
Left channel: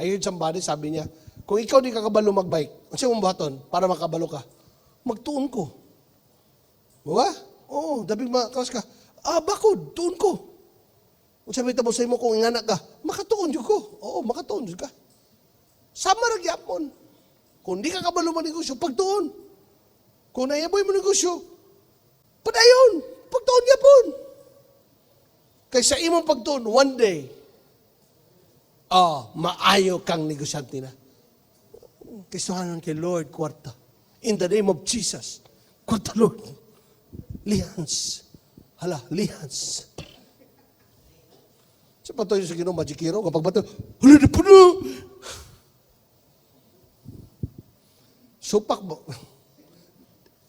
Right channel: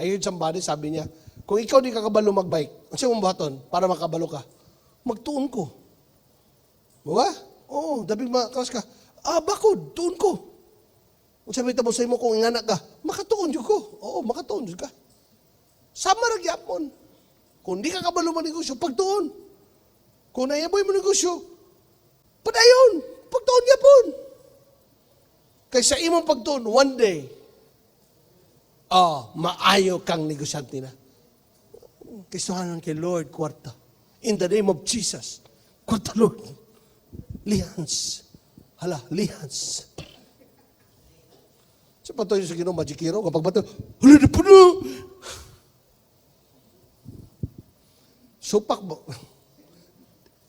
Ayun somebody sabi niya, kung ikaw di ka kabalo magbike, ang siyang buhaton para makabalo ka, magtuon ko. Mga? Oo, dapat makaos ka. Bakod, tuon ko. Sabi mo sa imo kung inganak ka, makatuon yun ko. Oo, makatuon yun ka. Sama nagyapon. Kung di ka kabalo manegosyo, pagtuon. Kung nayaboy mo negosyo, padayon, pagtuon yapon. Kaysa imong pagtuon, one day, maayo kang negosyante na. Kaysahan kay Lord, kwarta. In the name of Jesus, kwarta Lord. Lihans. Hala, lihans. Sa pato yung sa Ginoo, magikiraw, kapag bato, huli di po na. Supak mo.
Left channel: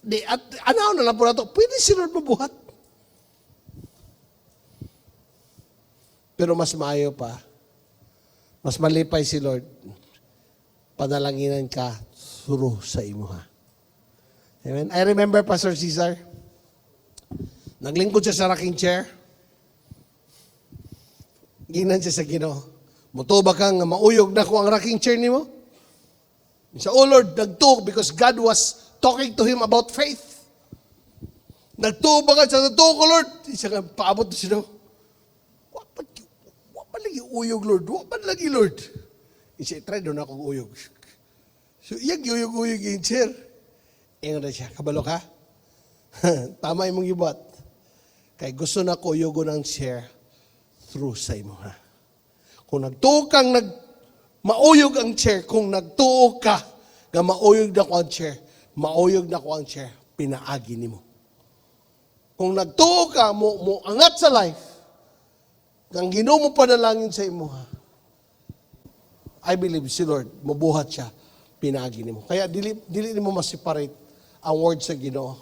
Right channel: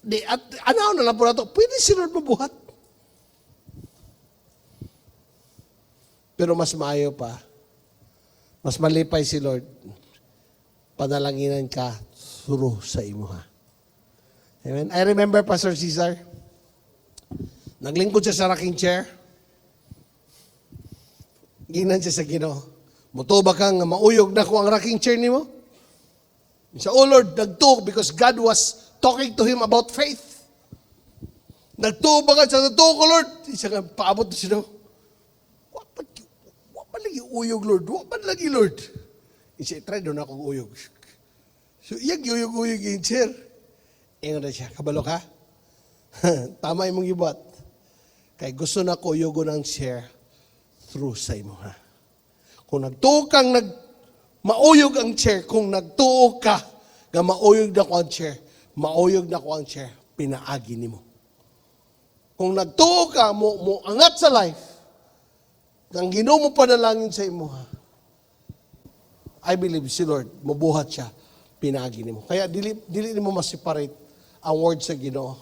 Di, at ano na lang po na ito, pwede si Lord mabuhat. Pero mas maayo pa, mas malipay si Lord, padalanginan ka, suro sa imo ha. Amen. I remember Pastor Cesar, naglingkod siya sa rocking chair. Ginan siya sa Ginoo. Muto ba ka nga mauyog na ko ang rocking chair ni mo? Siya, oh Lord, nagtuog because God was talking to him about faith. Nagtuog ba ka siya, nagtuog ko Lord. Siya nga, paabot siya daw. Wapan lagi uyog Lord, wapan lagi Lord. Siya, try doon akong uyog. So, iyag uyog-uyog yung chair. Kaya na siya, kabalo ka? Tama yung mong ibat. Kaya gusto na ko uyugo ng chair through sa imo, ha? Kung nagtuo kang mauyog ang chair, kung nagtuo ka nga mauyog na ko ang chair, mauyog na ko ang chair, pinaagi nimo. Kung nagtuo ka mo angat sa life, nang Ginoo mo panalangin sa imo, ha? I believe si Lord, mabuhat siya, pinaagi nimo. Kaya dili nimo ma-separate ang word sa Ginoo.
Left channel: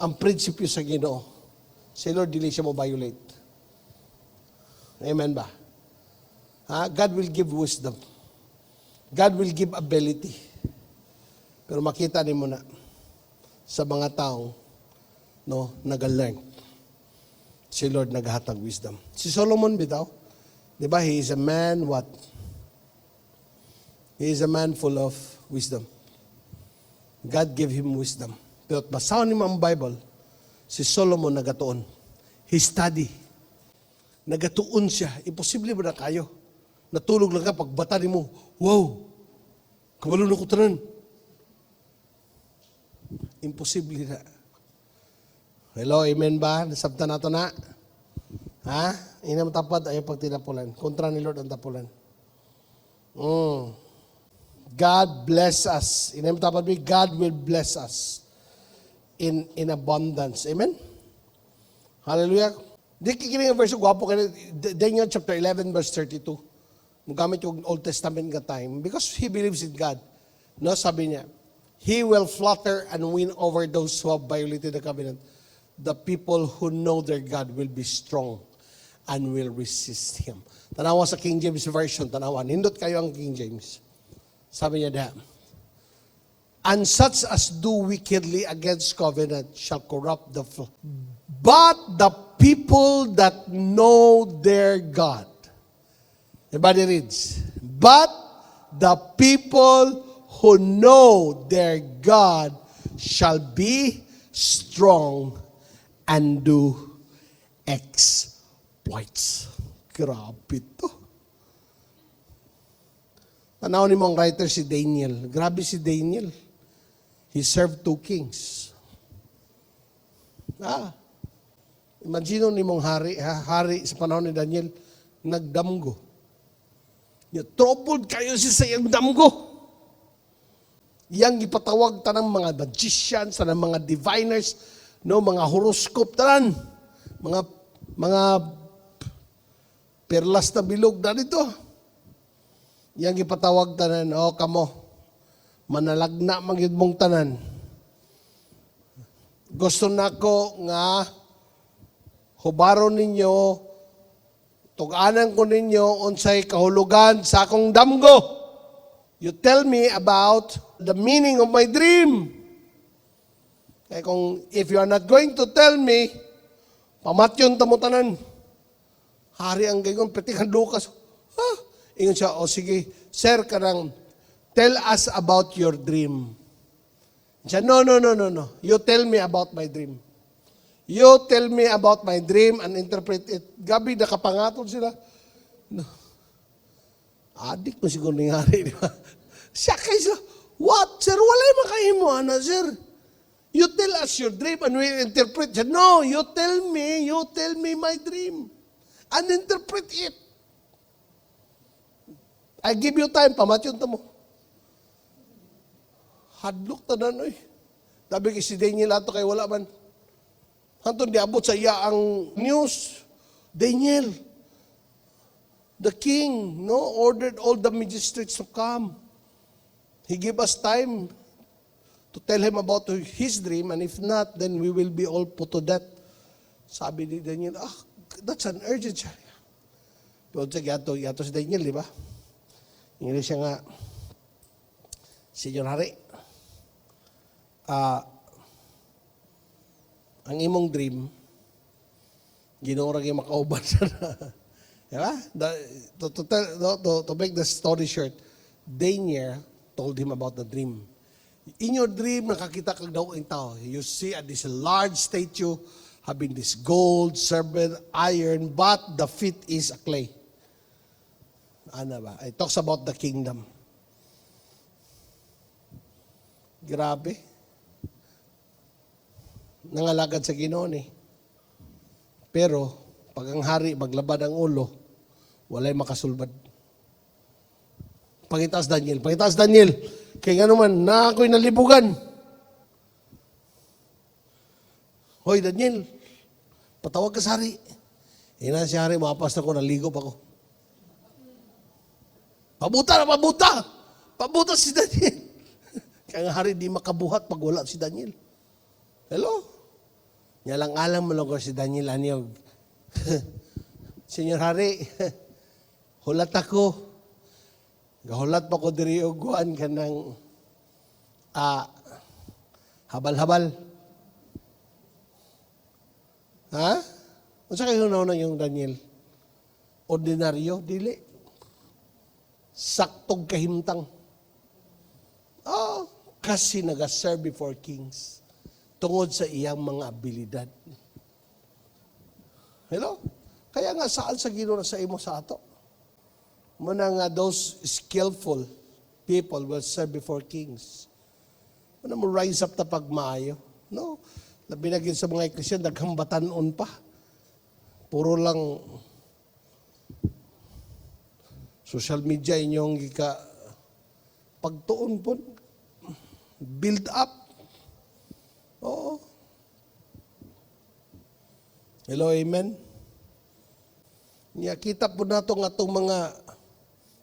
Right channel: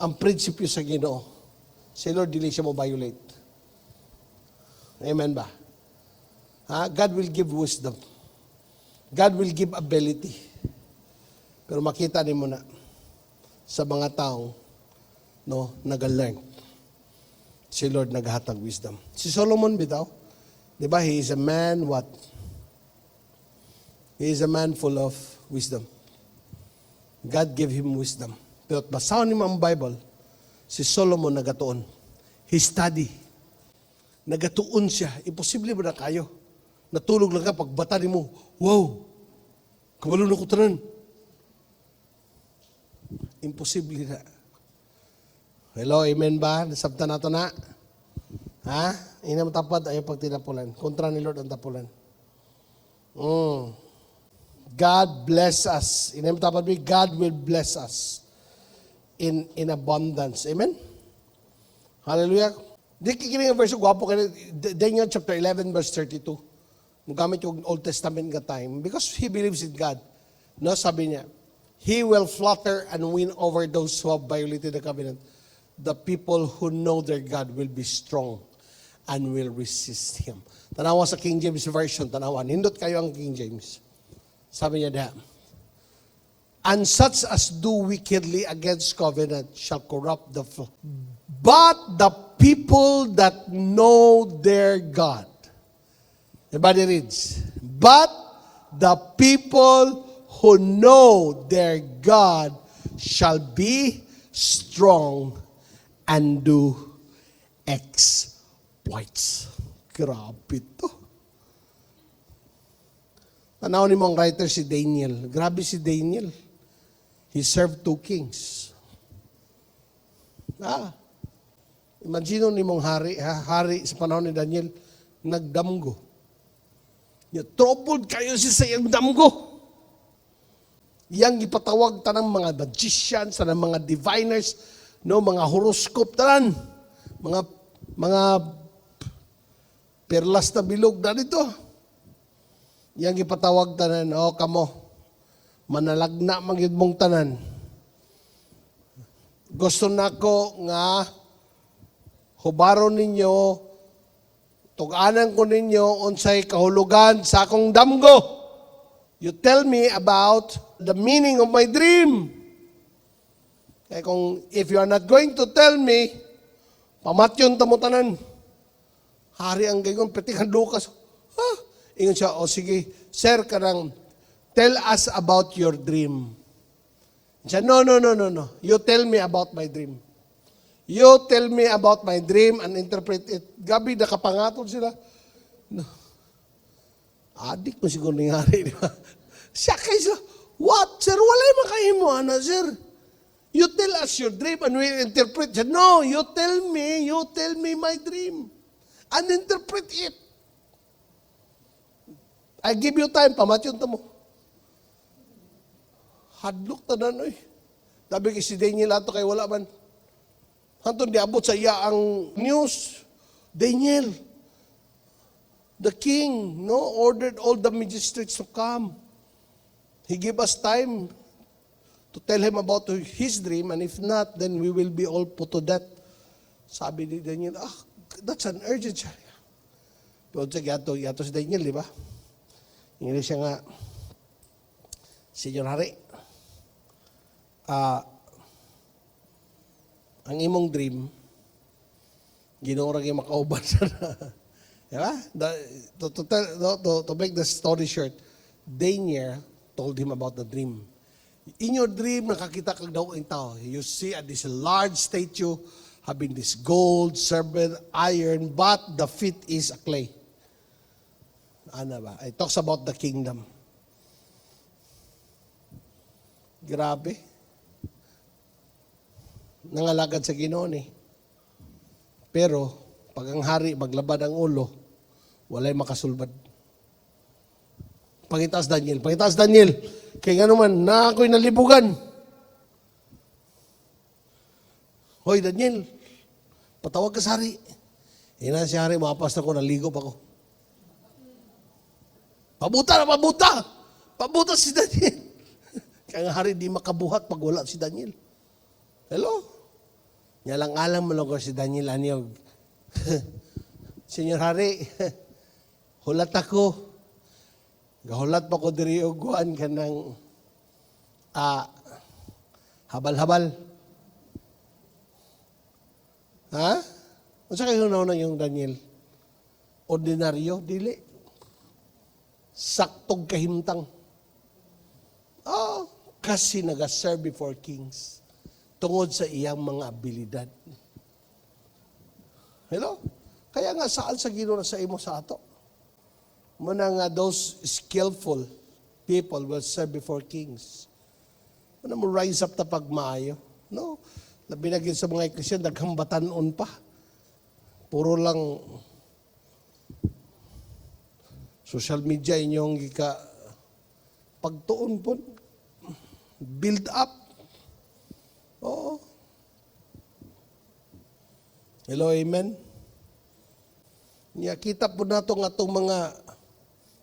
Ang prinsipyo sa Ginoo. Si Lord dili siya mo-violate. Amen ba? God will give wisdom. God will give ability. Pero makita nimo na sa mga tao, no, nag-learn. Si Lord naghatag wisdom. Si Solomon bitaw, di ba, he is a man what? He is a man full of wisdom. God gave him wisdom. Pero basaw ni ang Bible, si Solomon nagatuon. He study. Nagatuon siya. Imposible ba na kayo? Natulog lang ka, pagbata ni mo, wow, kabalo na ko tanan. Imposible na. Hello, amen ba? Nasabta na ito na. Ha? Inam tapad, ayaw pag tinapulan. Kontra ni Lord ang tapulan. God bless us. Inam tapad, God will bless us in abundance. Amen? Hallelujah. Di kikiling ang verse, gwapo ka na. Daniel chapter 11 verse 32. Magamit yung Old Testament ka time because he believes in God. No, sabi niya, he will flutter and win over those who have violated the covenant. The people who know their God will be strong and will resist Him. Tanawa sa King James Version, tanawa. Nindot kayo ang King James. Sabi niya diyan, and such as do wickedly against covenant shall corrupt the flock. But the people that know their God. Everybody reads. But the people who know their God shall be strong and do exploits. Grabe to. Tanaw ni mong writer si Daniel. Grabe si Daniel. He served 2 kings. Imagine ni mong hari sa panahon ni Daniel, nagdamgo. Tropod kayo siya sa iyang damgo. Yang ipatawag tanang mga magicians, tanang mga diviners, no, mga horoscope tanan, mga perlas na bilog na nito. Yang ipatawag tanan, kamo, manalagna magid mong tanan. Gusto nako nga hubaron ninyo, tuganan ko ninyo unsay kahulugan sa akong damgo. You tell me about the meaning of my dream. Kaya kung if you are not going to tell me, pamatyon tamo tanan. Hari ang gayon, petikan Lucas. Ingon siya, sige, sir, karang, tell us about your dream. Siya, no. You tell me about my dream. You tell me about my dream and interpret it. Gabi, nakapangatod sila. Adik mo siguro nangyari, di ba? Siya kaysa, what, sir? Walay makain mo, sir? You tell us your dream and we interpret it. No, you tell me my dream. And interpret it. I give you time, pamatyon mo. Hadlok tanan, Sabi si Daniel ato kay wala man. Anton diabot sa iya ang news. Daniel, the king, ordered all the magistrates to come. He gave us time to tell him about his dream, and if not, then we will be all put to death. Sabi ni Daniel, that's an urgent. Doon sa yato si Daniel, di ba? Hindi siya nga, Senyor Hari, ang imong dream, ginurang yung makauban siya na. Diba? To make the story short, Daniel told him about the dream. In your dream, nakakita kang daw ang tao. You see this large statue having this gold, silver, iron, but the feet is a clay. Ano ba? It talks about the kingdom. Grabe. Nangalagad sa Ginoo ni. Pero, pag Pag ang hari maglabad ang ulo, walay makasulbad. Pangitaas Daniel. Kaya nga naman, na ako'y nalibugan. Hoy, Daniel, patawag ka sa hari. Ina si hari, mapas ako, naligop ako. Pabuta si Daniel. Kaya nga hari, di makabuhat pag wala si Daniel. Hello? Yalang alam mo lang si Daniel Anyog. Senyor hari, hulat ako. Hulat pa ko diri og kuan ka ng habal-habal. Ha? Masa kayo na yung Daniel? Ordinaryo, dili. Saktong kahimtang. Kasi nag-serve before kings. Tungod sa iyang mga abilidad. Hello? Kaya nga saan sa Ginoo sa imo sa ato? Muna nga those skillful people will serve before kings. Muna mo rise up tapag maayo. No? Nabinagin sa mga Christian, daghang batanon pa. Puro lang social media inyong gika pagtuon po. Build up. Hello, amen? Kita po na ito nga itong mga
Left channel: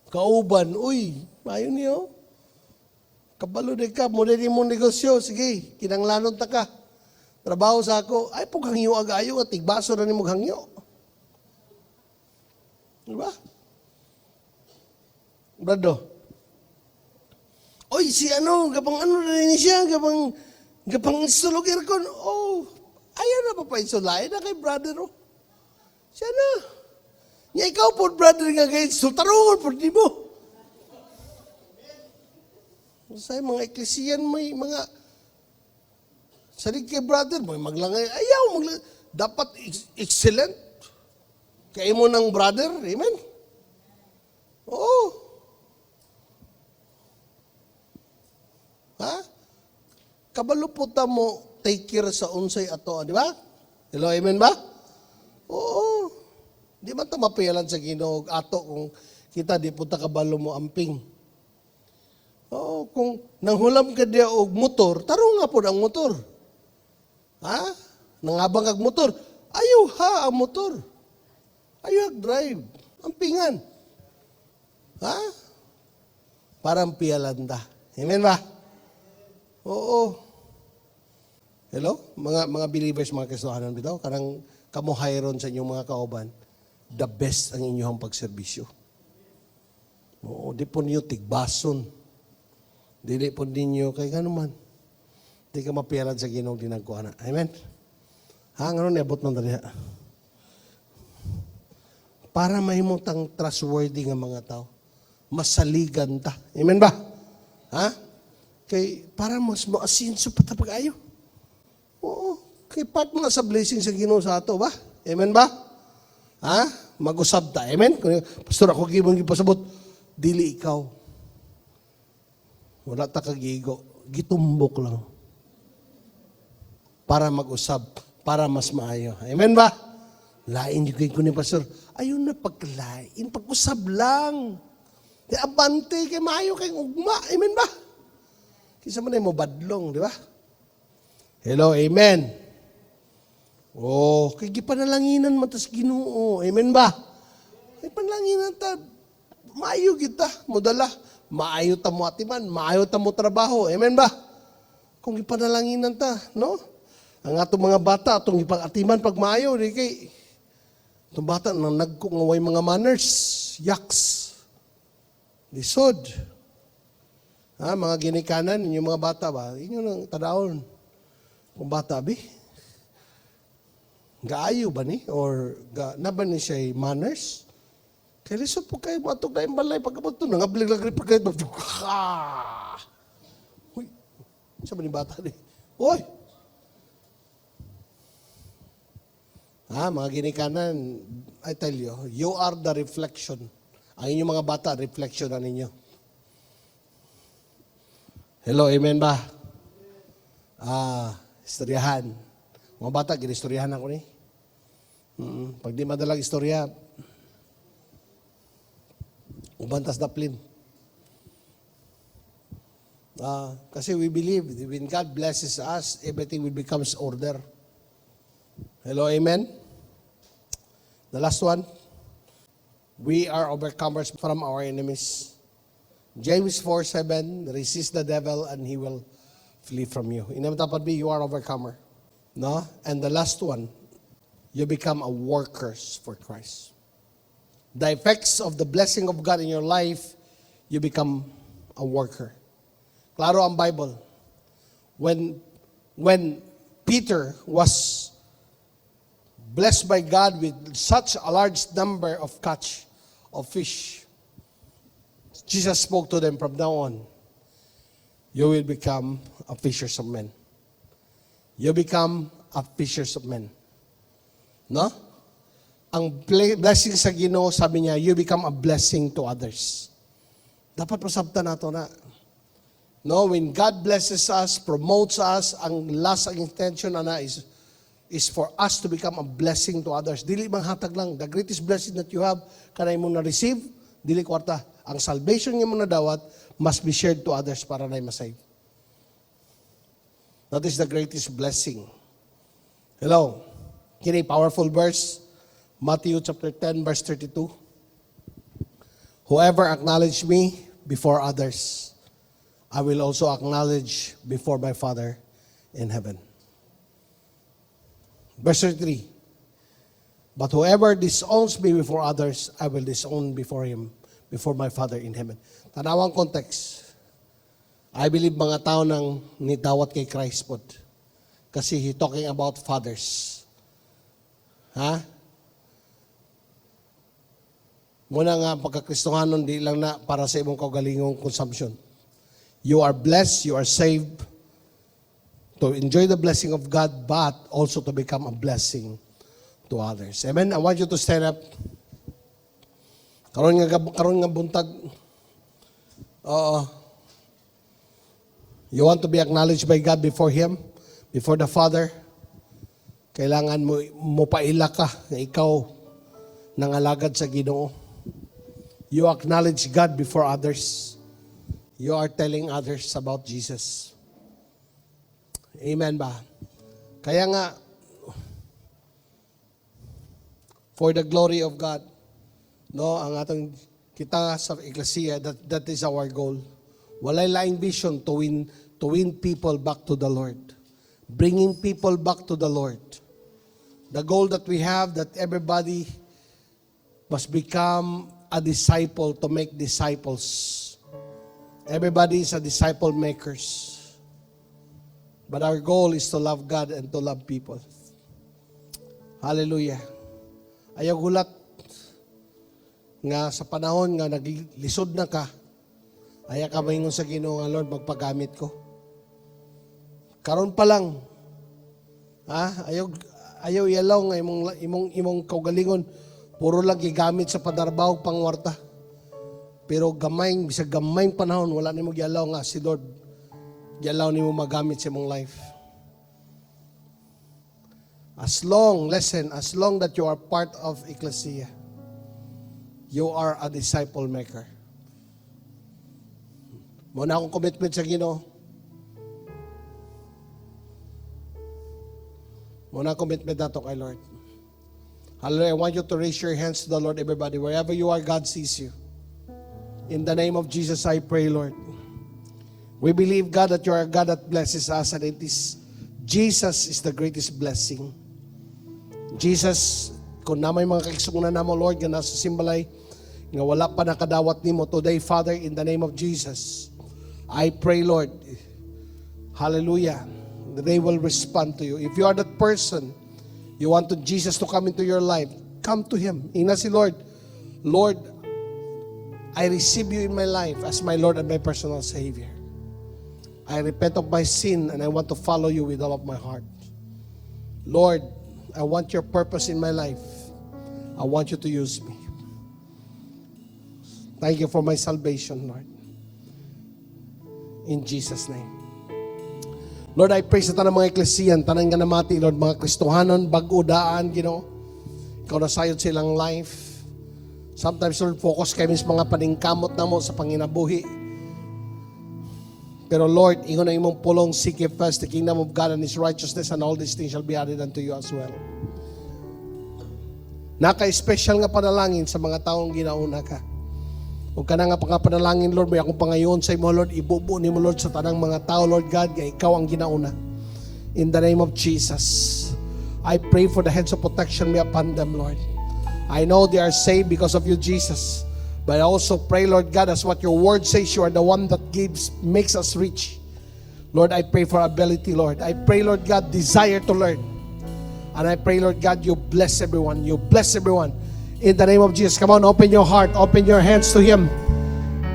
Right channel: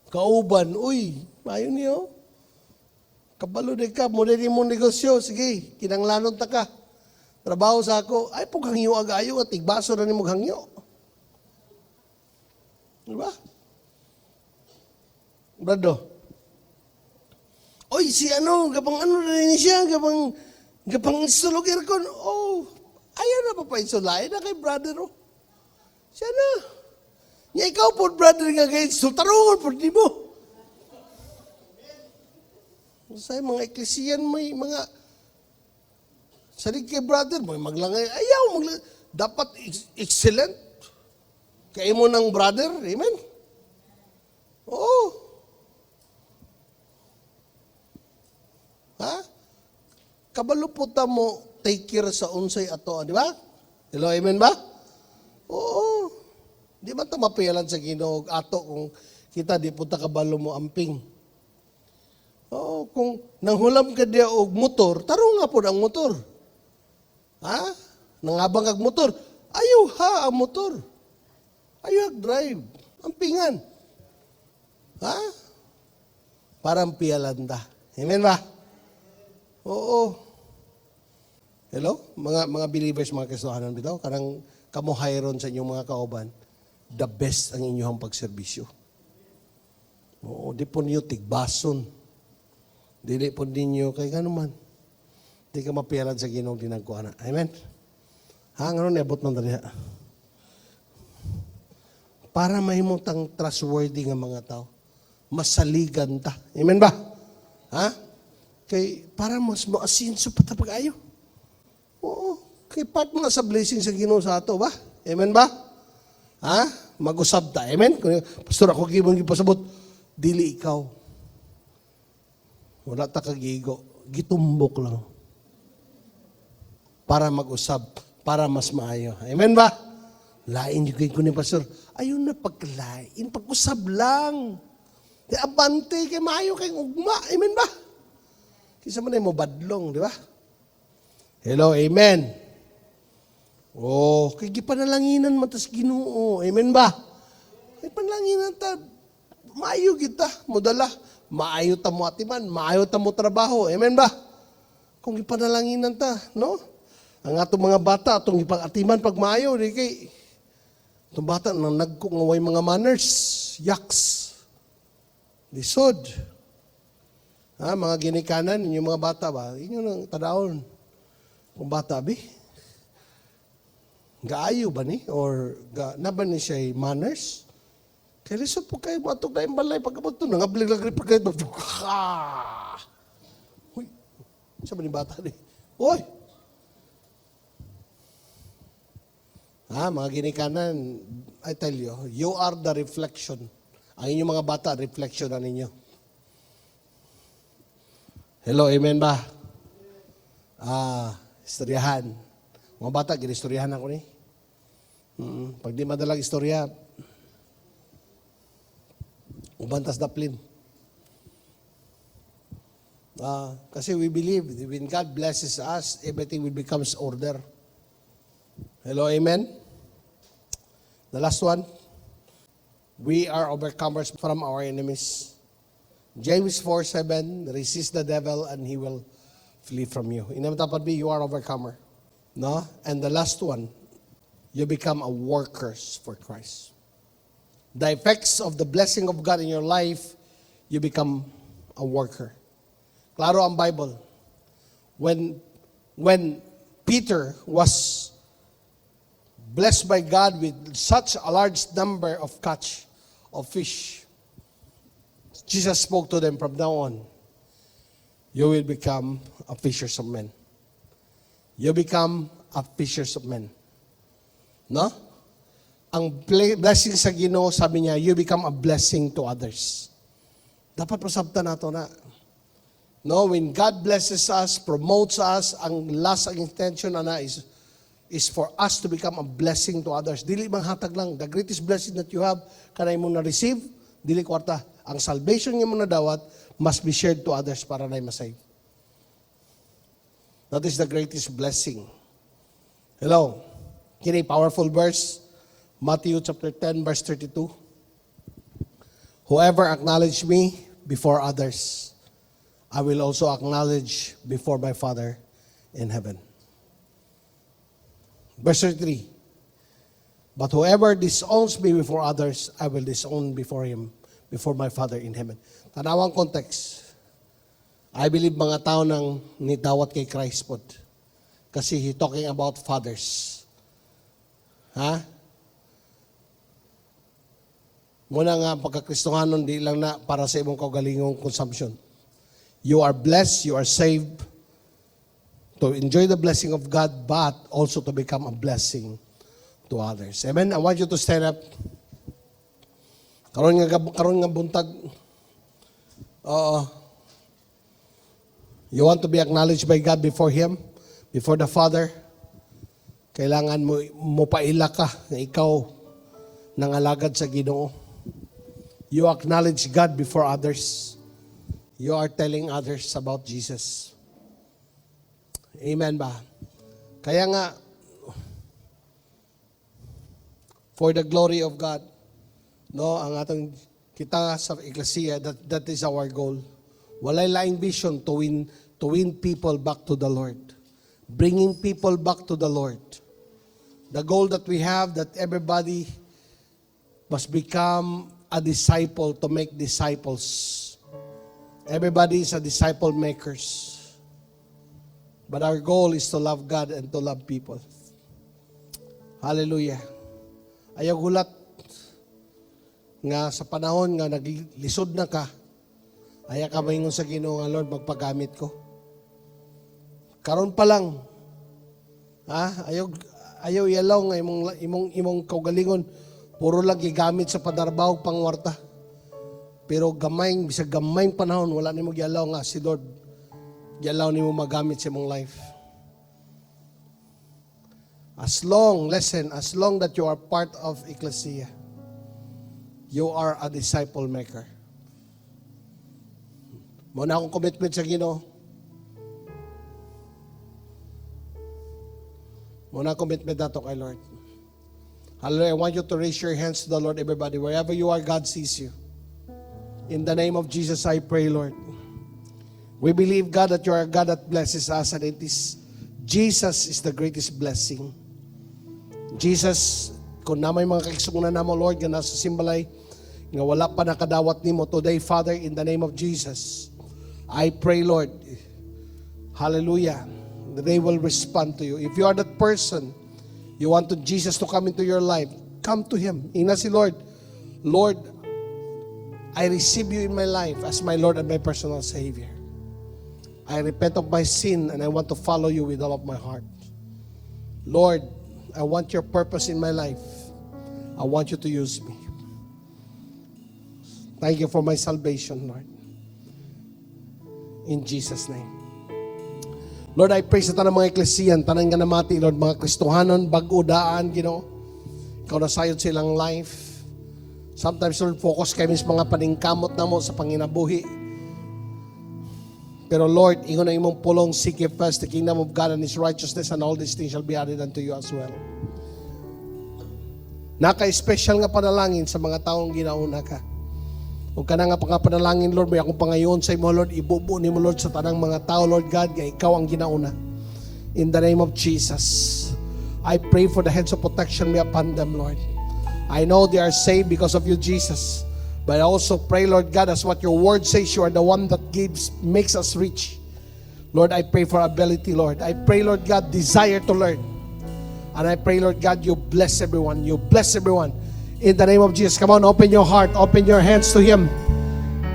kauban. Uy, mayo niyo. Kabalo na ka, muna ni mong negosyo. Sige, kinanglanon ta ka. Trabaho sa ako. Ay po kang iyo agayo at tigbaso na ni mong hangyo. Diba? Brado. Oy, si kapang ano na rin siya, kapang sulog aircon. Ayaw na po pa insulahin na kay brother, Siya na. Nga ikaw po, brother, ka kay sultaron po, di mo. Sa mga eklesiyan, may mga sarig kay brother, may maglangay. Ayaw, dapat excellent. Kaya mo ng brother, amen? Oo. Ha? Kabalo po mo, take care sa unsay ato, di ba? Hello, amen ba? Oo. Di ba ito mapialan sa Ginoo ato kung kita di punta kabalo mo amping? Oo, kung nanghulam ka diya og motor, taro nga po ng motor. Ha? Nangabang kag motor, ayaw ha ang motor. Ayaw drive. Ampingan. Ha? Parang pialan ta. Amen ba? Oo. Hello? Mga believers, mga kasuanan bitaw, kanang kamuhayron sa inyong mga kauban, the best ang inyong pagserbisyo. Oo, di po niyo tigbason. Dili po ninyo, kay gano'n man. Di ka mapialan sa Ginoong ginagkuha na. Amen? Ha, nga nebot ng taniya. Para mahimutang trustworthy nga mga tao, masaligan ta. Amen ba? Ha? Kay, para mas maasinso pa tapag ayo. Oo. Kay part mo sa blessing sa Ginoo sa ato ba? Amen ba? Ha? Mag-usab ta. Amen? Pastor, ako gibang ipasabot. Dili ikaw. Wala ta kagigo. Gitumbok lang. Para mag-usab. Para mas maayo. Amen ba? Lain yung ko ni Pastor. Ayun na pagkalain. Pag-usab lang. Di abante kay maayo kay ugma. Amen ba? Kisa man mo badlong, di ba? Hello, amen. Kay gipanalanginan man tas Ginoo. Amen ba? Panalanginan ta. Maayo kita, modala. Maayo ta mo atiman, maayo ta mo trabaho. Amen ba? Kung gipanalanginan ta, no? Ang ato mga bata, itong ipag-atiman pag maayo, di kay itong bata nang nagkungaway mga manners, yaks, lisod. Mga ginikanan, yung mga bata ba? Inyo lang tanawon. Kung bata ba? Gaayo ba ni? Or na ba ni siya manners? Kaya liso po kayo matog na yung balay pagkapat ito. Nangablig-lagri pa kayo. Uy, saan ba ni bata ni? Oy! Mga ginikanan, I tell you are the reflection. Ang inyong mga bata, reflection na ninyo. Hello, amen ba? Istoryahan. Mga bata, ginistoryahan ako ni. Pag di madalang istorya, ubantas na plin. Kasi we believe when God blesses us, everything will becomes order. Hello, amen? The last one, we are overcomers from our enemies. James 4:7, resist the devil and he will flee from you. Inamtapan me, you are overcomer. No? And the last one, you become a workers for Christ. The effects of the blessing of God in your life, you become a worker. Klaro ang Bible. When Peter was blessed by God with such a large number of catch of fish, Jesus spoke to them, from now on, you will become a fishers of men. You become a fishers of men. No? Ang blessing sa Ginoo, sabi niya, you become a blessing to others. Dapat pasabtan nato na. No, when God blesses us, promotes us, ang last ang intention na is for us to become a blessing to others. Dili bang hatag lang, the greatest blessing that you have, kanay mo na-receive, dili kwarta. Ang salvation niyo mo na dawat, must be shared to others para na masave. That is the greatest blessing. Hello. Kini powerful verse, Matthew chapter 10, verse 32. Whoever acknowledge me before others, I will also acknowledge before my Father in heaven. Verse 33. But whoever disowns me before others, I will disown before him, before my Father in heaven. Tanawang context. I believe mga tao nang nitawat kay Christ po. Kasi he talking about fathers. Ha? Muna nga pagkakristohanon, di lang na para sa imong kaugalingong consumption. You are blessed, you are saved to enjoy the blessing of God, but also to become a blessing to others. Amen? I want you to stand up. Karon nga buntag. You want to be acknowledged by God before Him, before the Father. Kailangan mo paila ka na ikaw nangalagad sa Ginoo. You acknowledge God before others. You are telling others about Jesus. Amen ba? Kaya nga, for the glory of God, no, ang atong kita sa Ecclesia, that is our goal. Walay laing vision to win people back to the Lord. Bringing people back to the Lord. The goal that we have, that everybody must become a disciple to make disciples. Everybody is a disciple makers. But our goal is to love God and to love people. Hallelujah. Ayaw gulat nga sa panahon nga naglisod na ka, ayaw ka maingon sa Ginoo nga, Lord, magpagamit ko. Karon pa lang, ayaw yalaw nga imong kaugalingon, puro lang gigamit sa padarbaw pangwarta. Pero bisag gamayng panahon, wala nimo gyalaw nga si Lord. Gyalaw nimo magamit sa imong life. As long that you are part of Ecclesia, you are a disciple maker. Muna akong commitment sa Ginoo. Muna commitment nato kay Lord. Hallelujah. I want you to raise your hands to the Lord, everybody. Wherever you are, God sees you. In the name of Jesus, I pray, Lord. We believe, God, that you are a God that blesses us, and Jesus is the greatest blessing. Jesus, kung na may mga kaigsunan na mo, Lord, nga nasa simbalay, nga wala pa nakadawat nimo today, Father, in the name of Jesus, I pray, Lord, hallelujah, that they will respond to you. If you are that person, you want Jesus to come into your life, come to Him. Ina si Lord, Lord, I receive you in my life as my Lord and my personal Savior. I repent of my sin and I want to follow you with all of my heart. Lord, I want your purpose in my life. I want you to use me. Thank you for my salvation, Lord. In Jesus' name. Lord, I pray sa tanang mga eklesiyan, tanang ganamati, Lord, mga Kristohanon, bag-udaan, Ikaw na sayod silang life. Sometimes, Lord, focus kayo sa mga paningkamot na mo sa panginabuhi. Pero Lord, ingon na imong pulong, seek ye first the kingdom of God and His righteousness, and all these things shall be added unto you as well. Naka-special nga panalangin sa mga taong ginauna ka. Kung ka na nga panalangin, Lord, may akong pangayon sa imo, Lord, ibubo ni mo, Lord, sa tanang mga tao, Lord God, nga ikaw ang ginauna. In the name of Jesus, I pray for the heads of protection be upon them, Lord. I know they are saved because of you, Jesus. But I also pray, Lord God, as what your word says, you are the one that makes us rich. Lord, I pray for ability, Lord. I pray, Lord God, desire to learn. And I pray, Lord God, you bless everyone. You bless everyone. In the name of Jesus, come on, open your heart, open your hands to Him.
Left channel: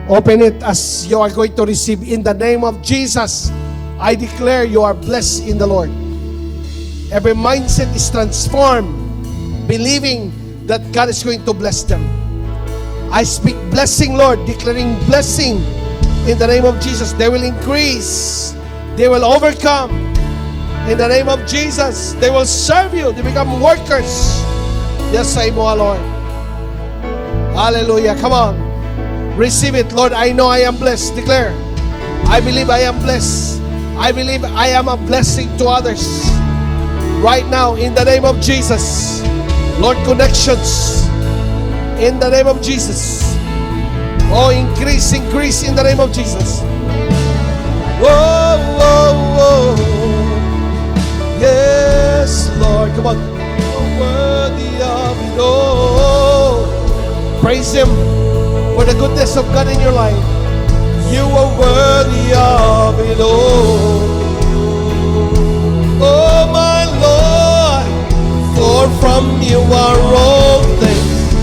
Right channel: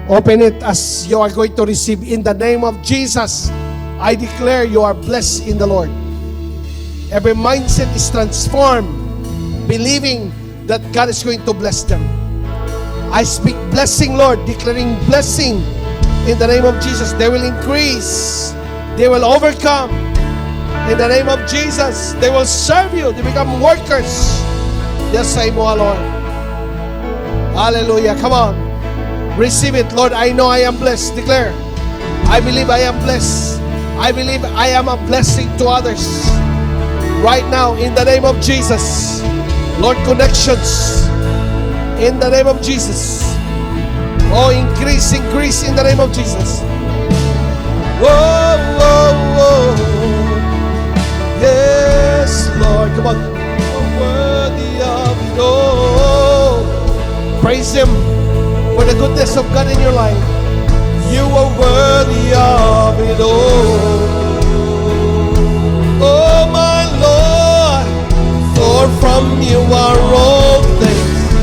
Open it as you are going to receive. In the name of Jesus, I declare you are blessed in the Lord. Every mindset is transformed, believing that God is going to bless them. I speak blessing, Lord, declaring blessing in the name of Jesus. They will increase. They will overcome. In the name of Jesus, they will serve you. They become workers. Yes, I know, Lord. Hallelujah. Come on. Receive it, Lord. I know I am blessed. Declare. I believe I am blessed. I believe I am a blessing to others. Right now, in the name of Jesus. Lord, connections. In the name of Jesus. Oh, increase, increase in the name of Jesus. Yes, Lord. Come on. Worthy of it all. Praise Him for the goodness of God in your life. You are worthy of it all. Oh, my Lord. For from you are all things,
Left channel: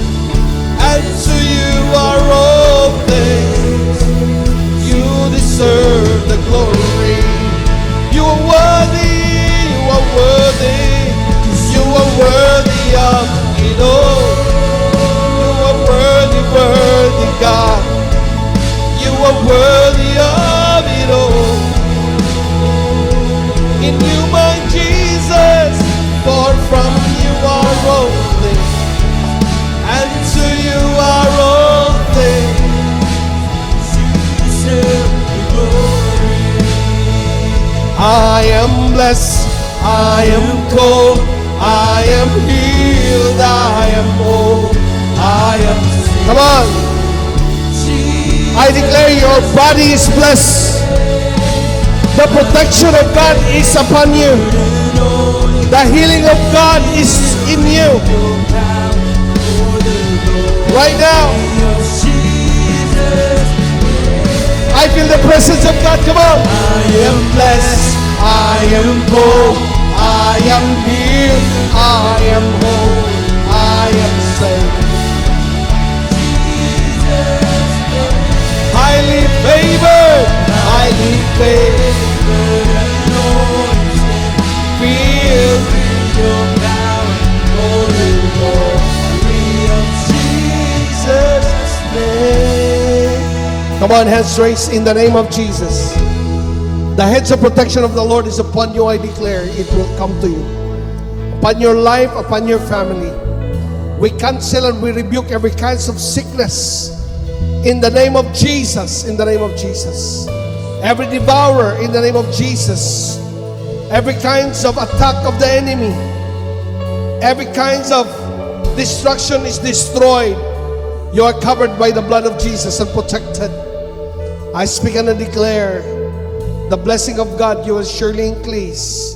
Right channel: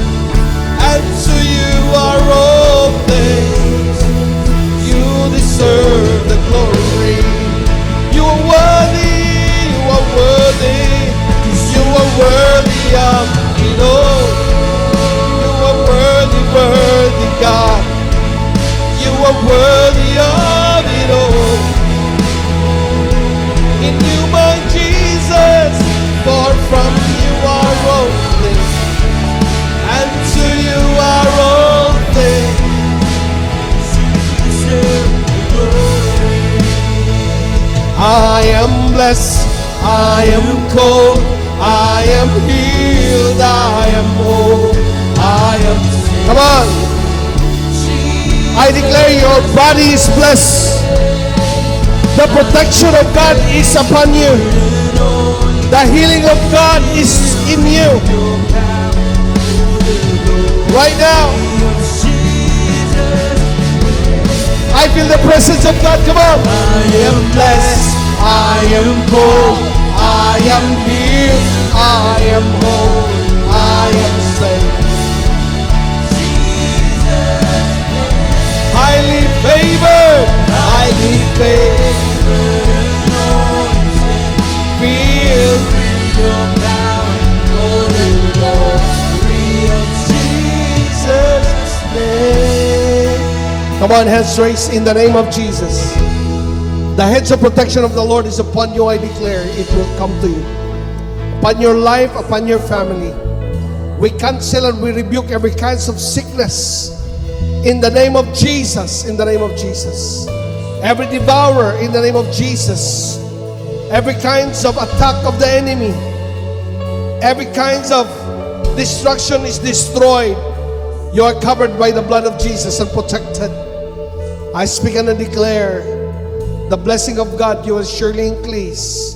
and to you are all things. You deserve the glory. You are worthy. You are worthy. You are worthy of it all. You are worthy, worthy God. You are worthy of it all. In you, my Jesus, for from you are all things, and to you are all things. I am blessed, I am called, I am healed, I am whole, I am free. Come on. I declare your body is blessed. The protection of God is upon you. The healing of God is in you. Right now, I feel the presence of God. Come on. I am blessed. I am born. I am healed. I am whole. I am saved. Highly favored. Highly favored. Fear in your power. Holy God. Jesus' name. Come on, hands raised in the name of Jesus. The hedge of protection of the Lord is upon you, I declare. It will come to you. Upon your life, upon your family. We cancel and we rebuke every kind of sickness. In the name of Jesus. In the name of Jesus. Every devourer, in the name of Jesus. Every kinds of attack of the enemy. Every kinds of destruction is destroyed. You are covered by the blood of Jesus and protected. I speak and I declare the blessing of God, you will surely increase.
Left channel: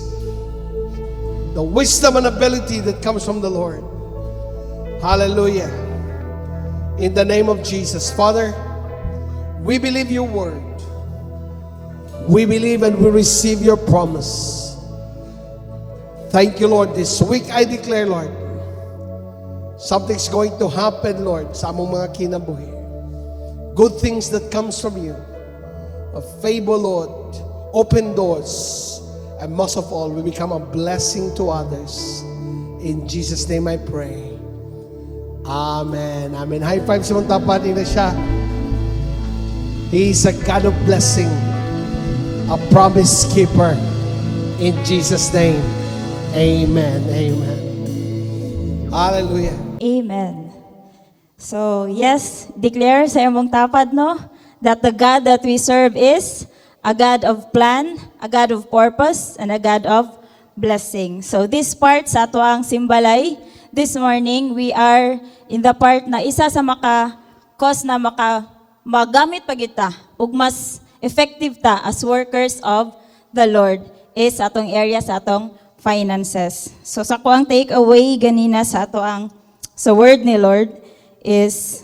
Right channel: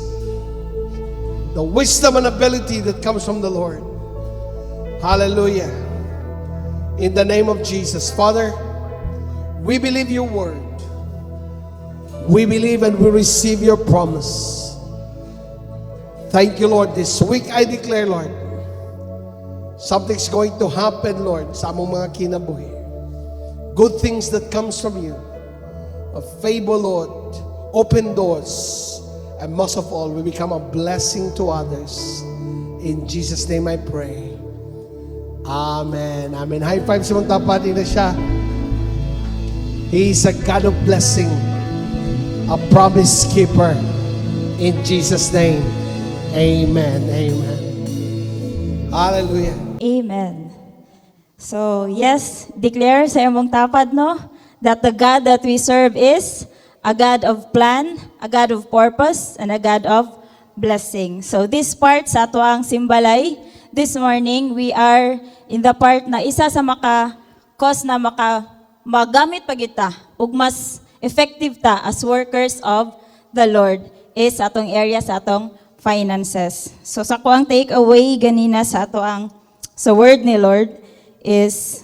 The wisdom and ability that comes from the Lord. Hallelujah. In the name of Jesus. Father, we believe your word. We believe and we receive your promise. Thank you, Lord. This week I declare, Lord, something's going to happen, Lord, sa among mga kinabuhi. Good things that comes from you. A favor, Lord. Open doors. And most of all, we become a blessing to others. In Jesus' name I pray. Amen. Amen. High five sa mga tapat na siya. He is a God of blessing. A promise keeper. In Jesus' name. Amen. Amen. Hallelujah. Amen. So, yes, declare sa imong tapad, no? That the God that we serve is a God of plan, a God of purpose, and a God of blessing. So, this part sa ato ang simbalay, this morning, we are in the part na isa sa cause na magamit pa kita ug mas effective ta as workers of the Lord is atong area sa atong finances. So sa ko ang take away ganina sa ato ang word ni Lord is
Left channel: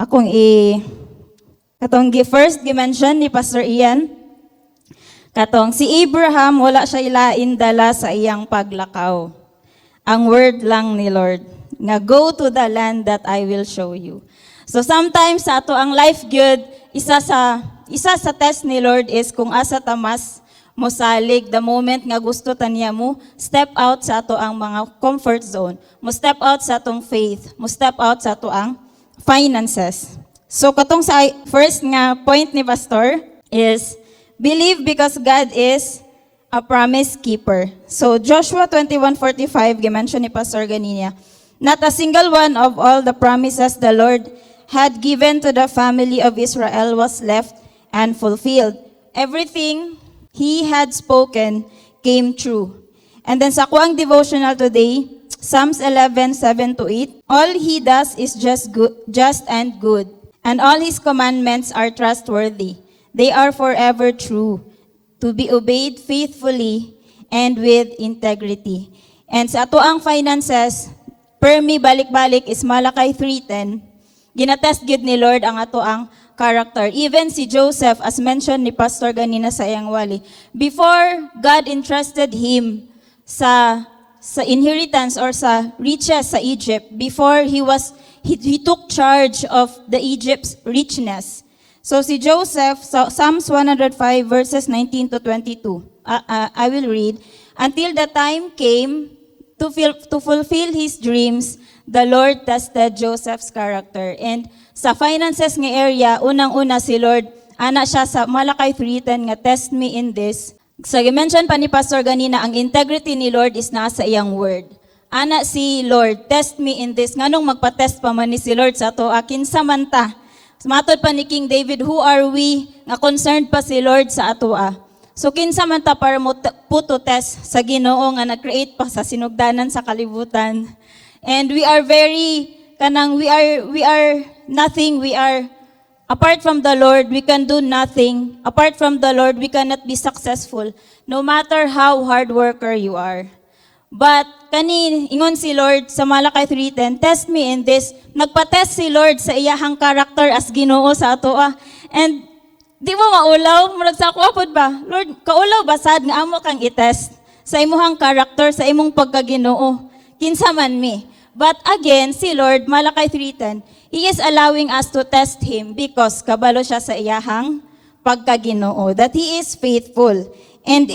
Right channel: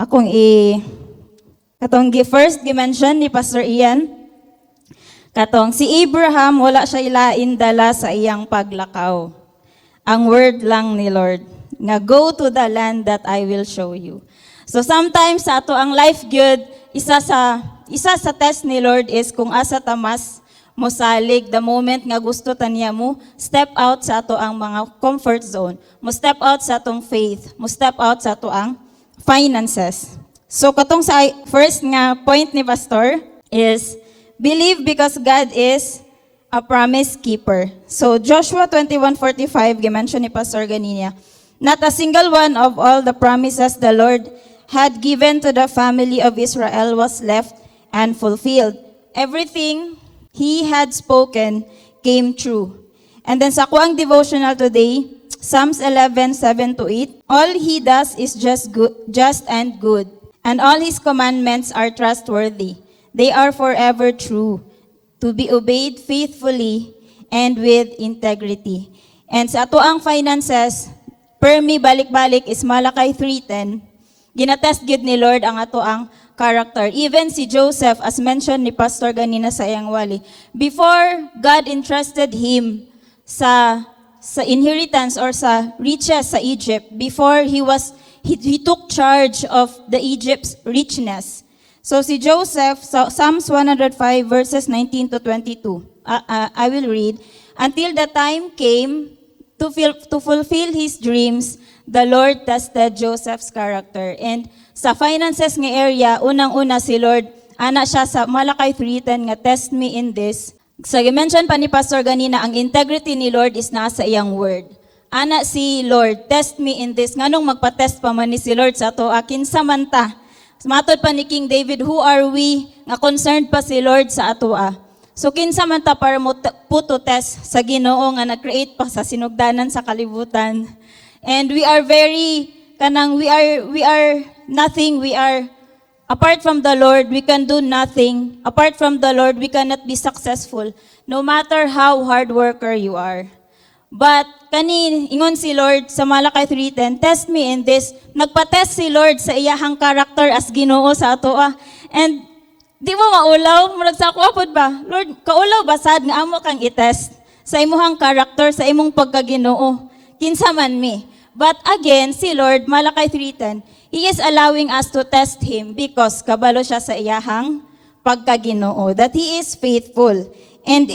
katong first dimension ni Pastor Ian katong si Abraham wala siya ilain dala sa iyang paglakaw. Ang word lang ni Lord nga go to the land that I will show you. So sometimes sa ato ang life good isa sa test ni Lord is kung asa tamas mosalig the moment nga gusto ta niya mo step out sa ato ang mga comfort zone, mo step out sa atong faith, mo step out sa ato ang finances. So katong sa first nga point ni Pastor is believe because God is a promise keeper. So Joshua 21:45 gi-mention ni Pastor ganina, not a single one of all the promises the Lord had given to the family of Israel was left unfulfilled. Everything He had spoken came true. And then sa kuang devotional today, Psalms 11:7-8, all He does is just and good, and all His commandments are trustworthy. They are forever true, to be obeyed faithfully and with integrity. And sa ato ang finances, per me balik-balik is Malakay 3:10. Ginatest gid ni Lord ang ato ang character. Even si Joseph, as mentioned ni Pastor ganina sa iyang wali, before God entrusted him sa inheritance or sa riches sa Egypt, before he took charge of the Egypt's richness. So si Joseph, Psalms 105 verses 19-22. I will read. Until the time came to fulfill his dreams, the Lord tested Joseph's character. And sa finances nga area, unang-una si Lord, ana siya sa Malakay 3:10 nga test me in this. Sa mention pa ni Pastor ganina, ang integrity ni Lord is nasa iyang word. Ana si Lord, test me in this. Nganong magpa-test pa man ni si Lord sa ato akin samanta. Matod pa ni King David, who are we nga concerned pa si Lord sa atoa. So kinsa man ta para mo puto test sa Ginoo nga nag-create pa sa sinugdanan sa kalibutan. And we are nothing. We are apart from the Lord, we can do nothing. Apart from the Lord, we cannot be successful. No matter how hard worker you are. But ingon si Lord sa Malakay 3:10, test me in this. Nagpa-test si Lord sa iyahang character as Ginoo sa atoa. And di mo maulaw, murag sa ako ba? Lord, kaulaw basad nga amo kang i-test sa imong character, sa imong pagkaginoo. Kinsa man mi. But again, si Lord, Malakay 3:10, He is allowing us to test Him because kabalo siya sa iyahang pagkaginoo, that He is faithful. And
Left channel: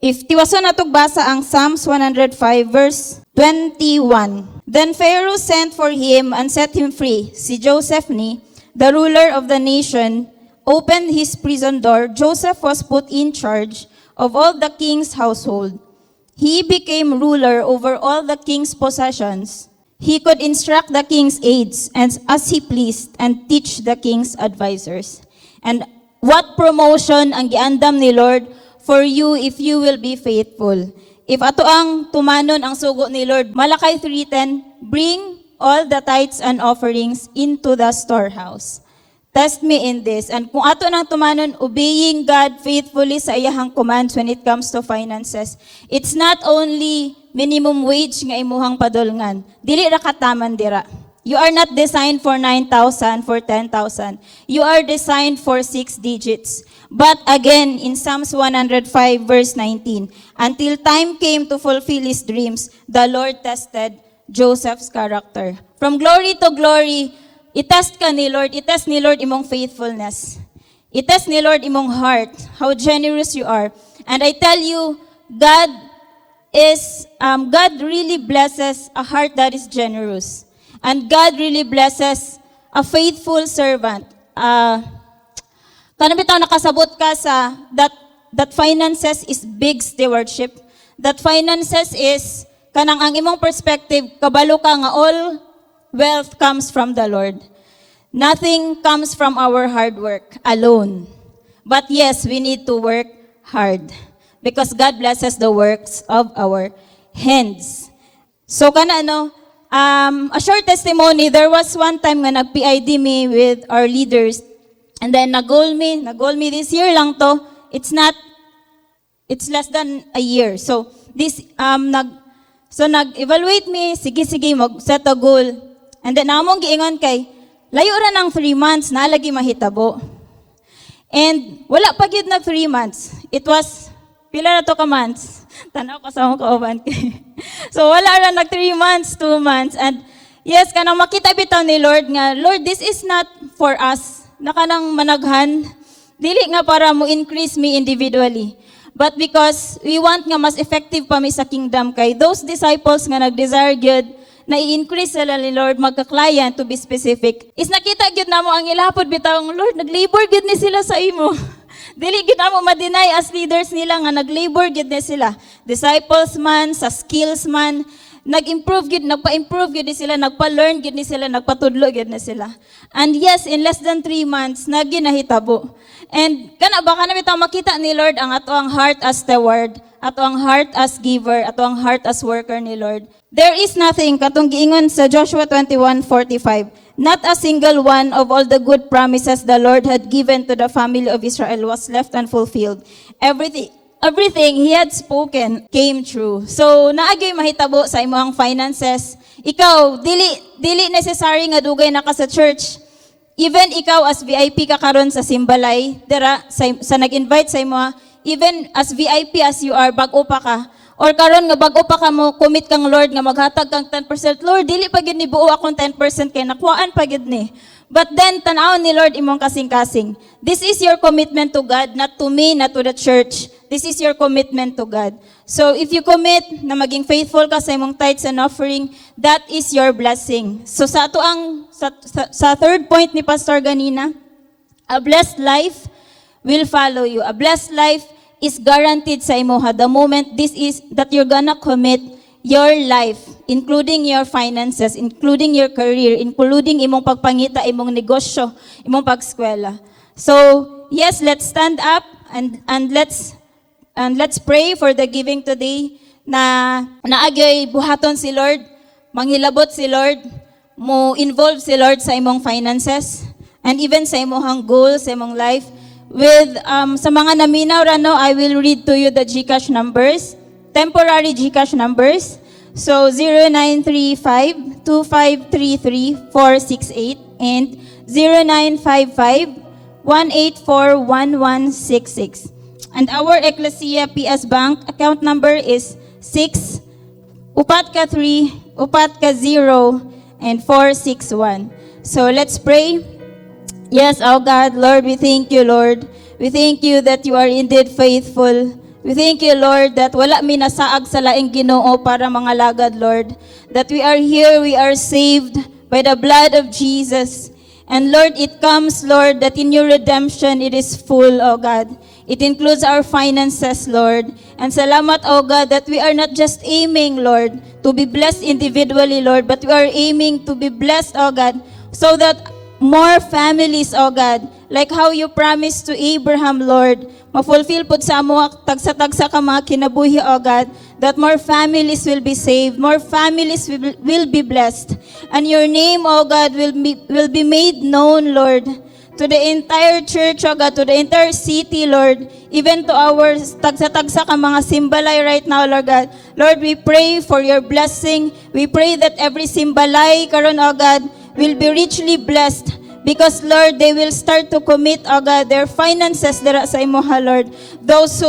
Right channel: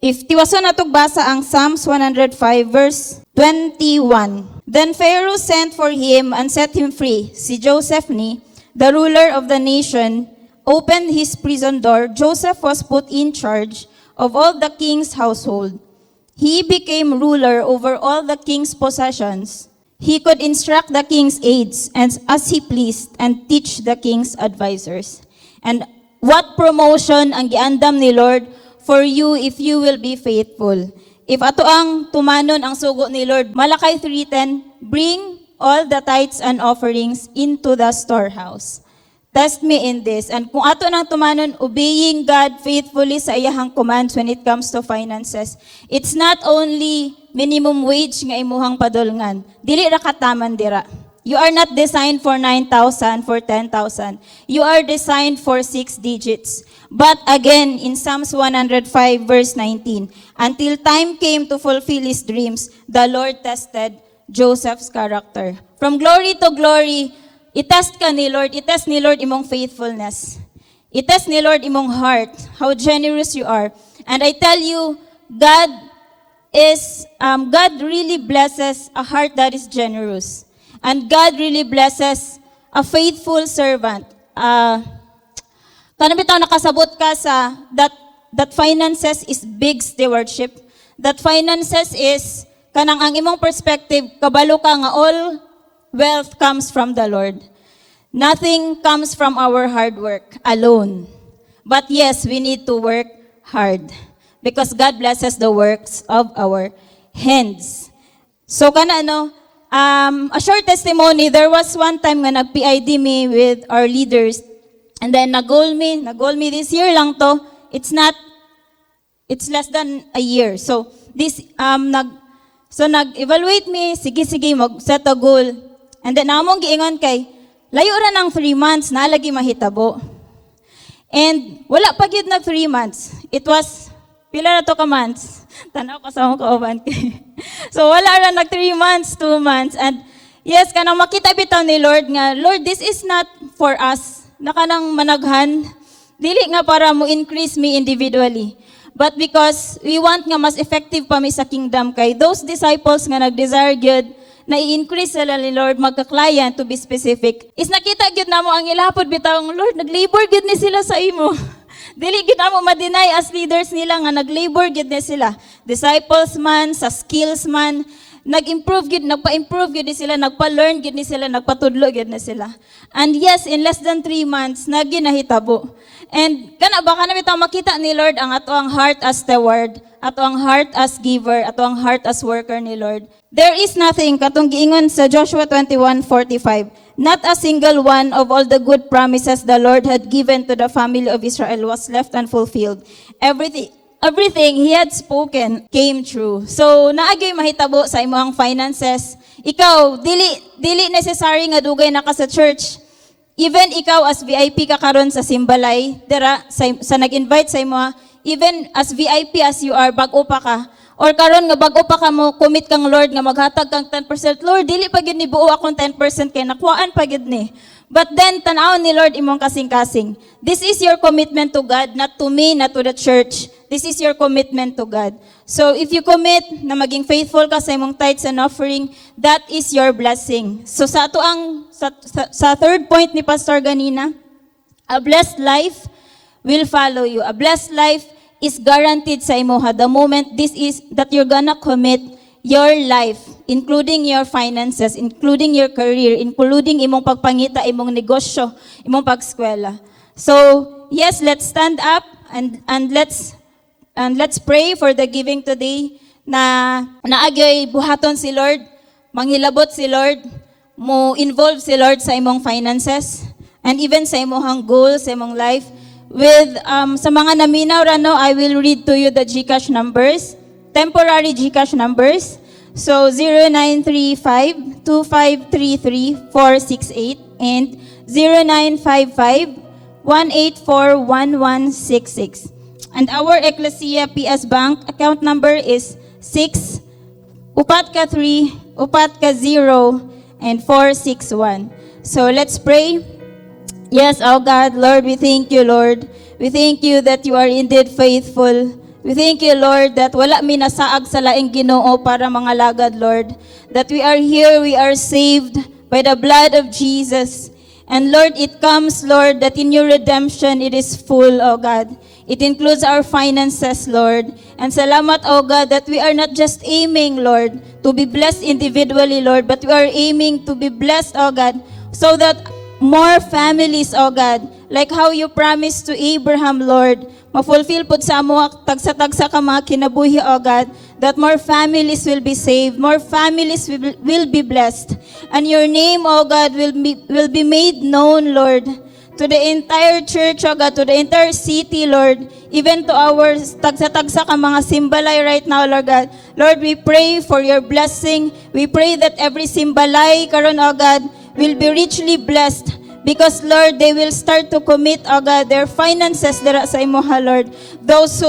if tiwason natong basa ang Psalms 105 verse 21, then Pharaoh sent for him and set him free. Si Joseph ni, the ruler of the nation, opened his prison door. Joseph was put in charge of all the king's household. He became ruler over all the king's possessions. He could instruct the king's aides as he pleased and teach the king's advisors. And what promotion ang giandam ni Lord for you if you will be faithful? If ato ang tumanon ang sugo ni Lord, Malakay 3:10, bring all the tithes and offerings into the storehouse. Test me in this. And kung ato nang tumanon, obeying God faithfully sa iyahang commands when it comes to finances, it's not only minimum wage nga imuhang padulngan. Dili na kataman dira. You are not designed for 9,000, for 10,000. You are designed for 6 digits. But again, in Psalms 105 verse 19, until time came to fulfill his dreams, the Lord tested Joseph's character. From glory to glory, itest ka ni Lord. Itest ni Lord imong faithfulness. Itest ni Lord imong heart, how generous you are. And I tell you, God really blesses a heart that is generous. And God really blesses a faithful servant. Tanong nakasabot ka sa that finances is big stewardship. That finances is kanang ang imong perspective, kabalo ka nga all wealth comes from the Lord. Nothing comes from our hard work alone. But yes, we need to work hard because God blesses the works of our hands. So a short testimony, there was one time nga nag-PID me with our leaders and then nag-goal me this year lang to. It's less than a year. So nag-evaluate me, sige, mag-set a goal. And then among giingon kay, layo ra ng 3 months, nalagi mahitabo. And wala pa gyud nag 3 months. It was, pila na to ka months? Tanaw ko sa akong kauban kay. So wala ra nag 3 months, 2 months. And yes, kanang makita bitaw ni Lord nga, Lord, this is not for us. Nakanang managhan. Dili nga para mo increase me individually. But because we want nga mas effective pa mi sa kingdom kay those disciples nga nag-desire gyud na i-increase sila ni Lord magka-client to be specific. Is nakita gyud namo ang ilapod bitaw, Lord, nag-labor gyud ni sila sa imo. Dili gyud amo ma-deny as leaders nila nga nag-labor gyud ni sila. Disciples man, sa skills man, nag-improve gyud, nagpa-improve gyud ni sila, nagpa-learn gyud ni sila, nagpatudlo gyud na sila. And yes, in less than 3 months, naginahitabo. And baka na bitaw makita ni Lord ang ato ang heart as steward, ato ang heart as giver, ato ang heart as worker ni Lord. There is nothing, katong giingon sa Joshua 21:45, not a single one of all the good promises the Lord had given to the family of Israel was left unfulfilled. Everything He had spoken came true. So, naagyoy mahitabo sa imong finances. Ikaw, dili necessary nga dugay na ka sa church. Even ikaw as VIP ka karon sa Simbalay, sa nag-invite sa imo, even as VIP as you are, bago pa ka, or karon nga bago pa ka mo, commit kang Lord nga maghatag kang 10%, Lord, dili pa gyud ni buo akong 10% kay nakuhaan pa gyud ni. But then, tan-awon ni Lord imong kasing-kasing. This is your commitment to God, not to me, not to the church. This is your commitment to God. So, if you commit na maging faithful ka sa imong tithes and offering, that is your blessing. So, sa third point ni Pastor ganina, a blessed life will follow you. A blessed life is guaranteed sa imuha the moment that you're gonna commit your life, including your finances, including your career, including imong pagpangita, imong negosyo, imong pagskwela. So, yes, let's stand up and let's pray for the giving today na naagyoy buhaton si Lord, manghilabot si Lord, mo involve si Lord sa imong finances and even sa imong goals, sa imong life. With sa mga naminaw rano, I will read to you the GCash numbers, temporary GCash numbers. So 0935-2533-468 and 0955-184-1166. And our Ecclesia PS Bank account number is 6 upat ka 3 upat ka 0 and 461. So let's pray. Yes, oh God, Lord, we thank you, Lord. We thank you that you are indeed faithful. We thank you, Lord, that wala mi nasaag sa laing Ginoo para mga lagad, Lord. That we are here, we are saved by the blood of Jesus. And Lord, it comes, Lord, that in your redemption, it is full, oh God. It includes our finances, Lord. And salamat, oh God, that we are not just aiming, Lord, to be blessed individually, Lord, but we are aiming to be blessed, oh God, so that more families, oh God, like how you promised to Abraham, Lord, ma-fulfill po sa amo tagsa-tagsa ka mga kinabuhi, oh God, that more families will be saved, more families will be blessed, and your name, oh God, will be made known, Lord, to the entire church, oh God, to the entire city, Lord, even to our tagsa-tagsa ka mga Simbalay right now, Lord God. Lord, we pray for your blessing. We pray that every Simbalay karon, oh God, will be richly blessed because, Lord, they will start to commit, oh God, their finances dara sa imuha, Lord. Those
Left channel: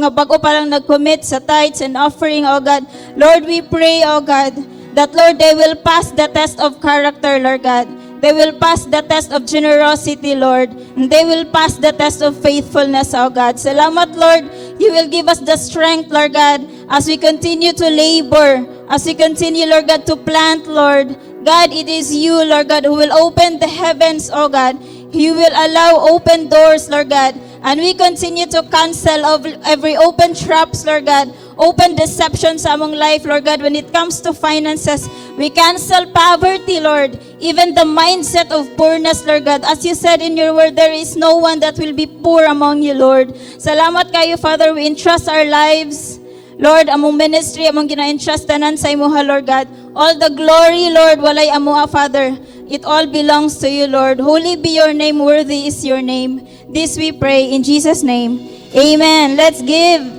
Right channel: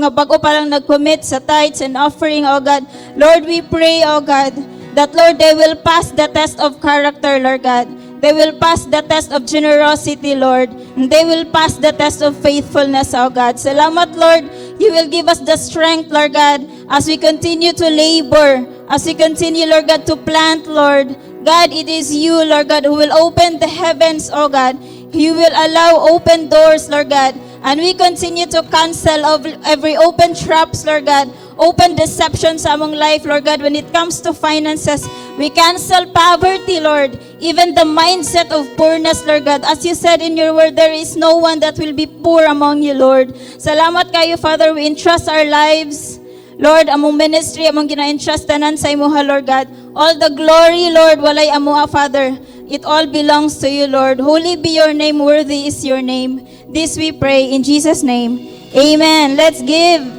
nga bago pa lang nag-commit sa tithes and offering, oh God, Lord, we pray, oh God, that, Lord, they will pass the test of character, Lord God. They will pass the test of generosity, Lord. And they will pass the test of faithfulness, oh God. Salamat, Lord. You will give us the strength, Lord God, as we continue to labor, as we continue, Lord God, to plant, Lord. God, it is you, Lord God, who will open the heavens, oh God. You will allow open doors, Lord God. And we continue to cancel of every open traps, Lord God, open deception sa among life, Lord God. When it comes to finances, we cancel poverty, Lord. Even the mindset of poorness, Lord God. As you said in your word, there is no one that will be poor among you, Lord. Salamat kayo, Father. We entrust our lives, Lord, among ministry, among gina-entrust tanan sa imuha, Lord God. All the glory, Lord, walay amuha, Father. It all belongs to you, Lord. Holy be your name, worthy is your name. This we pray in Jesus' name. Amen. Let's give.